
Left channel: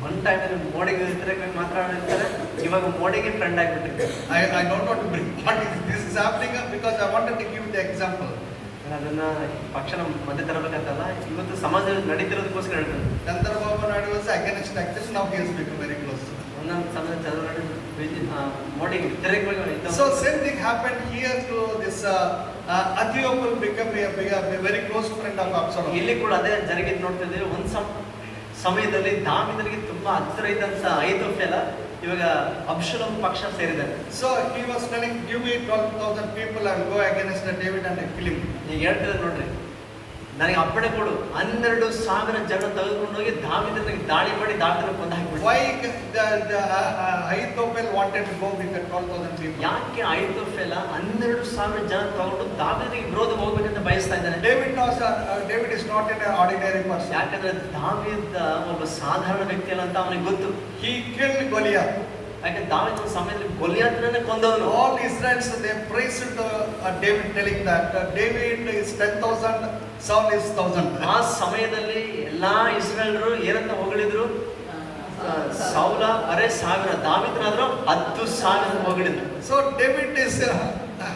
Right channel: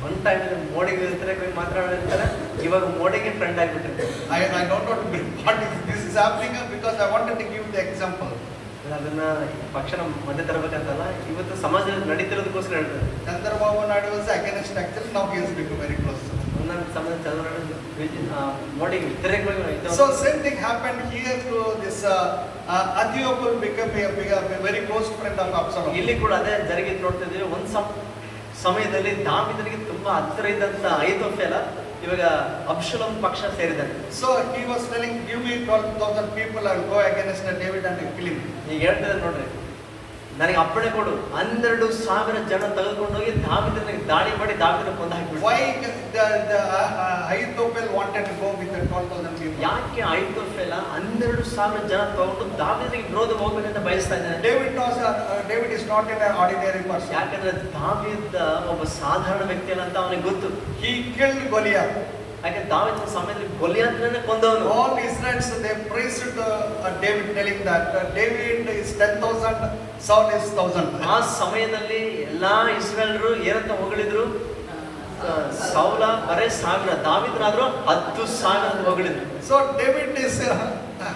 ಒಂದು ಟೈಮಲ್ಲಿ ಮೋಡಿಗೆ ಇರ್ತಾರೆ, ಮಾತಾಡಿರ್ತಾರೆ, ಇವಾಗ ಮೋಡಿಗೆ friend ಆಗಿಬಿಟ್ಟಿರ್ತಾರೆ. I don't want to bring what this is happening because I wanted to give the example. ಅದನ್ನ ಪಕ್ಷನ ಮಧ್ಯೆ ತರಬೇಕಂತಲ್ಲ, ಇವತ್ತು ಸಮಾಜದಲ್ಲಿ ನಡೀತಿರೋದಕ್ಕೋಸ್ಕರ ಹೇಳ್ತಾರೆ. Chandrababu Naidu was against actually, now he has become very close. ಒಂದೊಂದು ಸಮಯ Chandrababu ಮೋಡಿಗೆ ವ್ಯತಿರೇಕವಾಗಿ. So same thing happened here to this Ahithophel became a very close friend of Absalom. ಇಲ್ಲಿ ಕೂಡ ಅದೇ ಜರುಗಿದ್ ನೋಡ್ತಾ ಇದ್ದೀವಿ. ಒಂದು ಸಮಯದಲ್ಲಿ ದಾವೀದನಿಗೆ ತುಂಬಾ ಹತ್ತಿರ ಇದ್ದಂತ ಅಹೀತೋಫೆಲ ಇವಾಗ ಅಬ್ಷಾಲೋಮ್ ಪಕ್ಷ ಸೇರಿದ್ದಾರೆ. So he was telling, give me 12,000 people, I will go against David and kill him. ಈಗ ಹೇಳ್ತಿದ್ದಾರೆ ನೋಡ್ರಿ, ನನಗೆ ಅಪ್ಪಣೆ ಕೊಡು, 12,000 ಜನ ತೆಗೆದುಕೊಂಡು ಹೋಗಿ ದಾವೀದನಿಗೆ ದಾಳಿ ಮಾಡಿ ದಾವೀದನ ಕೊಂದು ಹಾಕಿಬಿಡು. Why the Ahithophel wanted to go with the 12,000 people? ಯಾಕೆ ಅಹೀತೋಫೆಲ 12,000 ಜನ ತಗೊಂಡು ದಾವೀದನಿಗೆ ವಿರೋಧ ಹೋಗ್ಬೇಕಂತ ಬಯಸ್ತಾ ಇದ್ದಾನೆ? David is not an ordinary person. ಯಾಕಂದ್ರೆ ದಾವೀದ ಒಬ್ಬ ಸಾಧಾರಣ ವ್ಯಕ್ತಿ ಅಲ್ಲ ಅಂತ ಅವನಿಗೆ ಗೊತ್ತು. He killed Goliath. ಯಾಕಂದ್ರೆ ದಾವೀದನ ಸಮಯದಲ್ಲಿ ಗೊಲಿಯಾತನನ್ನ ಕೊಂದವನು. All Israelites they praised David, telling that David is 10,000, Saul is 1,000. ಆ ಸಮಯದಲ್ಲಿ ಎಲ್ಲಾ ಇಸ್ರಾಯೇಲರು ಏನಂತ ಹೊಗಳಿದ್ರು? ಸೌಲ ಅರೆ 1000, ದಾವೀದನಾದ್ರೂ 10,000 ಹೊಗಳಿದ್ರು. So David is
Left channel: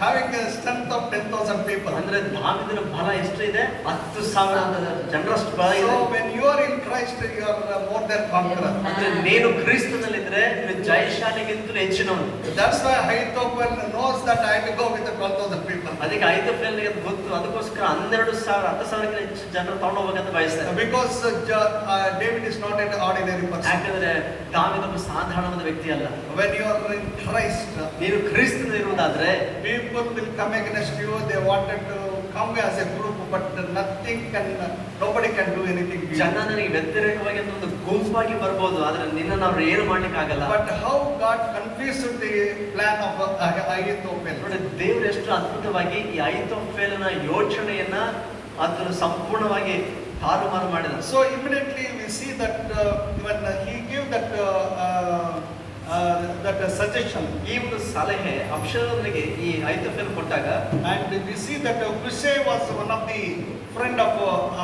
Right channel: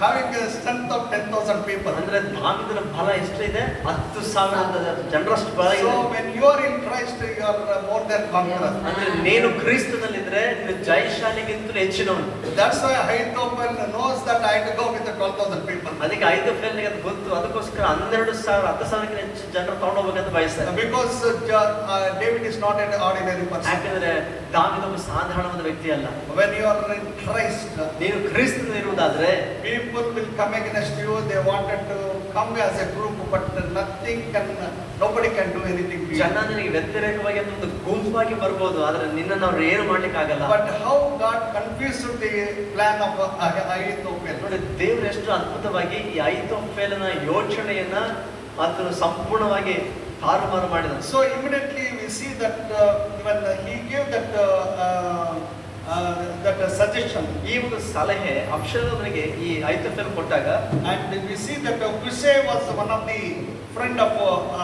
having a strength of 10,000 people. ಅಂದ್ರೆ ದಾವೀದನ ಬಲ ಎಷ್ಟಿದೆ? 10,000 ಜನರಷ್ಟು ಬಲ ಇದೆ. So when you are in Christ, you are more than conqueror. ಅಂದ್ರೆ ನೀನು ಕ್ರಿಸ್ತನಲ್ಲಿದ್ರೆ ನೀನು ಜಯಶಾಲಿಗಿಂತಲೂ ಹೆಚ್ಚಿನವನು. That's why Ahithophel knows that I have to go with the 12,000 people. ಅದಕ್ಕೆ ಅಹೀತೋಫೆಲನಿಗೆ ಅದು ಗೊತ್ತು. ಅದಕ್ಕೋಸ್ಕರ 12,000 10,000 ಹೆಚ್ಚು ಜನರು ತಗೊಂಡೋಗ್ಬೇಕಂತ ಬಯಸ್ತಾರೆ. Because David is not an ordinary person. ಯಾಕಂದ್ರೆ ದಾವೀದ ಒಬ್ಬ ಸಾಧಾರಣವಾದ ವ್ಯಕ್ತಿ ಅಲ್ಲ. When you are in Christ, ನೀನು ಕ್ರಿಸ್ತನಿರುವುದಾದ್ರೆ people will come against you. They wanted to come as a group, but nobody can do anything to you. ಜನ ನಿನಗೆ ವ್ಯತಿರೇಕವಾಗಿ ಒಂದು ಗುಂಪಾಗಿ ಬರ್ಬೋದು, ಆದ್ರೆ ನಿನ್ನನ್ನು ಅವ್ರು ಏನು ಮಾಡ್ಲಿಕ್ಕೆ ಆಗಲ್ಲ. But how God confused the plan of Ahithophel. ನೋಡಿ, ದೇವರು ಎಷ್ಟು ಅದ್ಭುತವಾಗಿ ಈ ಅಹೀತೋಫೆಲನ ಯೋಚನೆಯನ್ನ ಅದನ್ನು ಸಂಪೂರ್ಣವಾಗಿ ತಾರುಮಾರು ಮಾಡಿದ. So immediately we see that when he gave that suggestion, ಈ ಒಂದು ಸಲಹೆ ಅಬ್ಷಾಲೋಮನಿಗೆ ಈ ಅಹೀತೋಫೆಲ್ ಕೊಟ್ಟಾಗ, and we see that Hushai was one of the friend of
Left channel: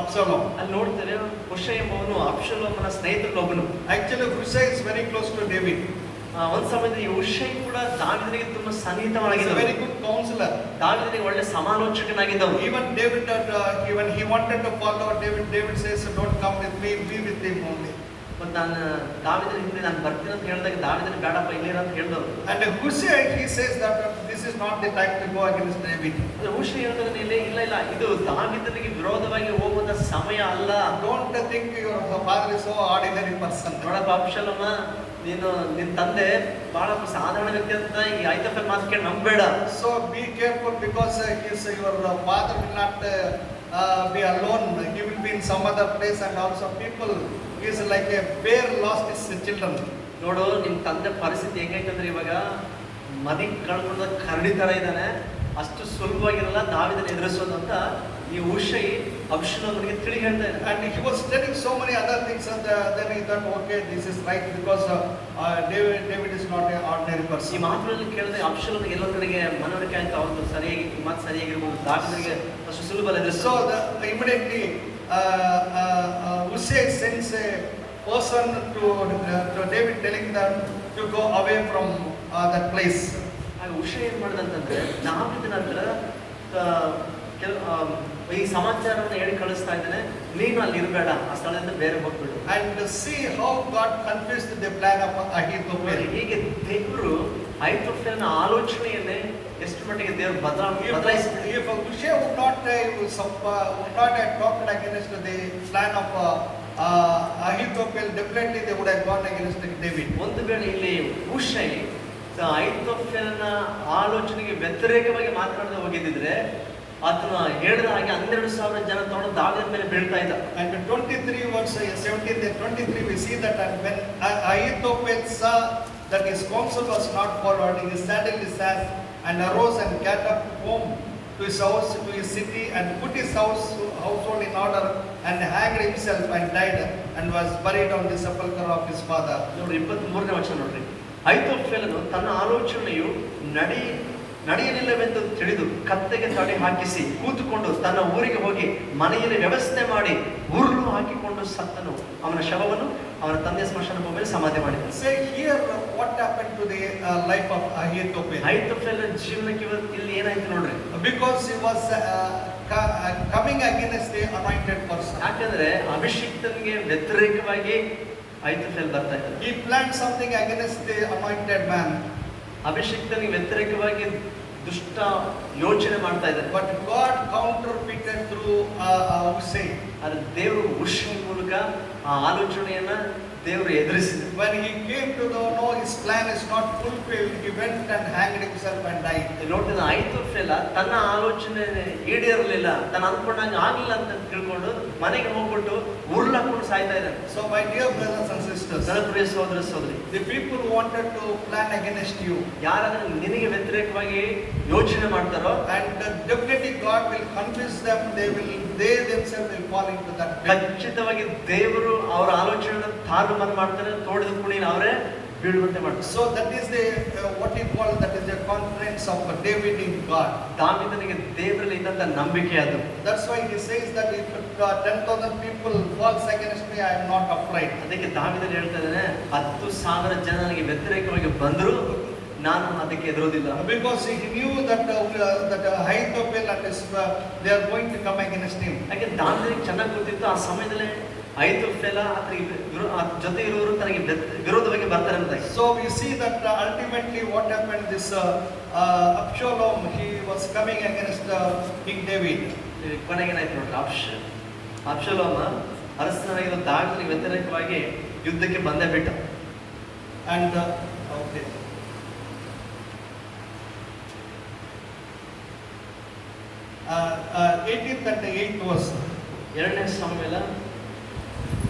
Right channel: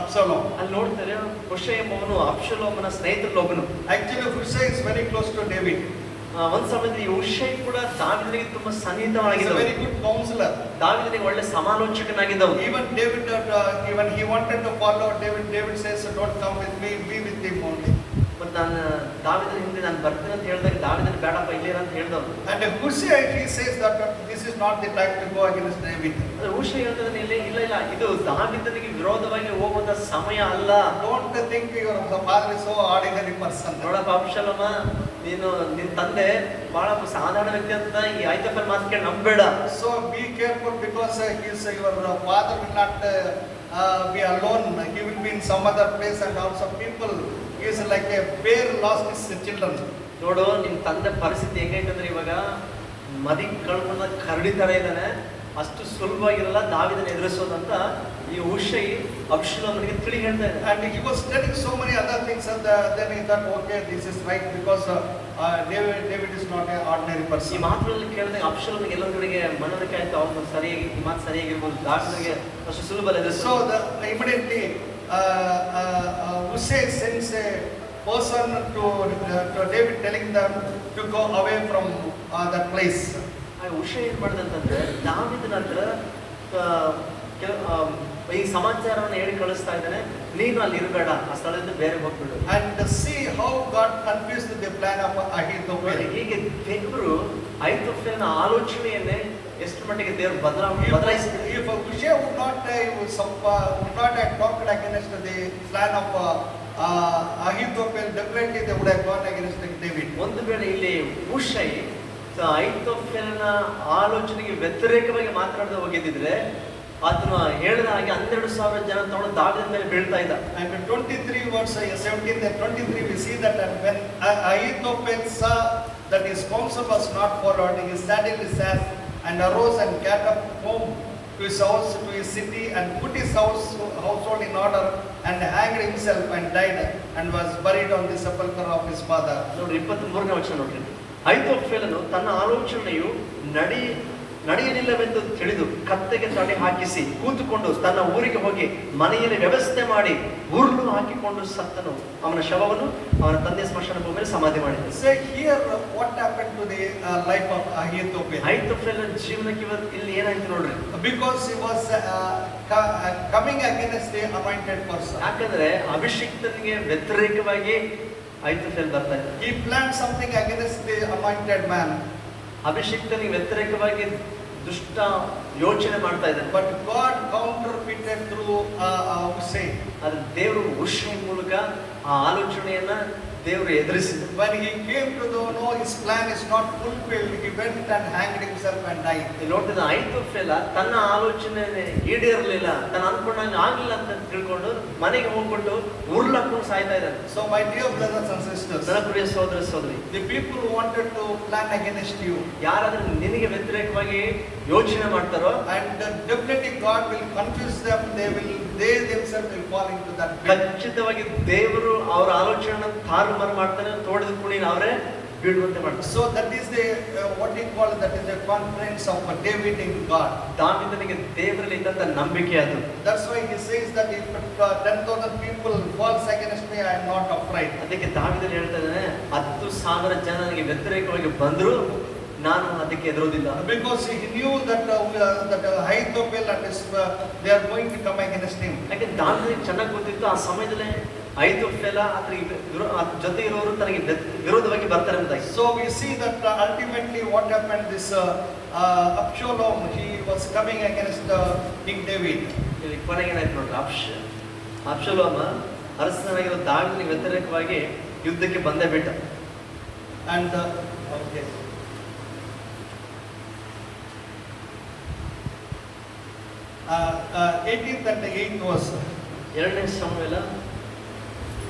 Absalom. ಅಲ್ಲಿ ನೋಡ್ತಾರೆ ಹುಷೈ ಎಂಬವನು ಅಬ್ಷಾಲೋಮನ ಸ್ನೇಹಿತರಲ್ಲಿ ಒಬ್ಬನು. Actually Hushai is very close to David. ಒಂದ್ ಸಮಯದಲ್ಲಿ ಈ ಹುಷೈ ಕೂಡ ದಾವೀದನಿಗೆ ತುಂಬಾ He is a ಸನ್ನಿಹಿತವಾಗಿದ್ದನು. very good counselor. ದಾವೀದನಿಗೆ ಒಳ್ಳೆ ಸಮಾಲೋಚಕನಾಗಿದ್ದವನು. Even David, even he wanted to follow David says, don't come with me, be with him only. ಮತ್ತೆ ನಾನು ದಾವೀದನ ಹಿಂದೆ ನಾನು ಬರ್ತೀನಿ ಅಂತ ಹೇಳಿದಾಗ ದಾವೀದನ ಬೇಡಪ್ಪ ಇಲ್ಲಿರ ಅಂತ ಹೇಳಿದವರು. And Hushai, he says that this is not the time to go against David. ಅಂದ್ರೆ ಹುಷೈ ಹೇಳ್ತಾರೆ, ಇಲ್ಲ ಇಲ್ಲ, ಇದು ದಾವೀದನಿಗೆ ವಿರೋಧವಾಗಿ ಹೋಗುವ ಸಮಯ ಅಲ್ಲ. Don't think your father is so ordinary person. ನೋಡಪ್ಪ ಅಬ್ಷಾಲೋಮ, ನೀನು ನಿನ್ನ ತಂದೆ ಬಹಳ ಸಾಧಾರಣ ವ್ಯಕ್ತಿ ಅಂತ ಈ ಅಹೀತೋಫೆಲ್ ಮಾತು ಕೇಳಿ ನಂಬೇಡ. So be careful because your father will not be alone. He will be in some other place, and also people He is like a bear lost his children. ನೋಡು ನಿಮ್ ತಂದೆ ಪರಿಸ್ಥಿತಿ ಹೆಂಗೈತಂದ್ರೆ ಇವಾಗ ಮದಿ ಕಳ್ಕೊಂಡ ಕರಡಿ ತರ ಇದ್ದಾನೆ. ಅಷ್ಟು ಸುಲಭವಾಗಿರಲ್ಲ ದಾವೀದನ ಎದುರಿಸೋದು ಅಂತ ಈ ಹುಷೈ ಅಬ್ಷಲೋಮನಿಗೆ ತಿಳಿ ಹೇಳ್ತಾ ಇದ್ದಾನೆ. And he was telling so many other things, and then he thought, okay, this is right, because David is not an ordinary ಈ person. ಮಾತುಗಳಲ್ಲಿ ಕೇಳಿದ್ರೆ ಅಬ್ಷಲೋಮನಿಗೆ ಎಲ್ಲರ ಕಡೆಗೆ ಮನವರಿಕೆ ಆಯ್ತು. ಅವ್ರು ಸರಿಯಾಗಿ ಈ ಮಾತು ಸರಿಯಾಗಿರ್ಬೋದು, ದಾವೀದನಿಗೆ ಅಷ್ಟು ಸುಲಭ ಅಲ್ಲ ಎದುರಿಸೋದು. So immediately Hushai sends a person to David, telling them to go away from that place. ಹುಷೈ ಏನ್ ಮಾಡಿದಂತಂದ್ರೆ ದಾವೀದನ ಹತ್ರ ಈ ಸಮಾಚಾರವನ್ನು ಹೇಳಿ ಕಳಿಸ್ತಾ ಇದ್ದಾನೆ, ನೀನು ಅಲ್ಲಿ ಇರಬೇಡ, ಆ ಸ್ಥಳದಿಂದ ಬೇರೆ ಹೋಗ್ಬಿಡು. And see how God confused the plan of Ahithophel. ಹೀಗೆ ದೇವರು ಅಹಿತೋಫೆಲನ ಆಲೋಚನೆಯನ್ನೇ ಎಷ್ಟು ಮಟ್ಟಿಗೆ ದೇವರು ಬದಲಾಯಿಸಿದ. If Hushai would not have talked against the plan of Ahithophel, definitely they would have gone against David. ಒಂದು ವೇಳೆ ಇಲ್ಲಿ ಹುಷೈ ಅಹಿತೋಫೆಲನ ಆಲೋಚನೆಗೆ ವ್ಯತಿರೇಕವಾಗಿ ಮಾತನಾಡದೆ ಹೋಗಿದ್ದಿದ್ರೆ ಆತನ ಹೇಳಿದ ಹಾಗೆ 12,000 ಜನ ತಗೊಂಡು ದಾವೀದನ ಮೇಲೆ ಬೀಳ್ತಾ ಇದ್ದ. And 23 verse 17 and 23 we see that, and when Ahithophel saw that his counsel was not followed, he saddled his ass and arose and got up home to his house, to his city, and put his household in order, and hanged himself and died, and was buried on the sepulchre of his father. ನೋಡ್ರಿ 23ನೇ ವಚನ ನೋಡ್ರಿ. ಅಹಿತೋಫೆಲನು ತನ್ನ ಆಲೋಚನೆಯು ನಡೆಯಲಿಲ್ಲವೆಂದು ತಿಳಿದು ಕತ್ತೆಗೆ ತಡೆ ಹಾಕಿಸಿ ಕೂತುಕೊಂಡು ತನ್ನ ಊರಿಗೆ ಹೋಗಿ ಮನೆಯಲ್ಲಿ ವ್ಯವಸ್ಥೆ ಮಾಡಿ ಉರುಳು ಹಾಕಿಕೊಂಡು ಸತ್ತನು. ಅವನ ಶವವನ್ನು ಅವನ ತಂದೆ ಸ್ಮಶಾನ ಭೂಮಿಯಲ್ಲಿ ಸಮಾಧಿ ಮಾಡಿದನು. Say here what happened to the life of Ahithophel. ಅಹಿತೋಫೆಲನ ಜೀವನಕ್ಕೆ ಇಲ್ಲಿ ಏನಾಯ್ತು ನೋಡ್ರಿ. Because he was coming against the anointed person. ಯಾಕಂದ್ರೆ ಅಭಿಷಿಕ್ತನಿಗೆ ವ್ಯತಿರೇಕವಾಗಿ ಅಹಿತೋಫೆಲ್ ಬರ್ತಾ ಇದ್ದ. He planned something against the anointed man. ಅಭಿಷಿಕ್ತನಿಗೆ ವ್ಯತಿರೇಕವಾಗಿ ದುಷ್ಟ ಯೋಚನೆ ಮಾಡ್ತಾ ಇದ್ದಾನೆ. But God counterfeited through Hushai. ಆದ್ರೆ ದೇವರು ಹುಷೈ ಮೂಲಕ ಆ ಆಲೋಚನೆಯನ್ನ ದೇವರು ಎದುರಿಸಿದ. When he came to know his plan is not fulfilled, he went and hanged himself and died. ನೋಡಿದ ಅಹಿತೋಫೆಲ ತನ್ನ ಆಲೋಚನೆ ಈಡೇರಲಿಲ್ಲ, ತನ್ನ ಅನ್ಕೊಂಡಂಗೆ ಆಗಿಲ್ಲ ಅಂತ ತಿಳ್ಕೊಂಡು ಮನೆಗೆ ಹೋಗ್ಬಿಟ್ಟು ಉರುಳಕೊಂಡು ಸಾಯ್ತಾ ಇದ್ದಾನೆ. So my dear brothers and sisters, ನನ್ನ ಪ್ರಿಯ ಸಹೋದರ ಸಹೋದರಿ, the people who wanted to plan against you, ಯಾರಾದ್ರೆ ನಿನಗೆ ವ್ಯತಿರೇಕವಾಗಿ ಯೋಚನೆ ಮಾಡ್ತಾರೋ, and definitely God will confuse them, they themselves will fall into that pit. ಖಚಿತವಾಗಿ ದೇವರು ಅವರ ಆಲೋಚನೆ ತಾರುಮಾರು ಮಾಡ್ತಾರೆ, ತೋಡಿದ ಕುಣಿನ ಅವರೇ ಬೀಳುವಂತೆ ಮಾಡ್ತಾರೆ. So that is the what he called, that is the confidence of David in God. ದಾವೀದನಿಗೆ ದೇವರಲ್ಲಿ ಇದ್ದಂತ ನಂಬಿಕೆ ಅದು. That's why he says that if 10,000 people falls against me, I am not afraid. ಅದಕ್ಕೆ ದಾವೀದನು ಹೇಳ್ತಾ ಇದ್ದಾನೆ, 10,000 ಜನ ನನಗೆ ವ್ಯತಿರೇಕವಾಗಿ ಬಂದ್ರು ನಾನು ಅದಕ್ಕೆ ಎದುರೋದಿಲ್ಲ. Because he knew that Ahithophel and they are going to come against him. ಯಾಕೆ ದಾವೀದನಿಗೆ ಚೆನ್ನಾಗಿ ಗೊತ್ತಿತ್ತು ಆ ಸಮಯದಲ್ಲಿ ಅಹಿತೋಫೆಲ ಜೊತೆ ಇರೋರು ತನಗೆ ವಿರೋಧವಾಗಿ ಬರ್ತಾರೆ ಅಂತ. So we see that ultimately what happened, this Absalom, he was coming against King David. ಕೊನೆಗೆ ಏನಾಯ್ತು ನೋಡ್ರಿ, ಅಬ್ಷಲೋಮ ಅರಸನಾಗಿರೋ ದಾವೀದನಿಗೆ ವ್ಯತಿರೇಕವಾಗಿ ಯುದ್ಧಕ್ಕೆ ಬಂದೇ ಬಿಟ್ಟ. And okay. 18th and 8th verse. 2ನೇ ಸಮುವೇಲ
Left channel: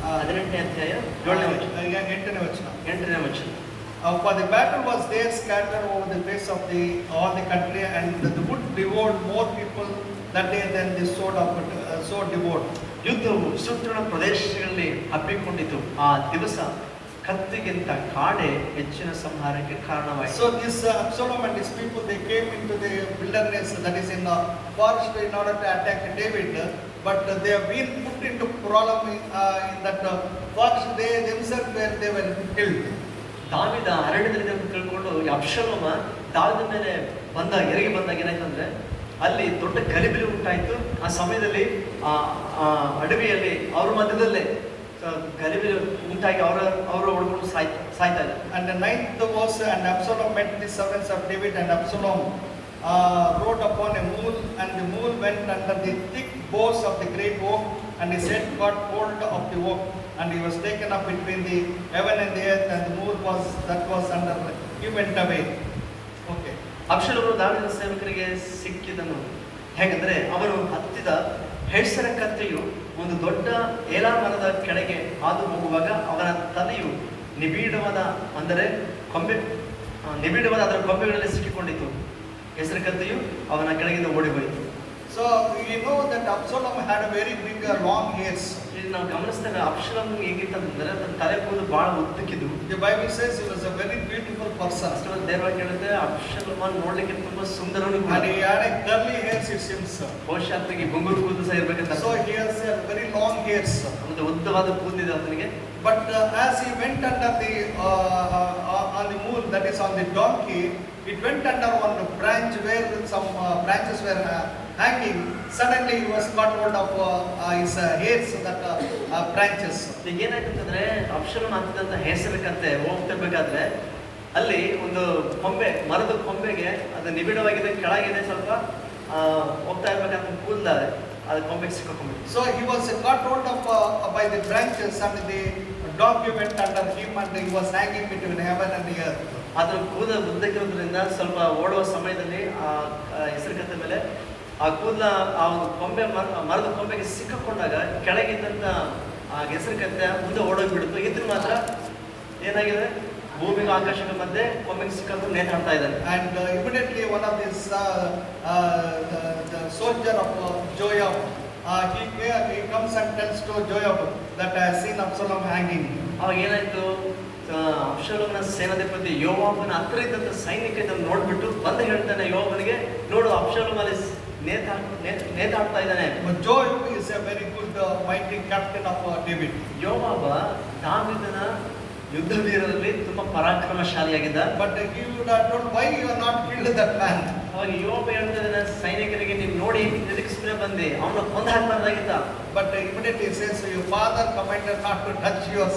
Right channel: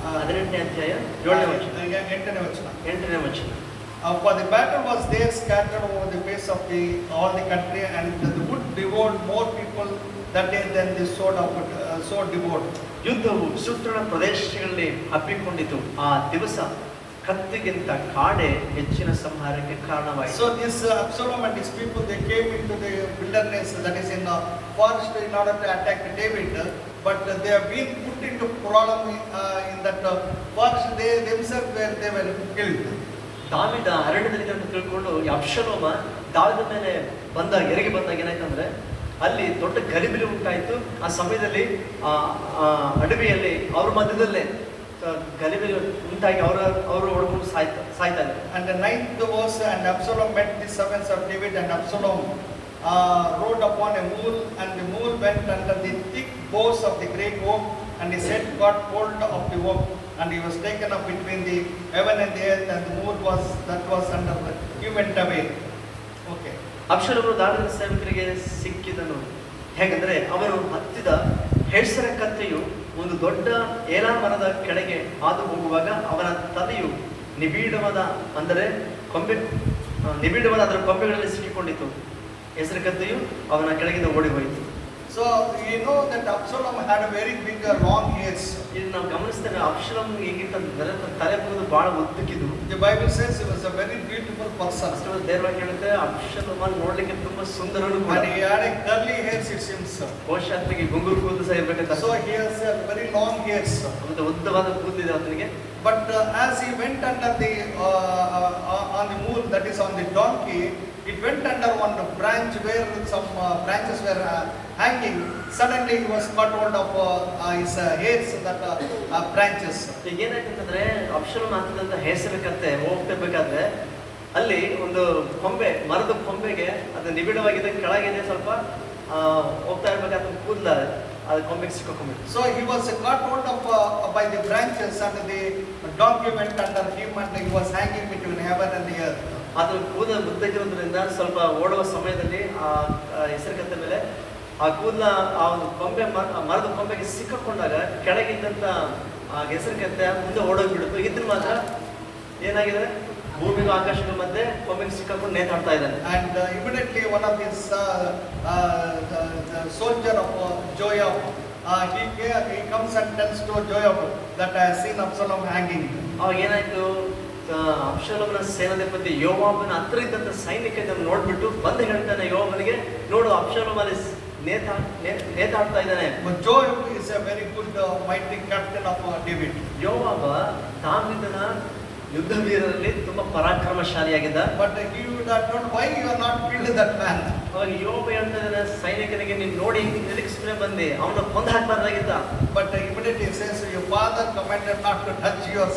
18ನೇ ಅಧ್ಯಾಯ 7ನೇ ವಚನ. 8ನೇ ವಚನ. For the battle was there scattered over the face of all the country, and the wood devoured more people that day than the sword devoured. ಯುದ್ಧವು ಸುತ್ತಣ ಪ್ರದೇಶಗಳಲ್ಲಿ ಹಬ್ಬಿಕೊಂಡಿತು. ಆ ದಿವಸ ಕತ್ತಿಗಿಂತ ಕಾಡೆ ಹೆಚ್ಚಿನ ಸಂಹಾರಕ್ಕೆ ಕಾರಣವಾಯಿತು. So this Absalom and his people, they came into the wilderness, that is in the forest, in order to attack David, but they have been put into problem in that forest. They themselves were killed. ದಾವೀದ ಅರಣ್ಯದಲ್ಲಿ ಅಂತ ತಿಳ್ಕೊಂಡು ಅಬ್ಷಲೋಮ ದಾವೀದ ಮೇಲೆ ಎರಗಿ ಬಂದಾಗ ಏನಾಯ್ತಂದ್ರೆ ಅಲ್ಲಿ ದೊಡ್ಡ ಗಲಿಬಿಲಿ ಉಂಟಾಯ್ತು. ಆ ಸಮಯದಲ್ಲಿ ಅಡವಿಯಲ್ಲಿ ಅವ್ರ ಮಧ್ಯದಲ್ಲೇ ಗಲಿಬಿಲಿ ಉಂಟಾಗಿ ಅವರು ಹೊಡ್ಕೊಂಡು ಸಾಯ್ತಾ ಇದ್ದಾರೆ. And the 9th verse, and Absalom met the servants of David, and Absalom rode upon a mule, and the mule went under the thick boughs of the great oak, and his head got hold of the oak, and he was taken up between the heaven and the earth, and the mule was under, he went away. Okay. ಅಬ್ಷಲೋಮನು ದಾವೀದನ ಸೇವಕರಿಗೆ ಸಿಕ್ಕಿದನು. ಹೇಗೆಂದರೆ ಅವನು ಹತ್ತಿದ ಹೆಸರ ಕತ್ತೆಯು ಒಂದು ದೊಡ್ಡ ಏಲಾ ಮರದ ಕೆಳಗೆ ಹಾದು ಹೋಗುವಾಗ ಅವನ ತಲೆಯು ನಿಬಿಡವಾದ ಅಂದರೆ ನಿಬಿಡವಾದ ಅದರ ಕೊಂಬೆಗಳಲ್ಲಿ ಸಿಕ್ಕಿಕೊಂಡಿತು. ಹೆಸರ ಕತ್ತೆಯು ಅವನ ಕೆಳಗಿಂದ ಓಡಿ ಹೋಯಿತು. So you know that Absalom had a very big long hairs. ಇಲ್ಲಿ ನಾವು ಗಮನಿಸ್ತೇವೆ ಅಬ್ಷಲೋಮ್ ಹೇಗಿತ್ತಂದ್ರೆ ತನ್ನ ತಲೆ ಕೂದಲು ಬಹಳ ಉದ್ದಕ್ಕಿದ್ದು. The Bible says he was a very beautiful person. ಅಷ್ಟೊಂದು ದೇವರಿಗೆ ಹೇಳುತ್ತೆ ಅಬ್ಷಲೋಮ ನೋಡ್ಲಿಕ್ಕೆ ತುಂಬಾ ಸುಂದರನು ಕೂಡ. And he had a curly hairs, it seems. ಬಹುಶಃ ಆತನಿಗೆ ಗುಂಗುರು ಕೂದಲು ಸಹ ಇರ್ಬೇಕಂತ. So he has a very long hairs. ಒಂದು ಉದ್ದವಾದ ಕೂದಲಿದೆ ಆತನಿಗೆ. But as he went under the on the mule, that is on the donkey, it went under one branch where some branches were hanging. Suddenly he was caught hold of his hairs, that branches. ಈಗ ಏನಾಯ್ತಂತಂದ್ರೆ ಅಬ್ಷಲೋಮ್ ಹತ್ತಿದಂತ ಹೆಸರು ಕತ್ತೆ ಹೋಗ್ತಿರ್ಬೇಕಾದ್ರೆ ಅಲ್ಲಿ ಒಂದು ಕೊಂಬೆ, ಮರದ ಕೊಂಬೆಗೆ ಅದು ನಿಬಿಡವಾಗಿದೆ, ಕೆಳಗಿದೆ, ಸ್ವಲ್ಪ ಹೋಗ್ತಾ ಇರ್ಬೇಕಾದ್ರೆ ಕೂದಲ ಅದು ಕೊಂಬೆಗೆ ಸಿಕ್ಕಾಕೊಂಡ್ಬಿಟ್ಟು. So he was caught hold of by the branches, and the donkey went under him, and he was hanging between heaven and earth. ಅದ್ರ ಕೂದಲು ಉದ್ದಕ್ಕಿರೋದ್ರಿಂದ ಸ್ವಲ್ಪ ಓಡುವ ಸಮಯದಲ್ಲಿ ಆ ಹೆಸರು ಕತ್ತೆ ಮೇಲೆ ಆ ಕೂದಲ ಆ ಒಂದು ಕೊಂಬೆ ಮರದ ಕೊಂಬೆಗೆ ಸಿಕ್ಕಾಕೊಂಡಾಗ ಕೆಳಗಿದ್ದಂತ ಆ ಹೆಸರು ಕತ್ತೆ ಮುಂದೆ ಓಡೋಗ್ಬಿಡ್ತು. ಇದ್ರ ಮಾತ್ರ ಏನಾಗಿದೆ, ಭೂಮಿಗೆ ಆಕಾಶದ ಮಧ್ಯೆ ಕೊಂಬೆಗೆ ಸಿಕ್ಕಾಕೊಂಡು ನೇತಾಡ್ತಾ ಇದ್ದಾನೆ. And immediately one of his the soldier of Joab, he comes and tells to Joab that I have seen Absalom hanging. ಅವಾಗ ಏನಾಯ್ತು, ಅಬ್ಷಲೋಮನ ಸೇನಾಧಿಪತಿ ಯೋವಾಬನ ಹತ್ರ ಇದ್ದಂತ ಸೈನಿಕ ಇದನ್ನು ನೋಡ್ಬಿಟ್ಟು ಬಂದು ಹೇಳ್ತಾನೆ ಯೋವಾಬನಿಗೆ, ನೋಡು ಅಬ್ಷಲೋಮ ಅಲ್ಲಿ ನೇತಾಡ್ತಾ ಇದ್ದಾನೆ. But Joab is a very good mighty captain of David. ಯೋವಾಬ ದಾವೀದನ ಯುದ್ಧ ವೀರರಲ್ಲಿ ತುಂಬಾ ಪರಾಕ್ರಮಶಾಲಿಯಾಗಿದ್ದ. But he would have told, why you are not killed that man? ಅವಾಗ ಯೋಬ ಹೇಳ್ತಾನೆ ಸೈನಿಕನಿಗೆ, ನೀನು ನೋಡಿ ಎದಕ್ಕೆ ಸುಮ್ಮನೆ ಬಂದೆ, ಅವನ ಕೊಂದು ಹಾಕಬಾರ್ದಾಗಿತ್ತ. But immediately he says, your father commanded not to touch your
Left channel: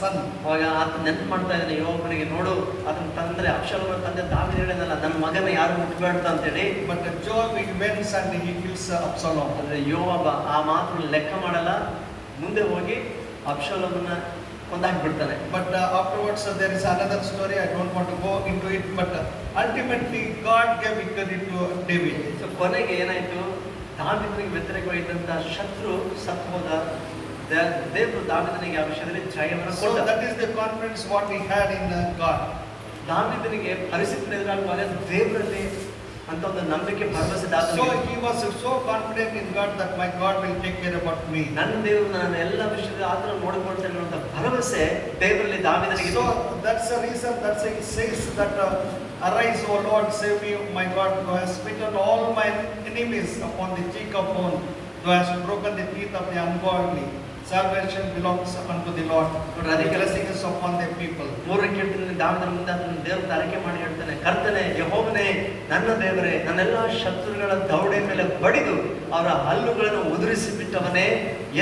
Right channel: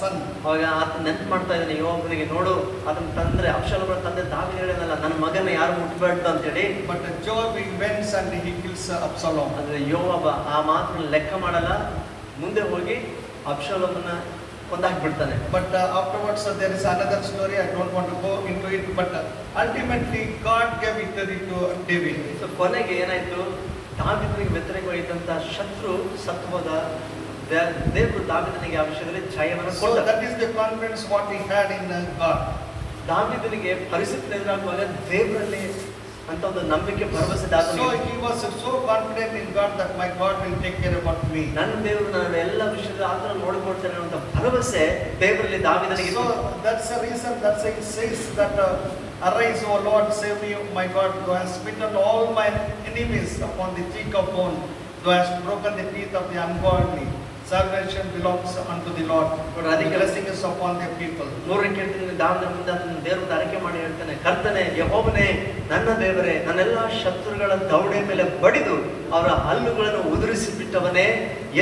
son. ಅವಾಗ ಆತ ನೆನಪು ಮಾಡ್ತಾ ಇದ್ದಾನೆ ಯೋಬನಿಗೆ, ನೋಡು ಅದನ್ನ ತಂದ್ರೆ ಅಬ್ಷಲೋಮನ ತಂದೆ ದಾವೀದ ಹೇಳಿದನಲ್ಲ, ನನ್ನ ಮಗನ ಯಾರು ಮುಟ್ಬೇಡ್ದು ಅಂತೇಳಿ. But Joab went and he kills Absalom. ಅಂದ್ರೆ ಯೋವಾಬ ಆ ಮಾತನ್ನ ಲೆಕ್ಕ ಮಾಡಲ್ಲ, ಮುಂದೆ ಹೋಗಿ ಅಬ್ಷಲೋಮನ ಕೊಂದಾಕ್ಬಿಡ್ತಾನೆ. But afterwards there is another story, I don't want to go into it, but ultimately God gave victory to David. So ಕೊನೆಗೆ ಏನಾಯ್ತು, ದಾವೀದನಿಗೆ ವ್ಯತಿರೇಕವಾಗಿದ್ದಂತ ಶತ್ರು ಸತ್ತು ಹೋದ. ದೇವರು ದಾವೀದನಿಗೆ ಆ ವಿಷಯದಲ್ಲಿ ಜಯವನ್ನು So ಕೊಟ್ಟ. that is the confidence what he had in God. ದಾವೀದನಿಗೆ ಪರಿಸ್ಥಿತಿ ಎದುರಾಗುವಾಗ ದೇವರಲ್ಲಿ ಅಂತ ಒಂದು ನಂಬಿಕೆ, ಭರವಸೆ So ದಾವೀದನಿಗೆ. he was so confident in God that my God will take care about me. ನನ್ನ ದೇವರು ನನ್ನ ಎಲ್ಲ ವಿಷಯದ ಆತನ ನೋಡಿಕೊಳ್ತಾನೆ ಅನ್ನೋ ಭರವಸೆ ದೇವರಲ್ಲಿ ದಾವೀದನಿಗೆ. So that's the reason that he says that arise, O Lord, save me, my God, thou hast smitten all my enemies upon the cheek of bone, thou hast broken the teeth of the ungodly. Salvation belongs unto the Lord, the blessing is upon the people. ಮೂರನೇ ಕೀರ್ತನೆಯಲ್ಲಿ ದಾವೀದನ ಮುಂದೆ ಅದನ್ನ ದೇವರು ಅರಿಕೆ ಮಾಡಿ ಹೇಳ್ತಾನೆ, ಕರ್ತನೇ ಯೆಹೋವನೇ ನನ್ನ ದೇವರೇ, ನನ್ನೆಲ್ಲ ಶತ್ರುಗಳ ದವಡೆ ಮೇಲೆ ಬಡಿದು ಅವರ ಹಲ್ಲುಗಳನ್ನು ಉದುರಿಸಿ ಬಿಟ್ಟವನೇ,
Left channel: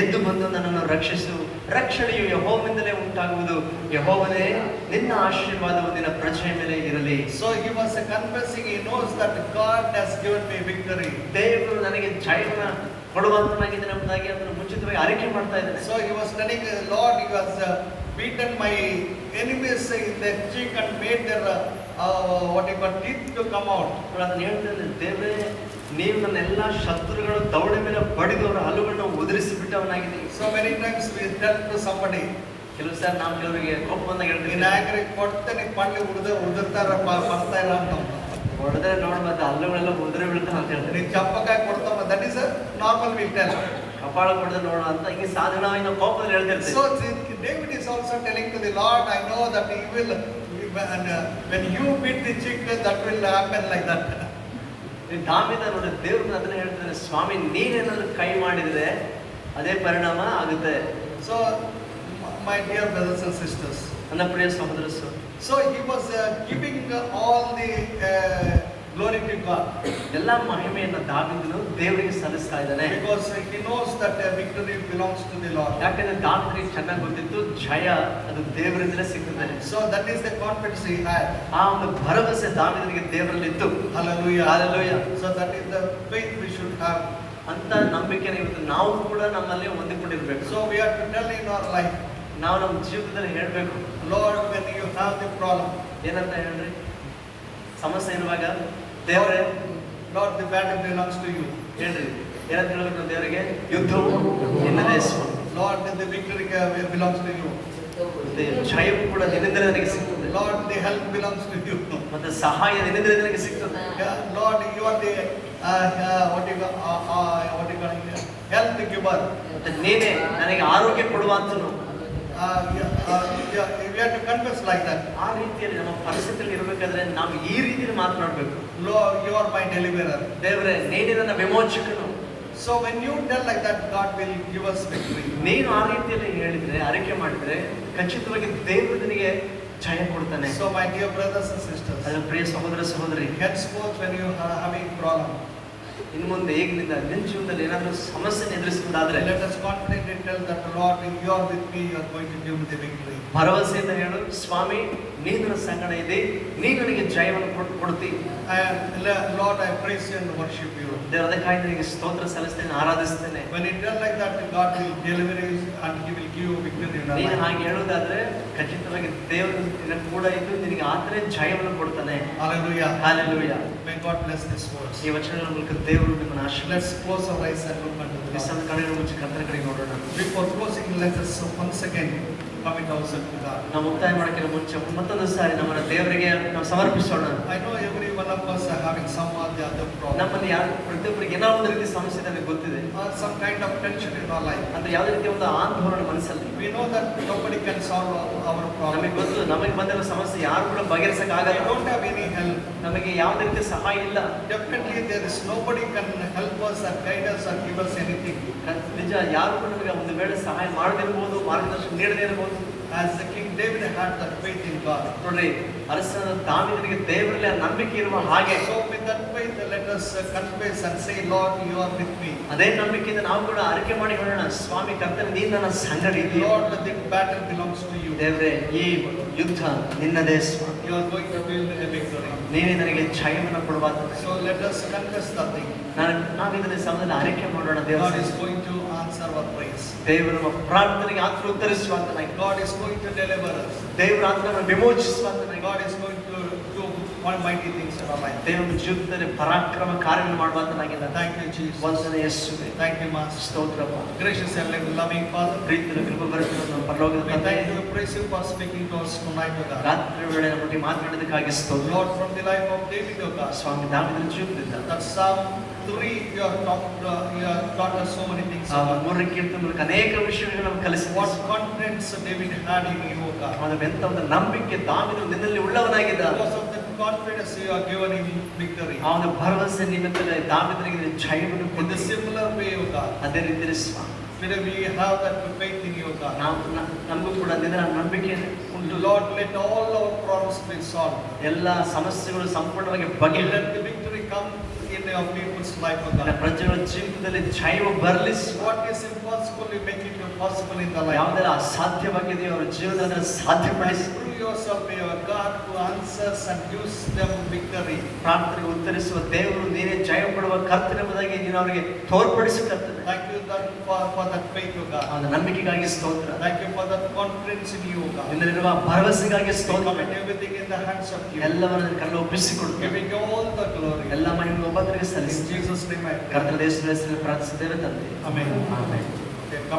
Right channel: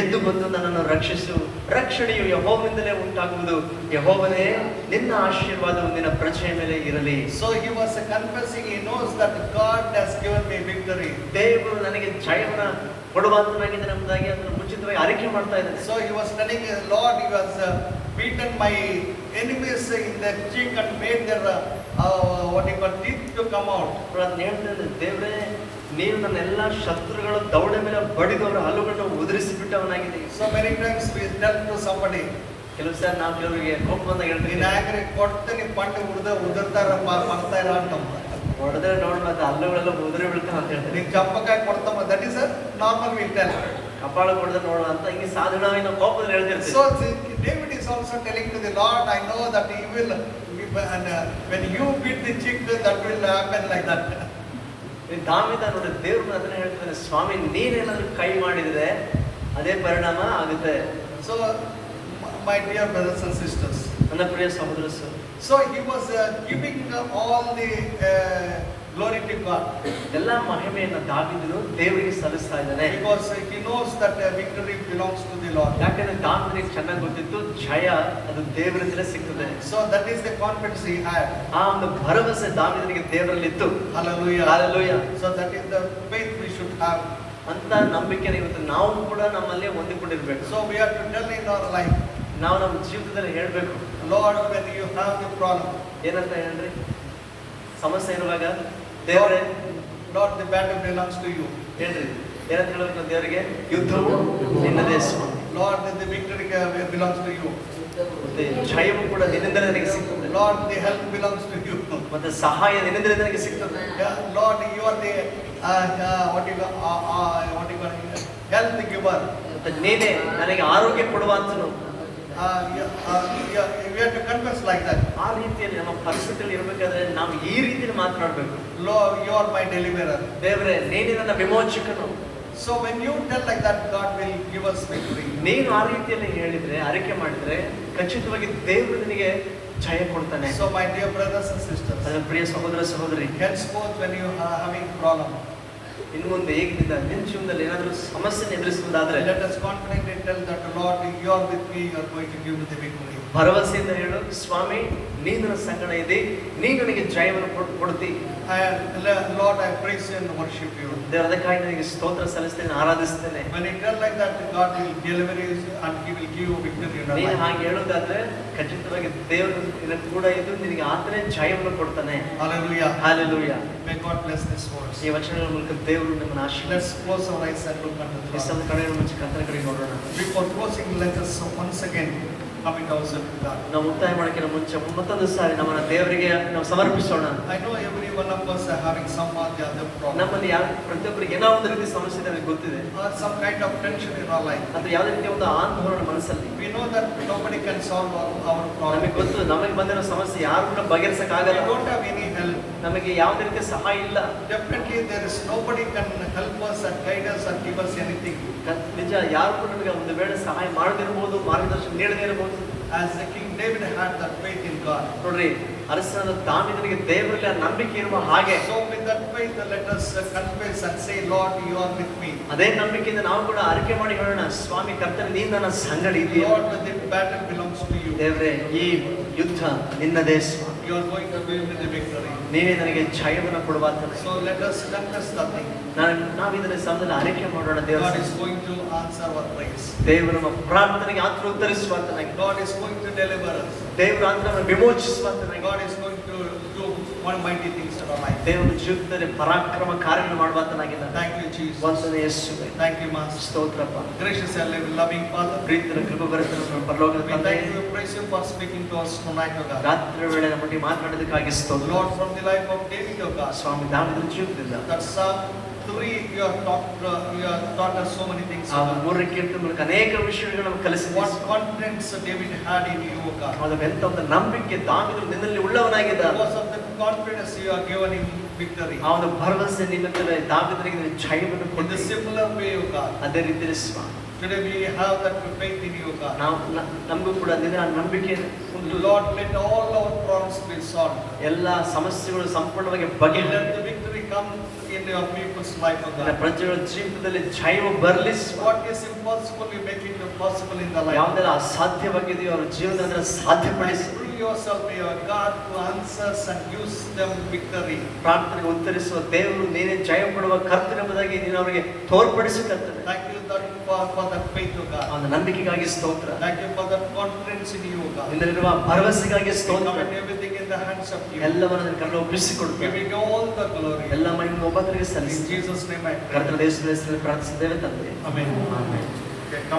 ಎದ್ದು ಬಂದು ನನ್ನನ್ನು ರಕ್ಷಿಸು. ರಕ್ಷಣೆಯು ಯೆಹೋವನಿಂದಲೇ ಉಂಟಾಗುವುದು. ಯೆಹೋವನೇ, ನಿನ್ನ ಆಶೀರ್ವಾದವು ನಿನ್ನ ಪ್ರಜೆಯ ಮೇಲೆ ಇರಲಿ. So he was confessing, he knows that God has given me victory. ದೇವರು ನನಗೆ ಜಯವನ್ನು ಕೊಡುವಂತನಾಗಿದ್ದಾನೆ ಎಂಬುದಾಗಿ ಅದನ್ನು ಮುಂಚಿತವಾಗಿ ಅರಿಕೆ ಮಾಡ್ತಾ ಇದ್ದಾನೆ. So he was telling, Lord, he was beaten my enemies in their cheek and made their what you call teeth to come out. ಅದನ್ನ ಹೇಳ್ತಾನೆ, ದೇವರೇ ನೀವು ನನ್ನ ಎಲ್ಲ ಶತ್ರುಗಳ ದವಡೆ ಮೇಲೆ ಬಡಿದು ಅವರ ಹಲ್ಲುಗಳನ್ನು ಉದುರಿಸಿ ಬಿಟ್ಟವನಾಗಿದೆ. So many times we tell to somebody, ಕೆಲವು ಸಾರಿ ನಾವು ಕೆಲವರಿಗೆ ಕೋಪ ಬಂದಾಗ in ಹೇಳ್ತೀವಿ, anger ಕೊಡ್ತೇನೆ ಪಂಡು ಉದುರ್ತಾರ ಬರ್ತಾ ಇಲ್ಲ ಅಂತ. ಹೊಡೆದ್ರೆ ನೋಡ್ ಮತ್ತೆ ಹಲ್ಲುಗಳೆಲ್ಲ ಉದುರಿ ಬೀಳ್ತಾವ ಅಂತ ಹೇಳ್ತಾರೆ. ನೀನು ಚಪ್ಪಕಾಯಿ ಕೊಡ್ತಾವ, that is normal we tell. ಕಪಾಳ ಕೊಡದೆ ನೋಡ ಅಂತ ಹಿಂಗೆ ಸಾಧಾರಣವಾಗಿ ನಾವು ಕೋಪದಲ್ಲಿ ಹೇಳ್ತಿರ್ತೀವಿ. So David is also telling to the Lord, I know that he will, when you beat the cheek, that will happen like that. ದಾವೀದ ನೋಡಿ ದೇವ್ರನ್ನ ಅದನ್ನ ಹೇಳ್ತಾನೆ, ಸ್ವಾಮಿ ನೀನೇನಾದ್ರೂ ಕೈ ಮಾಡಿದ್ರೆ ಅದೇ ಪರಿಣಾಮ ಆಗುತ್ತೆ. So my dear brothers and sisters, ನನ್ನ ಪ್ರಿಯ ಸಹೋದರರು, so he was giving all the glory to God. ಎಲ್ಲ ಮಹಿಮೆಯನ್ನು ದಾವೀದನು ದೇವರಿಗೆ ಸಲ್ಲಿಸ್ತಾ ಇದ್ದಾನೆ. Because he knows that victory belongs to the Lord. ಯಾಕಂದ್ರೆ ದಾವೀದನಿಗೆ ಚೆನ್ನಾಗಿ ಗೊತ್ತಿತ್ತು, ಜಯ ಅದು ದೇವರಿಂದಲೇ ಸಿಗ್ತದೆ. So that is the confidence he had. ಆ ಒಂದು ಭರವಸೆ ದಾವೀದನಿಗೆ ದೇವರಲ್ಲಿ ಇತ್ತು. Hallelujah. Hallelujah. So that is the faith we should have. ಅಂತ ನಂಬಿಕೆ ಇವತ್ತು ನಾವು ಕೂಡ ನಮ್ಮಲ್ಲಿ ಹೊಂದಿಕೊಂಡಿರ್ಬೇಕು. So we have to tell in our life, ನಾವು ನಮ್ಮ ಜೀವಿತದಲ್ಲಿ ಹೇಳ್ಬೇಕು, Lord, when you have the problem, ಏನಂತ ಹೇಳ್ರಿ, ಸಮಸ್ಯೆ ಇರುವಾಗ ದೇವರೇ, Lord, the battle belongs to you. ಹೇಳ್ರಿ, ಏನಂತ ಹೇಳ್ಬೇಕು ದೇವರಿಗೆ? ಯುದ್ಧವು ನಿನ್ನದೇ ಸ್ವಾಮಿ. Lord, the victory belongs to you. ಮತ್ತೆ ಜಯವು ಕೂಡ ನಿನ್ನಿಂದಲೇ ನನಗೆ ಸಿಗ್ತದೆ. Lord, the help belongs to you. ಮತ್ತೆ ಸಹಾಯ ನಿನ್ನಿಂದಲೇ ನನಗೆ ಸಿಗ್ತದೆ. Yeah, Lord, you are the what you call health giver. ಮತ್ತೆ ನೀನೇ ನನಗೆ ಆರೋಗ್ಯ ಕೊಡುವಂತನು. We have to confess like that. ಆ ರೀತಿಯಲ್ಲಿ ನಮ್ಮ ಪರಿಸ್ಥಿತಿಯಲ್ಲಿ ಇರಬೇಕಾದ್ರೆ ನಾವು ಈ ರೀತಿಯಲ್ಲಿ ಮಾತನಾಡಬೇಕು. Lord, you are my deliverer. ದೇವರೇ ನೀನೇ ನನ್ನ ವಿಮೋಚಕನು. So when you tell like that, God will give us victory. ನೀನು ಆ ರೀತಿಯಲ್ಲಿ ಹೇಳಿದ್ರೆ, ಅರಿಕೆ ಮಾಡಿದ್ರೆ ಖಚಿತವಾಗಿ ದೇವರು ನಿನಗೆ ಜಯ ಕೊಡ್ತಾನೆ. So my dear brothers and sisters, ನನ್ನ ಪ್ರಿಯ ಸಹೋದರ ಸಹೋದರಿ, henceforth when you are having problem, ಇನ್ನು ಮುಂದೆ ಈಗಿನಿಂದ ನಿನ್ನ ಜೀವನದಲ್ಲಿ ಏನಾದರೂ ಸಮಸ್ಯೆ ಎದುರಿಸುವುದಾದ್ರೆ let us confidently tell that Lord, you are with me, you are going to give me the victory. ಭರವಸೆಯಿಂದ ಹೇಳು, ಸ್ವಾಮಿ ನೀನು ನನ್ನ ಸಂಗಡ ಇದ್ದಿ, ನೀನು ನನಗೆ ಜಯವನ್ನು ಕೊಡ್ತಿ. And Lord, I praise you and worship you. ದೇವರದಕ್ಕಾಗಿ ನಿನಗೆ ಸ್ತೋತ್ರ ಸಲ್ಲಿಸ್ತೇನೆ, ಆರಾಧಿಸ್ತೇನೆ. When you tell like that, God will deliver you and He will give you victory in your ನೀನು life. ಹಾಗೆ ಹೇಳುವುದಾದ್ರೆ ಖಚಿತವಾಗಿ ದೇವರು ನಿನ್ನ ಕೂಡ ಇದ್ದು ನಿನಗೆ ಆತನೇ ಜಯವನ್ನು ಕೊಡ್ತಾನೆ. Hallelujah. Hallelujah. May God bless this words. ಈ ವಚನಗಳ ಮೂಲಕ ದೇವರು ನಮ್ಮನ್ನು ಆಶೀರ್ವದಿಸಲಿ. Let's close our eyes and look unto the Lord. ಕ್ರಿಸ್ತನ ಕಡೆಯ ಮುಂಚೆ ಕರ್ತನ ಕಡೆಗೆ ನೋಡೋಣ. Before closing, let us once again commit ourselves to God. ನಾವು ಮುಕ್ತಾಯ ಮಾಡೋಕ್ಕಿಂತ ಮುಂಚೆ ಮತ್ತೊಂದು ಸಾರಿ ನಮ್ಮನ್ನ ದೇವರಿಗೆ ನಾವು ಸಮರ್ಪಿಸೋಣ. I know every one of us are having some or the other problem, ನಮ್ಮಲ್ಲಿ ಯಾರು ಪ್ರತಿಯೊಬ್ಬರಿಗೆ ಏನೋ ಒಂದು ರೀತಿ ಸಮಸ್ಯೆ ಇದೆ ನನಗೆ ಗೊತ್ತಿದೆ. or some kind of tension in our life. ಅಥವಾ ಯಾವುದೇ ರೀತಿಯ ಒಂದು ಆಂದೋಲನ ಮನಸ್ಸಲ್ಲಿ. We know that nobody can solve our ನಮಗೆ problem. ಗೊತ್ತು, ನಮಗೆ ಬಂದಿರೋ ಸಮಸ್ಯೆ ಯಾರು ಕೂಡ We ಬಗೆಹರಿಸಕ್ಕಾಗಲ್ಲ. don't have any help. ನಮಗೆ ಯಾವುದೇ ರೀತಿಯ ಸಹಾಯ ಇಲ್ಲ. Definitely there is nobody can help us or guide us or give us anything. ನಿಜ, ಯಾರು ಕೂಡ ನಮಗೆ ಒಂದು ವೇಳೆ ಸಹಾಯ ಮಾಡದಿರ್ಬೋದು, ಮಾರ್ಗದರ್ಶನ ನೀಡದೇ ಇರಬಹುದು. As the King David had that faith in God. ನೋಡ್ರಿ, ಅರಸನಾದ ದಾವೀದನಿಗೆ ದೇವರಲ್ಲಿ ಆ ನಂಬಿಕೆ ಇರುವ ಹಾಗೆ, So with that faith, let us confess and say, Lord, you are with me. ಅದೇ ನಂಬಿಕೆಯಿಂದ ನಾವು ಕೂಡ ಅರಿಕೆ ಮಾಡಿ ಹೇಳೋಣ, ಸ್ವಾಮಿ ಕರ್ತನೆ ನೀನು ನನ್ನ ಸಂಗಡ ಇದೆಯಾ. Lord, the battle belongs to you. ದೇವರೇ ಈ ಯುದ್ಧ ನಿನ್ನದೇ ಸ್ವಾಮಿ. You are going to win the victory. ನೀನೇ ನನಗೆ ಜಯವನ್ನು ಕೊಡುವಂತ. So let us confess that thing. ನಾವು ಇದನ್ನ ಸಮಯದಲ್ಲಿ ಅರಿಕೆ ಮಾಡೋಣ. God ದೇವರು is going to answer our praise. ದೇವರು ನಮ್ಮ ಪ್ರಾರ್ಥನೆಗೆ ಆತರ ಉತ್ತರಿಸುವಂತನಾಗಿ, God is going to deliver us. ದೇವರು ಆತನನ್ನು ವಿಮೋಚಿಸುವಂತನಾಗಿ, God is going to do one mighty things in our life. ದೇವರ ಜೀವಿತದಲ್ಲಿ ಪರಾಕ್ರಮ ಕಾರ್ಯಗಳನ್ನು ಮಾಡುವಂತನಾಗಿದ್ದಾನೆ. Thank you, Jesus. ವಂದನೆ ಯೇಸುವೇ. Thank you, Master. ಸ್ತೋತ್ರಪ್ಪ. Gracious and loving Father, ಪ್ರೀತಿಯ ಕೃಪೆಭರಿತ ನಮ್ಮ ಪರಲೋಕದ we ತಂದೆ, thank you, praise you for speaking to us tonight, O God. ರಾತ್ರಿ ವೇಳೆ ನಮ್ಮೊಟ್ಟಿಗೆ ಮಾತನಾಡೋದಕ್ಕಾಗಿ ಸ್ತೋತ್ರ. Lord, from the life of David, O God, ಸ್ವಾಮಿ ದಾವೀದನ ಜೀವಿತದಿಂದ that Psalm 3, you have taught us so many things, ಆ O God. ಮೂರನೇ ಕೀರ್ತನೆ ಮೂಲಕ ಅನೇಕ ವಿಷಯಗಳನ್ನು ನಮಗೆ ಕಲಿಸಿದ್ದೀರಿ. What confidence David had in you, O God. ಅವನ ಎಂತ ಒಂದು ನಂಬಿಕೆ ದಾವೀದನು ನಿನ್ನಲ್ಲಿ ಉಳ್ಳವನಾಗಿದ್ದಾನೆ. Because of the confidence you are given in victory. ಅವನ ಭರವಸೆ ನಿಮಿತ್ತವೇ ದಾವೀದನಿಗೆ ನೀನು ಜಯವನ್ನು In the ಕೊಟ್ಟಿದ್ದೀರಿ. similar way, O God, ಅದೇ ರೀತಿಯಲ್ಲಿ ಸ್ವಾಮಿ today we have that faith in you, O God. ನಮಗೂ ಕೂಡ ನಿನ್ನ ನಂಬಿಕೆ ಉಂಟು. Lord, let all our problems be solved. ಎಲ್ಲ ಸಮಸ್ಯೆಗಳು ಸಂಪೂರ್ಣವಾಗಿ Let ಬಗೆಹರಿ the victory come in your people's life, O God. ಪ್ರಜೆಗಳ ಜೀವಿತದಲ್ಲಿ ಜಯ ಬರಲಿ. What is impossible, we make it possible in the life. ಯಾವುದೆಲ್ಲ ಅಸಾಧ್ಯವಾಗಿದೆಯೋ ಅವರ ಜೀವನದಲ್ಲಿ ಸಾಧ್ಯಪಡಿಸಿ. Prove yourself, may your God, who answers and gives them victory. ಪ್ರಾರ್ಥನೆಗೆ ಉತ್ತರಿಸುವ ದೇವರು ನೀನೇ ಜಯ ಕೊಡುವ ಕರ್ತವ್ಯ ಎಂಬುದಾಗಿ ನೀನು ಅವರಿಗೆ ತೋರ್ಪಡಿಸುತ್ತದೆ. Thank you for that faith, O God. ಅವನ ನಂಬಿಕೆಗಾಗಿ ಸ್ತೋತ್ರ. Thank you for that confidence in you, O God. ನಿನ್ನಲ್ಲಿರುವ ಭರವಸೆಗಾಗಿ We ಸ್ತೋತ್ರ. commit everything in the hands of you. ಎಲ್ಲವನ್ನ ಕಣ್ಣು ಒಪ್ಪಿಸಿಕೊಡುತ್ತೇವೆ. Giving you all the glory. ಎಲ್ಲ ಮಹಿಮೆ ಒಬ್ಬರಿಗೆ In ಸಲ್ಲಿಸಿ Jesus' name I pray. ಕರ್ತನ ದೇಶದ ಹೆಸರಲ್ಲಿ ಪ್ರಾರ್ಥಿಸಿದ್ದೇವೆ ತಂದೆ. Amen. ಆಮೆನ್. Okay, come